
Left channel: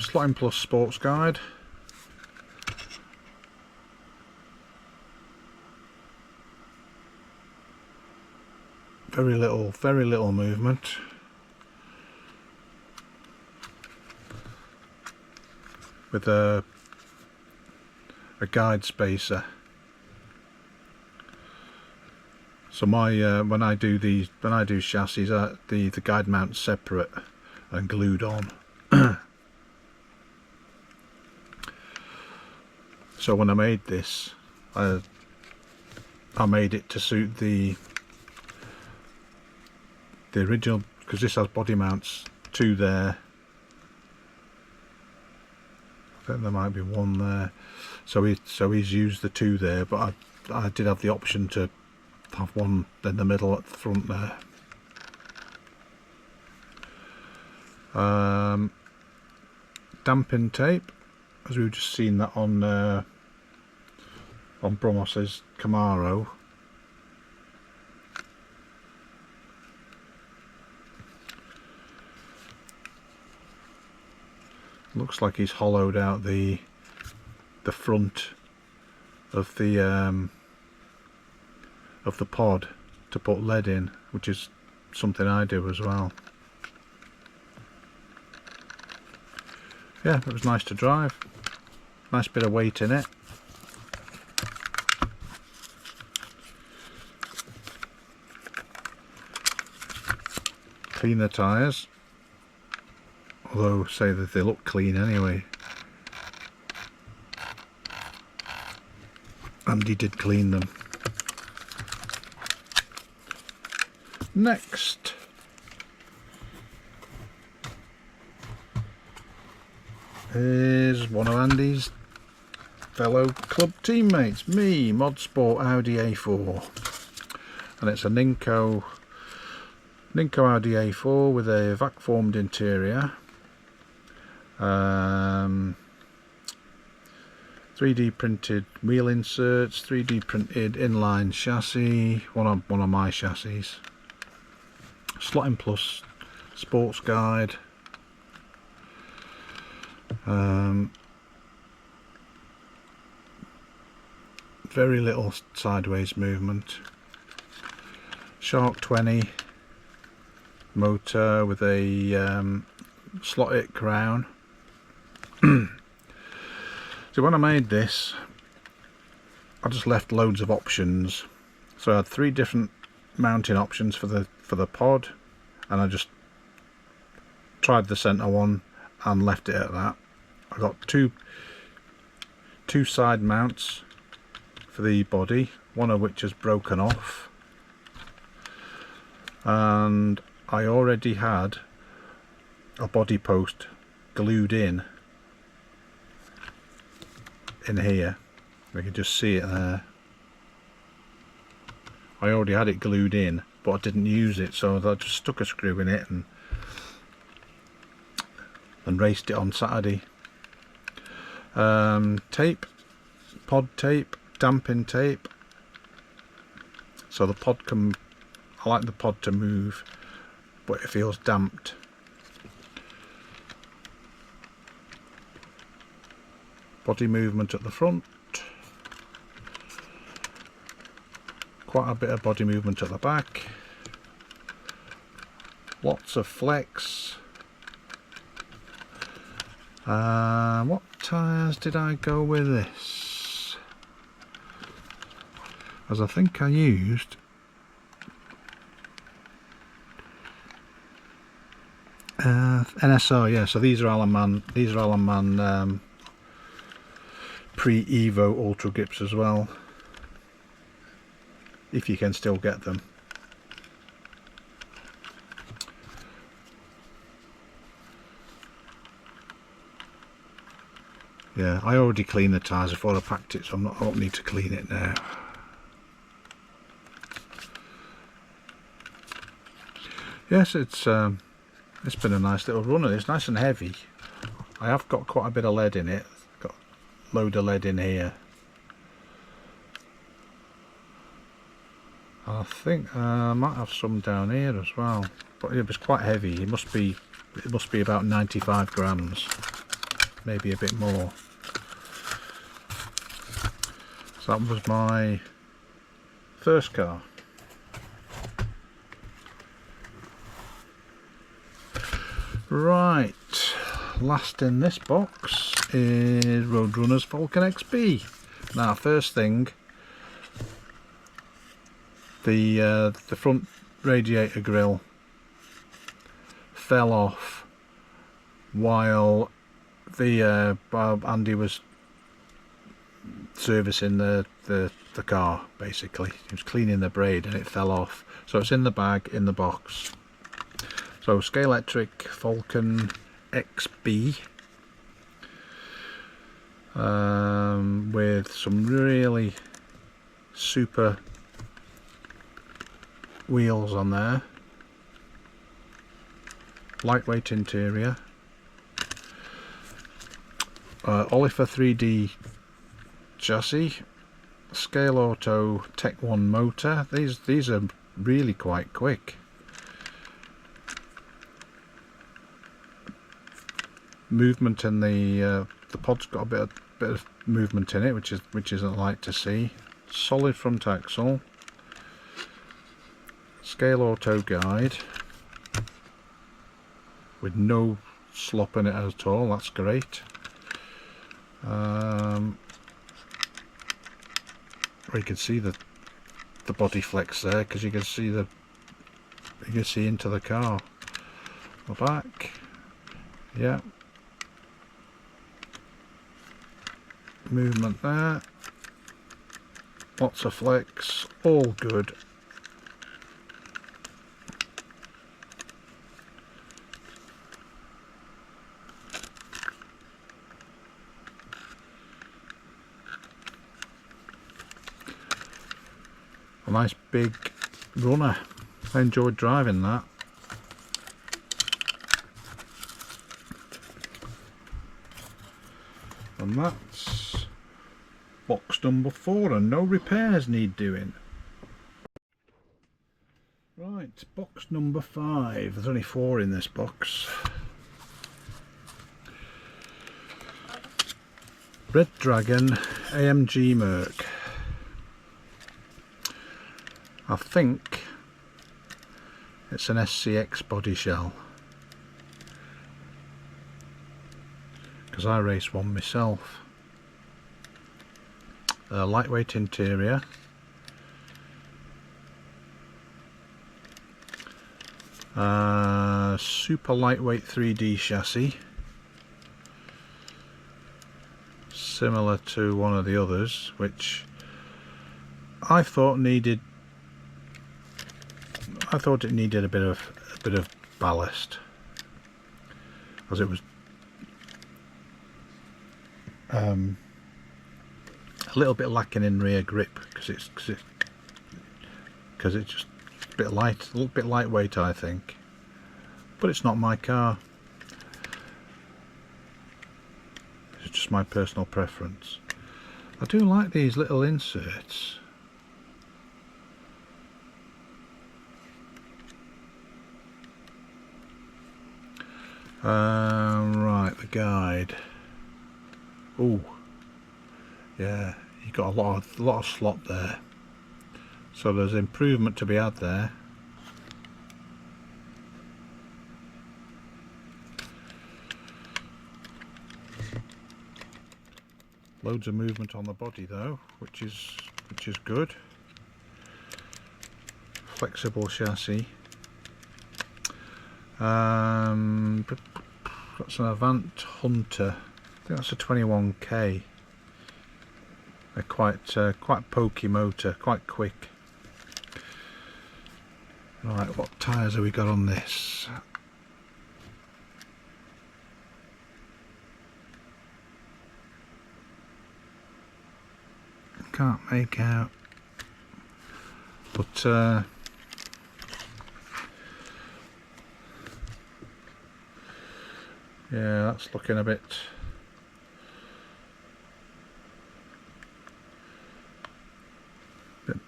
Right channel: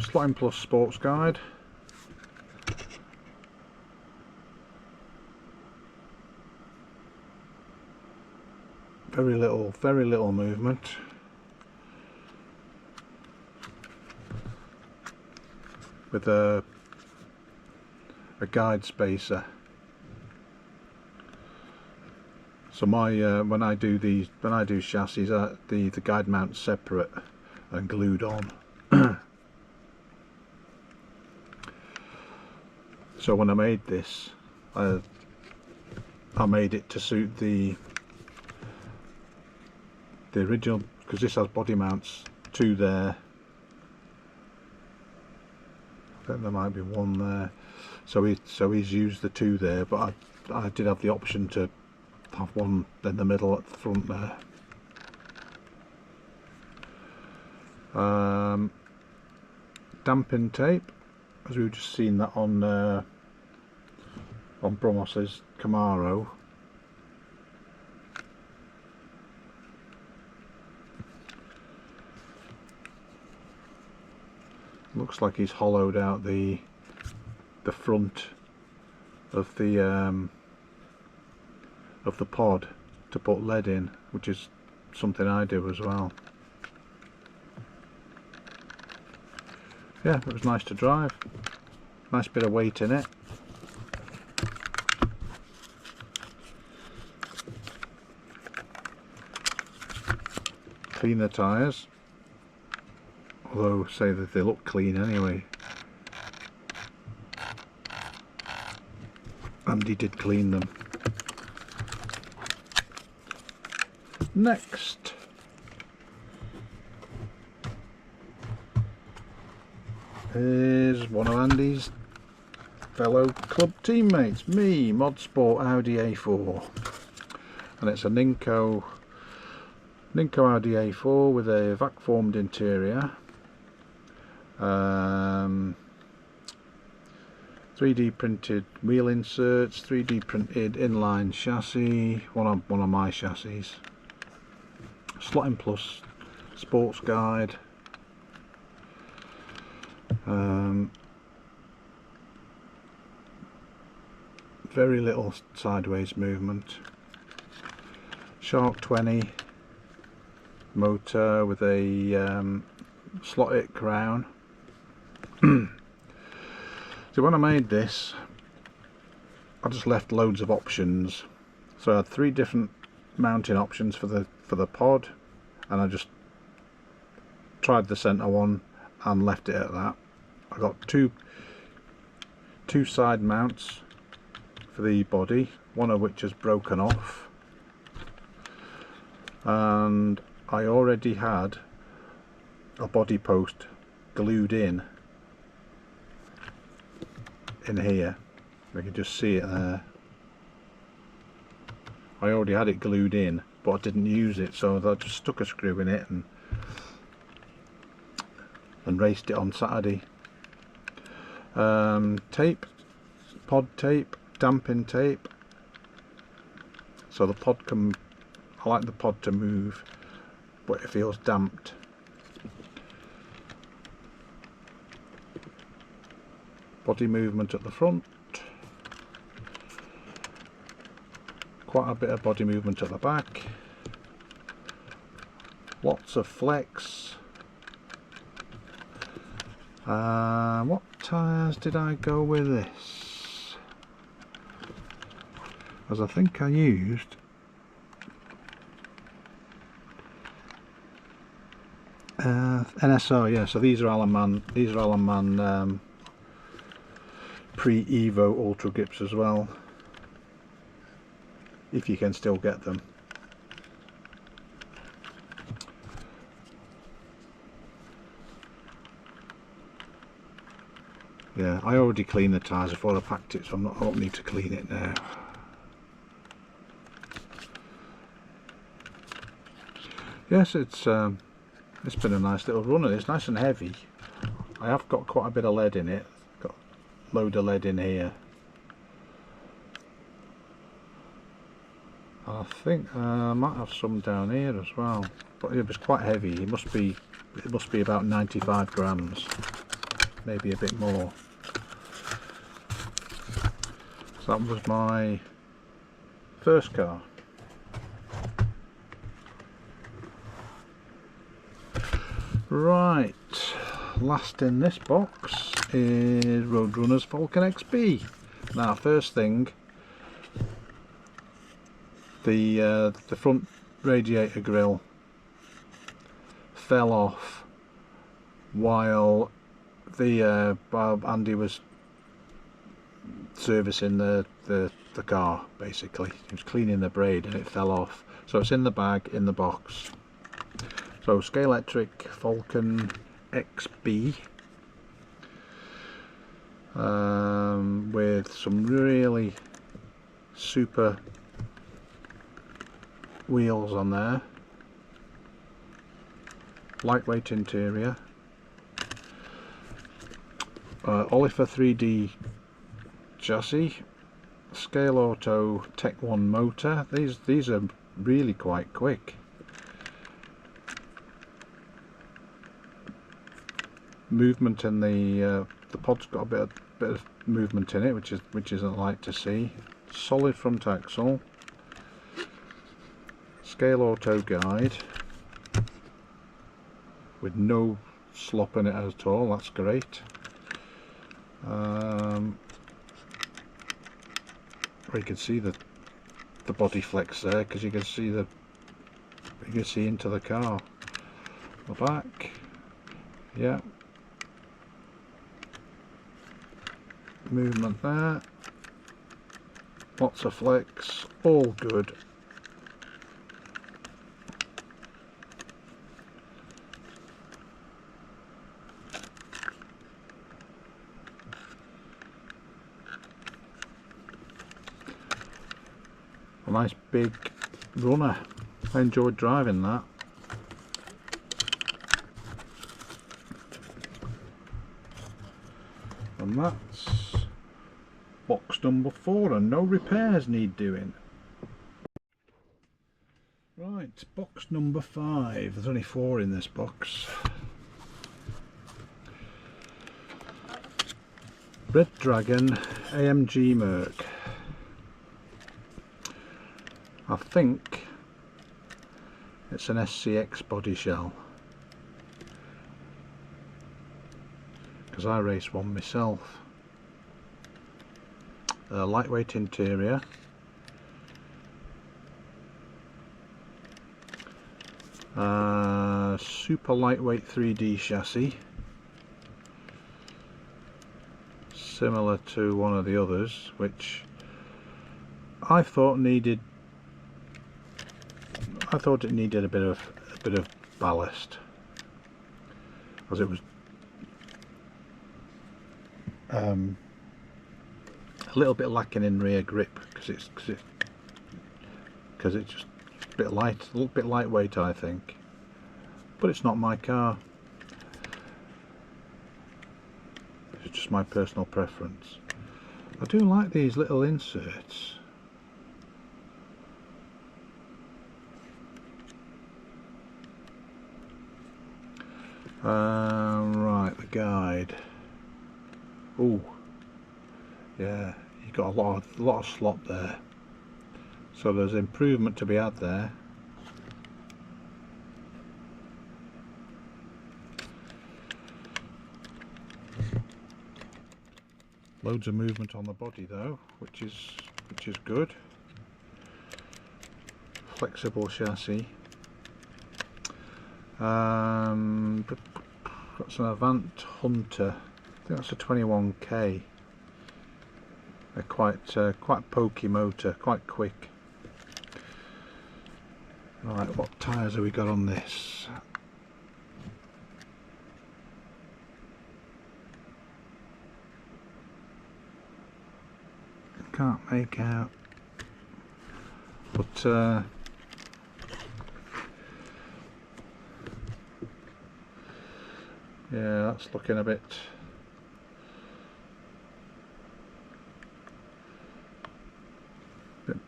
Slotting Plus Sports Guide. Very little movement. With a guide spacer. So my when I do chassis, the guide mount's separate and glued on. So when I made this, I made it to suit the original, because this has body mounts, two there. I think there might be one there. So he's used the two there, but I did have the option to have one in the middle at the front there. Damping tape, as we've just seen that on Brumos's Camaro. Looks like he's hollowed out the front of the pod to put lead in, which is something I do as well. Yeah, it was nice to drive. Nice bit of weight in it. Clean the tyres. Although, say that they look clean anyway. Andy did clean them. Next, is one of Andy's fellow club teammates, me, Modsport Audi A4, and it's a Ninco Audi A4 with a vac formed interior. 3D printed wheel inserts, 3D printed inline chassis, one of my chassis. Slotting Plus Sports Guide. Very little sideways movement. Shark 20 motor with a slotted crown. So when I made this, I just left loads of options. So I had 3 different mounting options for the pod, and I just tried the centre one and left it at that. I got two side mounts for the body, one of which has broken off, and I already had a body post glued in here. You can just see it there. I already had it glued in, but I didn't use it, so I just stuck a screw in it and raced it on Saturday. Tape, pod tape, damping tape, so the pod can, I like the pod to move, but it feels damped. Body movement at the front, quite a bit of body movement at the back, lots of flex. What tyres did I go with this? As I think I used NSO, yeah. So these are Alman pre-Evo Ultra Grips as well, if you can still get them. Yeah, I already cleaned the tyres before I packed it, so I don't need to clean it now. Yes, it's been a nice little runner. It's nice and heavy. I have got quite a bit of lead in it. Got a load of lead in here. I think I might have some down here as well. But it was quite heavy. It must be about 95 grams, maybe a bit more. So that was my first car. Right, last in this box is Roadrunners Falcon XC. Now, first thing, the front radiator grille fell off while Andy was servicing the car. Basically, he was cleaning the braid and it fell off. So it's in the bag, in the box. So Scalextric Falcon XC with some really super wheels on there, lightweight interior, Oliver 3D chassis, Scale Auto Tech 1 motor. These are really quite quick. Movement in the pod's got a bit of movement in it, which isn't like to see. Solid front axle, Scale Auto guide with no slop in it at all. That's great. You can see the body flex there, because you can see into the car. The back, yeah. Movement there, lots of flex, all good. A nice big runner. I enjoyed driving that. And that's box number 4, and no repairs need doing. Right, box number 5. There's only 4 in this box. Red Dragon AMG Merc. I think it's an SCX body shell, because I race one myself. lightweight interior, super lightweight 3D chassis, similar to one of the others, which I thought it needed a bit of ballast, as it was a little bit lacking in rear grip, because it's just a little bit lightweight, I think. But it's not my car. It's just my personal preference. I do like these little inserts. Right, the guide. Oh, yeah, you got a lot of slot there. So there's improvement to be had there. Loads of movement on the body though, which is good. Flexible chassis. That's an Avant Hunter. I think that's a 21k. They're quite pokey motor, quite quick. Right, what tyres have we got on this? Can't make out, but yeah, that's looking a bit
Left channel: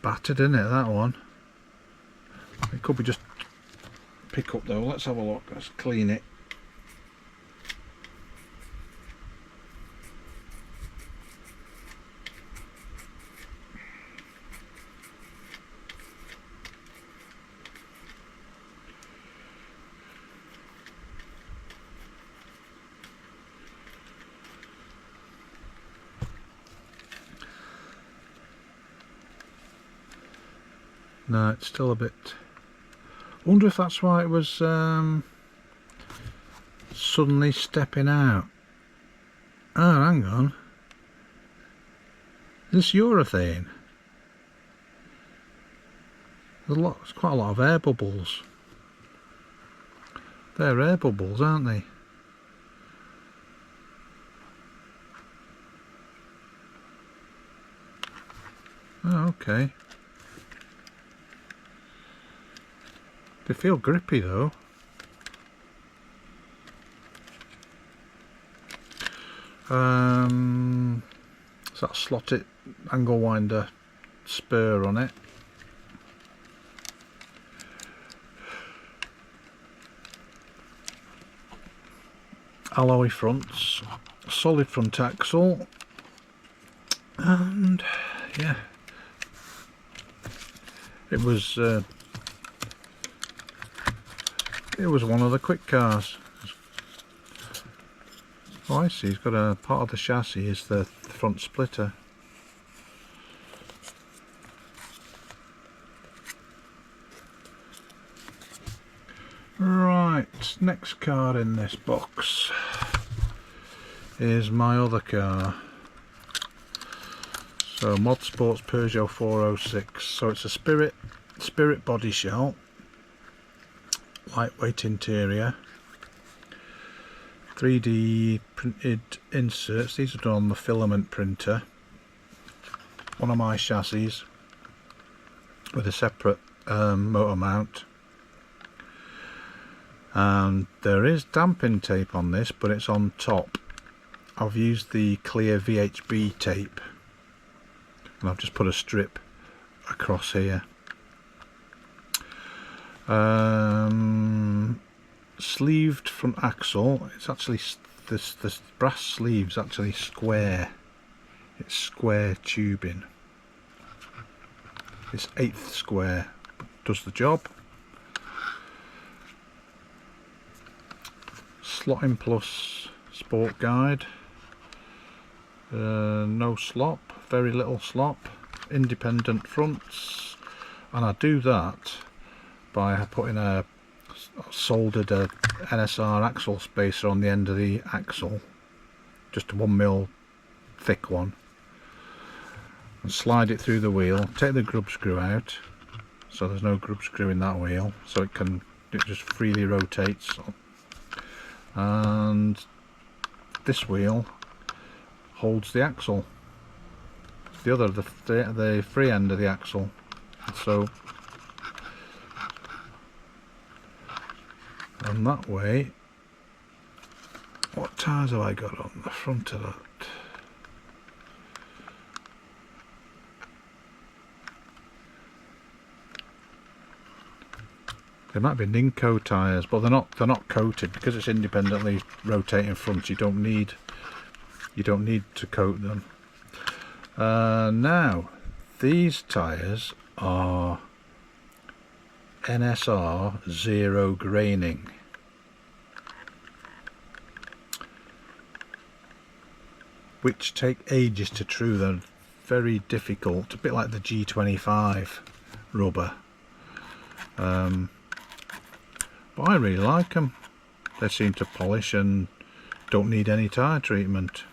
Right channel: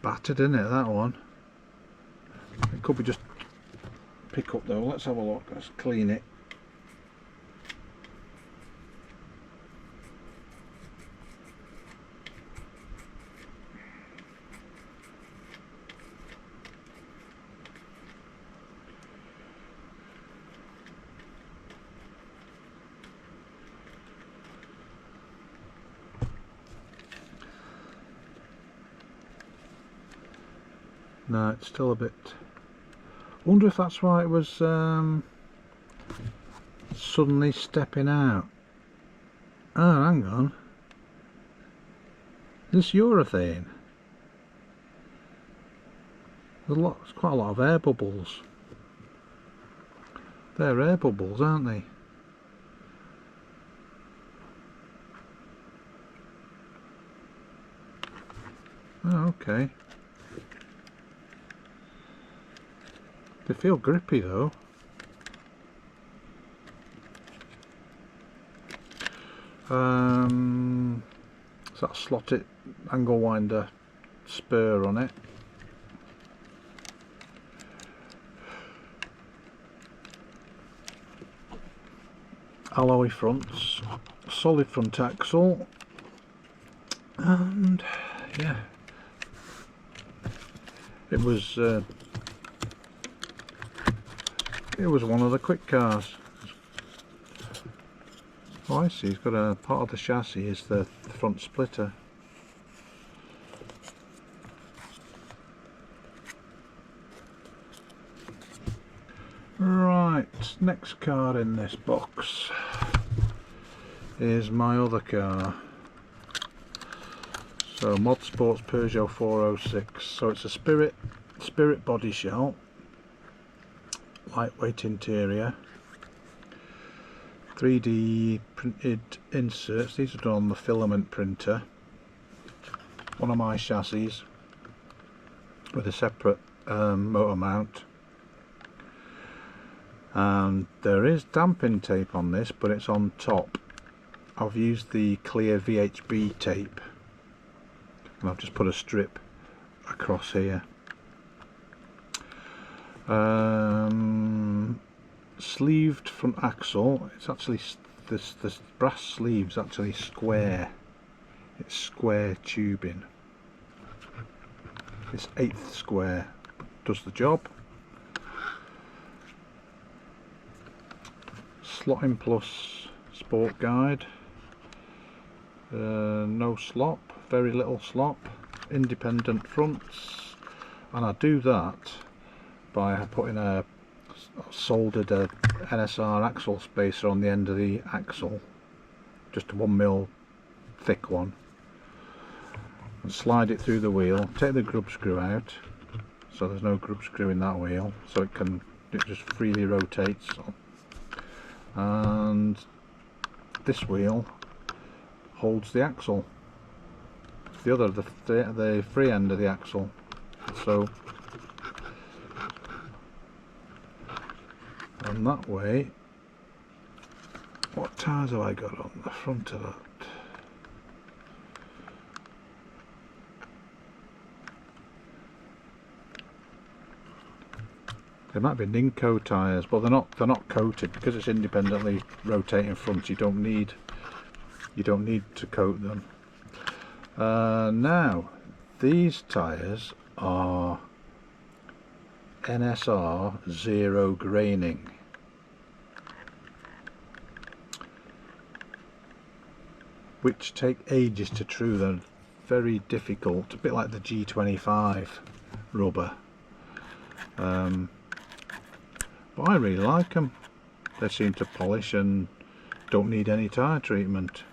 battered, isn't it, that one? It could be just pick up though. Let's have a look. Let's clean it. No, it's still a bit. Wonder if that's why it was suddenly stepping out. Oh, hang on. This urethane. There's quite a lot of air bubbles. They're air bubbles, aren't they? Oh, okay. They feel grippy though. It's that slotted angle winder spur on it. Alloy fronts, solid front axle, and yeah, it was one of the quick cars. Oh, I see, it's got a part of the chassis is the front splitter. Right, next car in this box is my other car. So Mod Sports Peugeot 406. So it's a Spirit body shell, lightweight interior, 3D printed inserts. These are done on the filament printer. One of my chassis with a separate motor mount. And there is damping tape on this, but it's on top. I've used the clear VHB tape, and I've just put a strip across here. Sleeved front axle. It's actually this brass sleeve's actually square. It's square tubing. It's 1/8 square. Does the job. Slotting Plus sport guide. no slop, very little slop, independent fronts, and I do that by putting a soldered NSR axle spacer on the end of the axle, just a 1mm thick one, and slide it through the wheel, take the grub screw out, so there's no grub screw in that wheel, so it just freely rotates, and this wheel holds the axle, the free end of the axle. So and that way, what tyres have I got on the front of that? They might be Ninko tyres, but they're not coated because it's independently rotating front. You don't need to coat them. Now these tyres are NSR zero graining, which take ages to true. They're very difficult, a bit like the G25 rubber, but I really like them. They seem to polish and don't need any tyre treatment.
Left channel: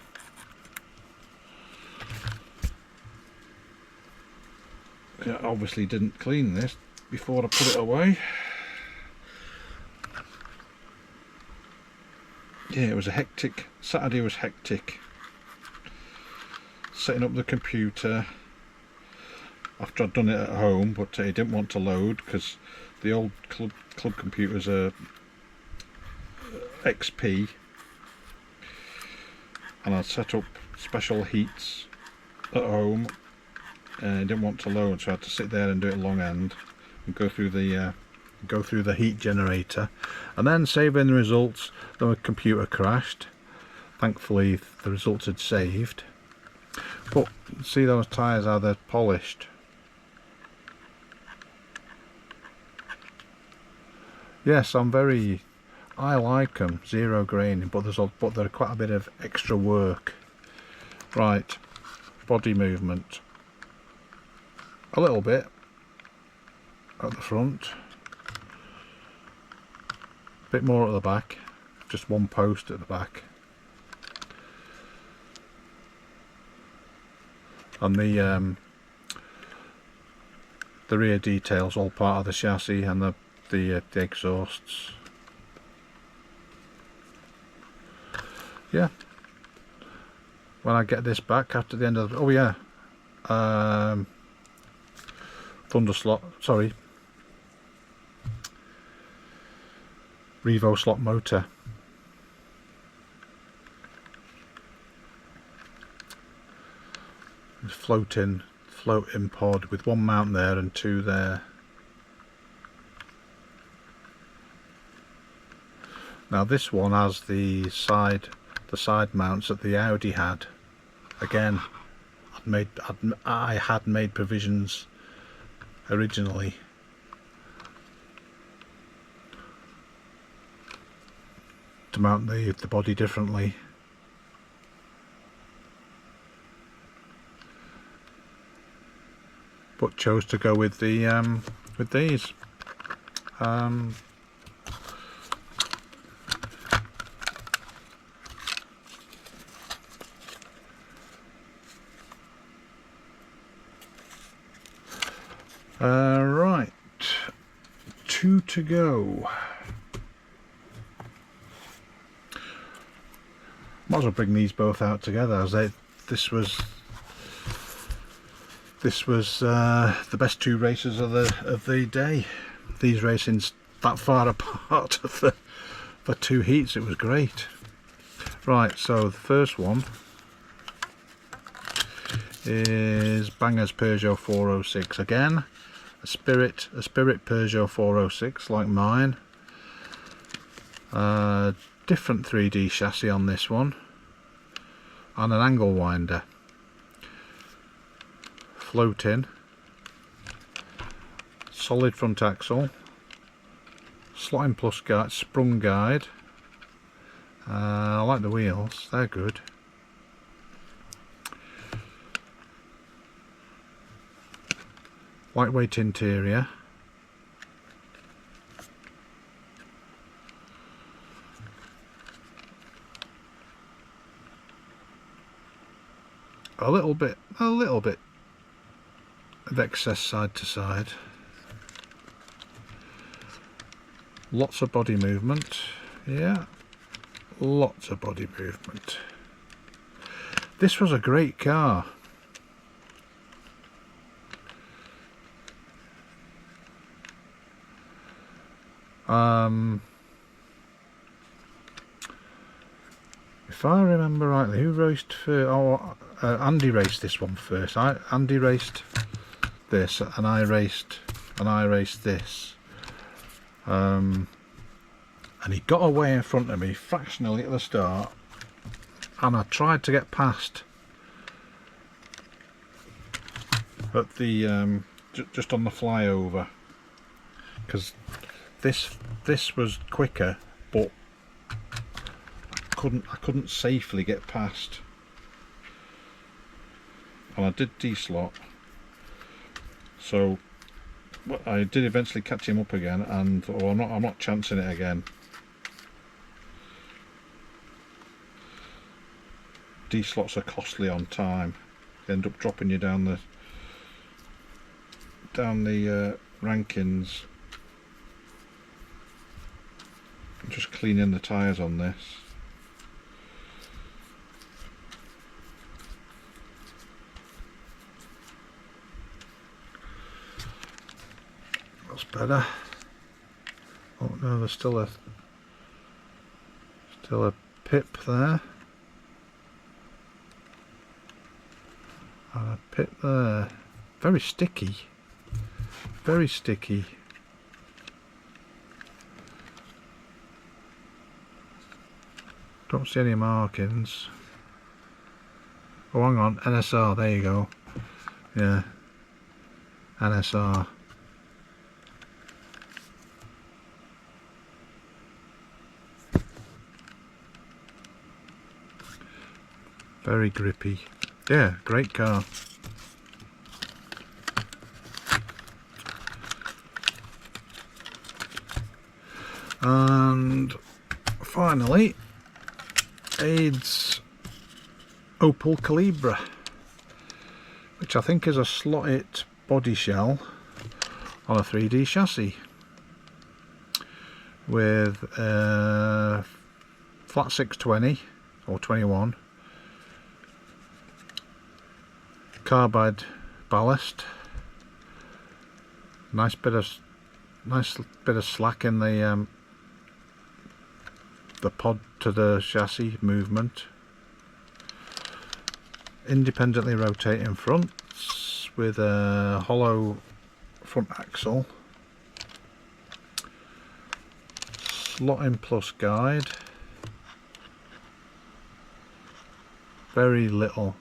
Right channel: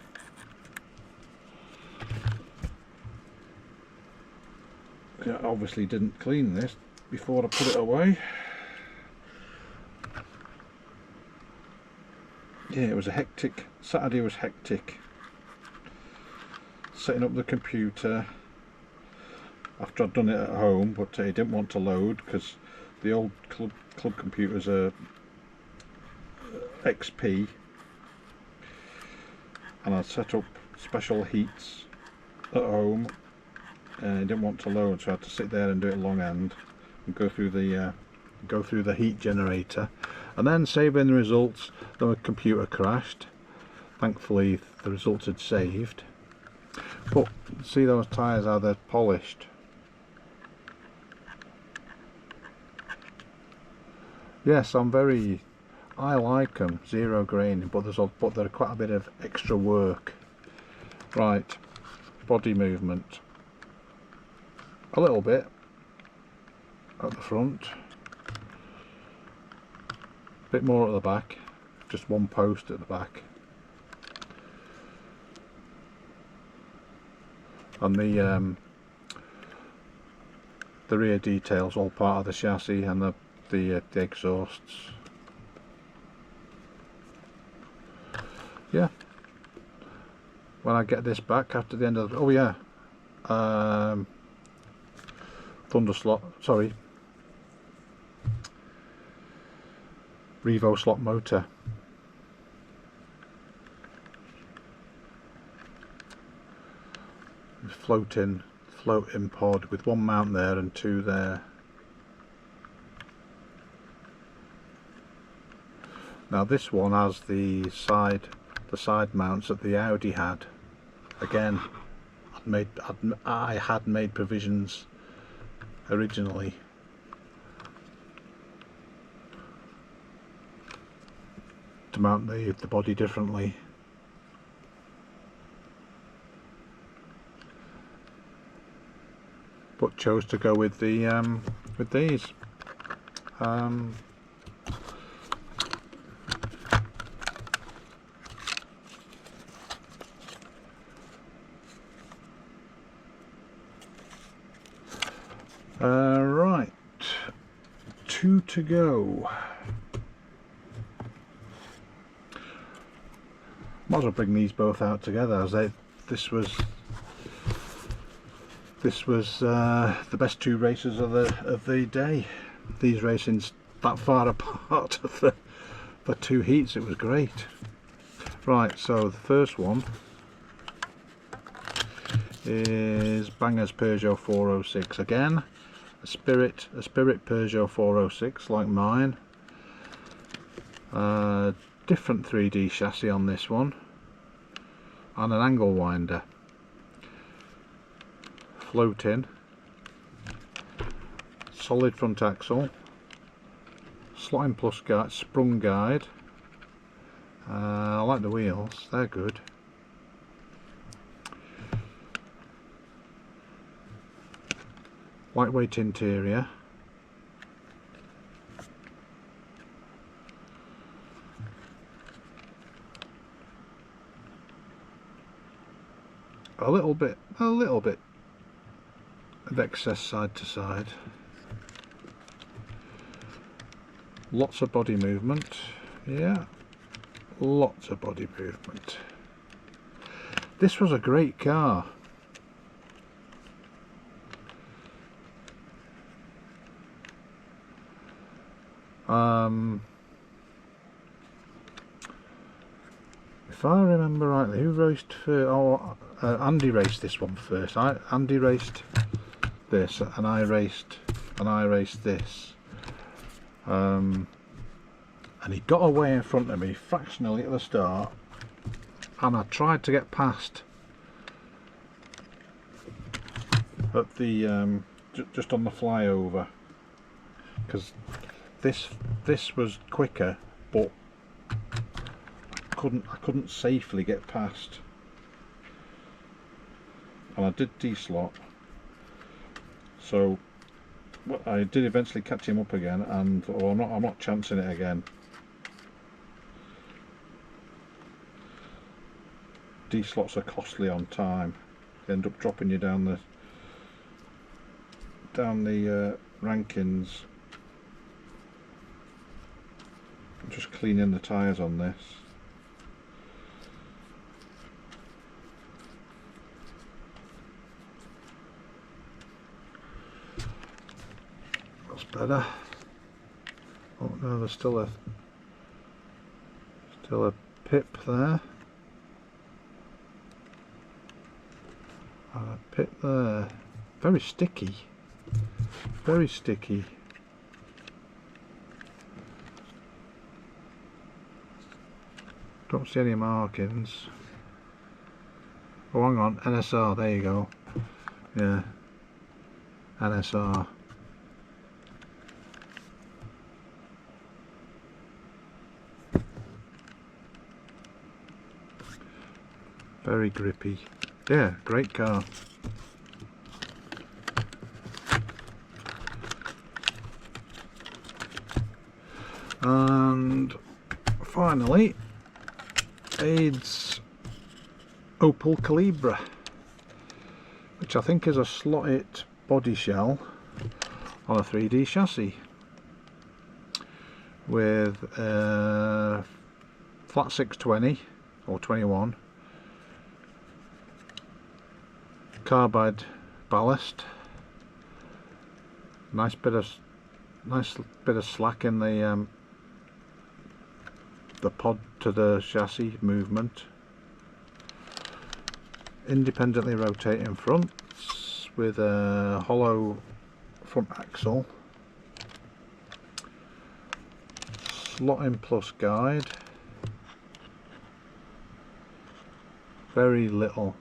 I obviously didn't clean this before I put it away. Yeah, it was a hectic Saturday. Was hectic setting up the computer after I'd done it at home, but it didn't want to load because the old club computers are XP, and I set up special heats at home and it didn't want to load, so I had to sit there and do it long end and go through the heat generator, and then saving the results. The computer crashed. Thankfully the results had saved, but see those tyres, how they're polished. Yes, I like them, zero graining, but there's quite a bit of extra work. Right, body movement, a little bit at the front, a bit more at the back, just one post at the back, and the rear details all part of the chassis, and the exhausts. Yeah, when I get this back after the end of the, oh yeah, Revo slot motor. Floating pod with one mount there and two there. Now this one has the side mounts that the Audi had. Again, I had made provisions originally to mount the body differently. But chose to go with these. Right, 2 to go. Might as well bring these both out together, as this was the best 2 races of the day. These racings that far apart for 2 heats, it was great. Right, so the first one is Banger's Peugeot 406. Again, a Spirit Peugeot 406 like mine. Different 3D chassis on this one, and an angle winder. Floating, solid front axle, slotting plus guide, sprung guide. I like the wheels, they're good. lightweight interior. A little bit of excess side to side. Lots of body movement, yeah, lots of body movement. This was a great car. If I remember rightly, who raced first? Oh, Andy raced this one first. Andy raced this, and I raced this. And he got away in front of me fractionally at the start, and I tried to get past at the just on the flyover, because this was quicker, but I couldn't safely get past, and I did D-slot, so I did eventually catch him up again, and I'm not chancing it again. D-slots are costly on time. They end up dropping you down the rankings. I'm just cleaning the tyres on this. That's better. Oh no, there's still a pip there. And a pip there. Very sticky. Very sticky. Don't see any markings. Oh, hang on, NSR, there you go. Yeah, NSR. Very grippy. Yeah, great car. And finally, AdeC's Opel Calibra, which I think is a slotted body shell on a 3D chassis with flat 620 or 21 carbide ballast, nice bit of slack in the pod to the chassis movement, independently rotating fronts with a hollow front axle, slotting plus guide, very little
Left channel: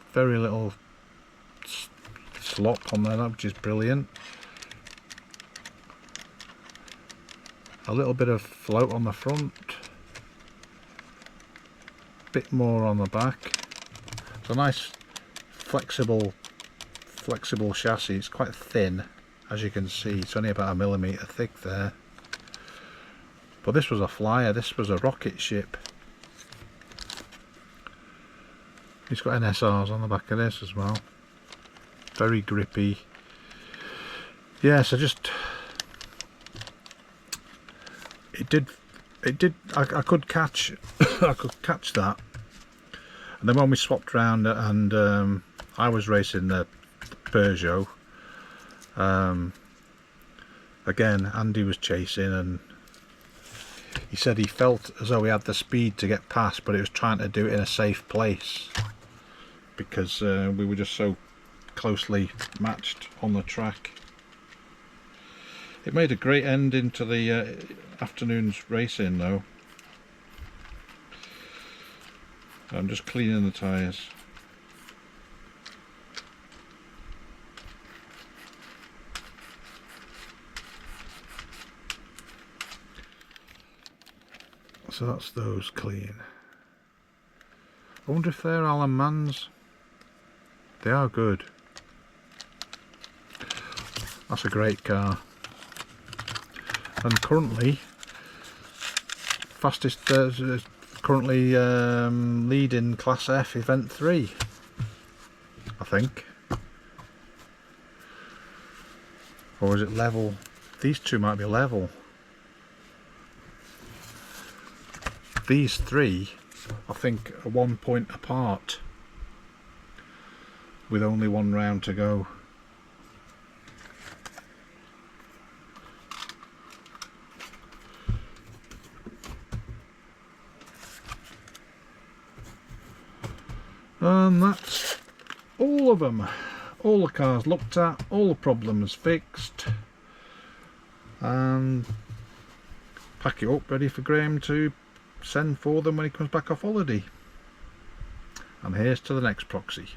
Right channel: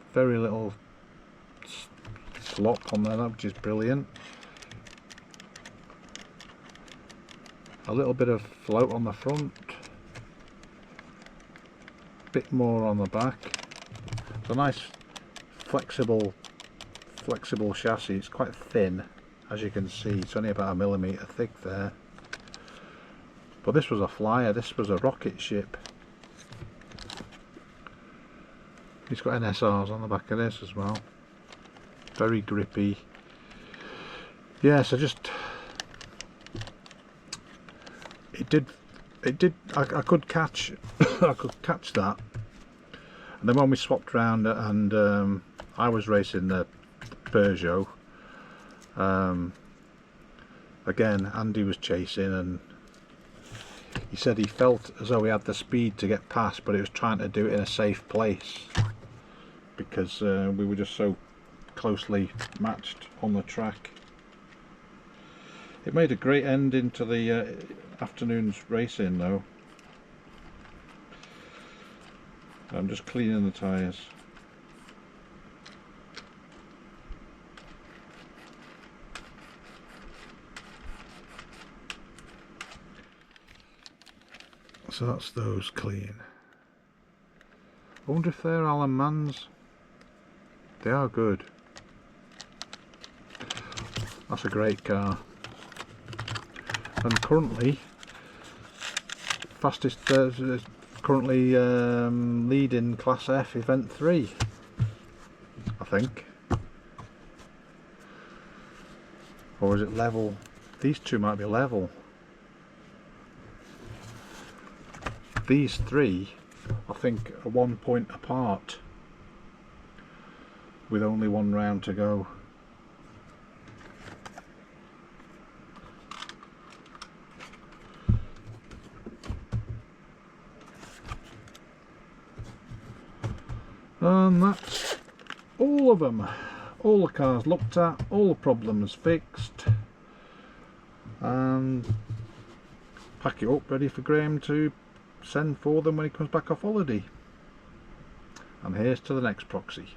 slop on there, which is brilliant. A little bit of float on the front, bit more on the back. It's a nice flexible chassis. It's quite thin, as you can see. It's only about 1 millimetre thick there. But this was a flyer. This was a rocket ship. It's got NSRs on the back of this as well. Very grippy. Yeah, so just it did. I could catch I could catch that, and then when we swapped round and I was racing the Peugeot, again Andy was chasing, and he said he felt as though he had the speed to get past, but he was trying to do it in a safe place because we were just so closely matched on the track. It made a great ending to the afternoon's racing though. I'm just cleaning the tyres. So that's those clean. I wonder if they're Allen Mans. They are good. That's a great car. And currently fastest, currently leading Class F Event 3, I think. Or is it level? These two might be level. These three, I think, are 1 point apart, with only one round to go. And that's all of them. All the cars looked at, all the problems fixed, and pack it up ready for Graham to send for them when he comes back off holiday. And here's to the next Proxy.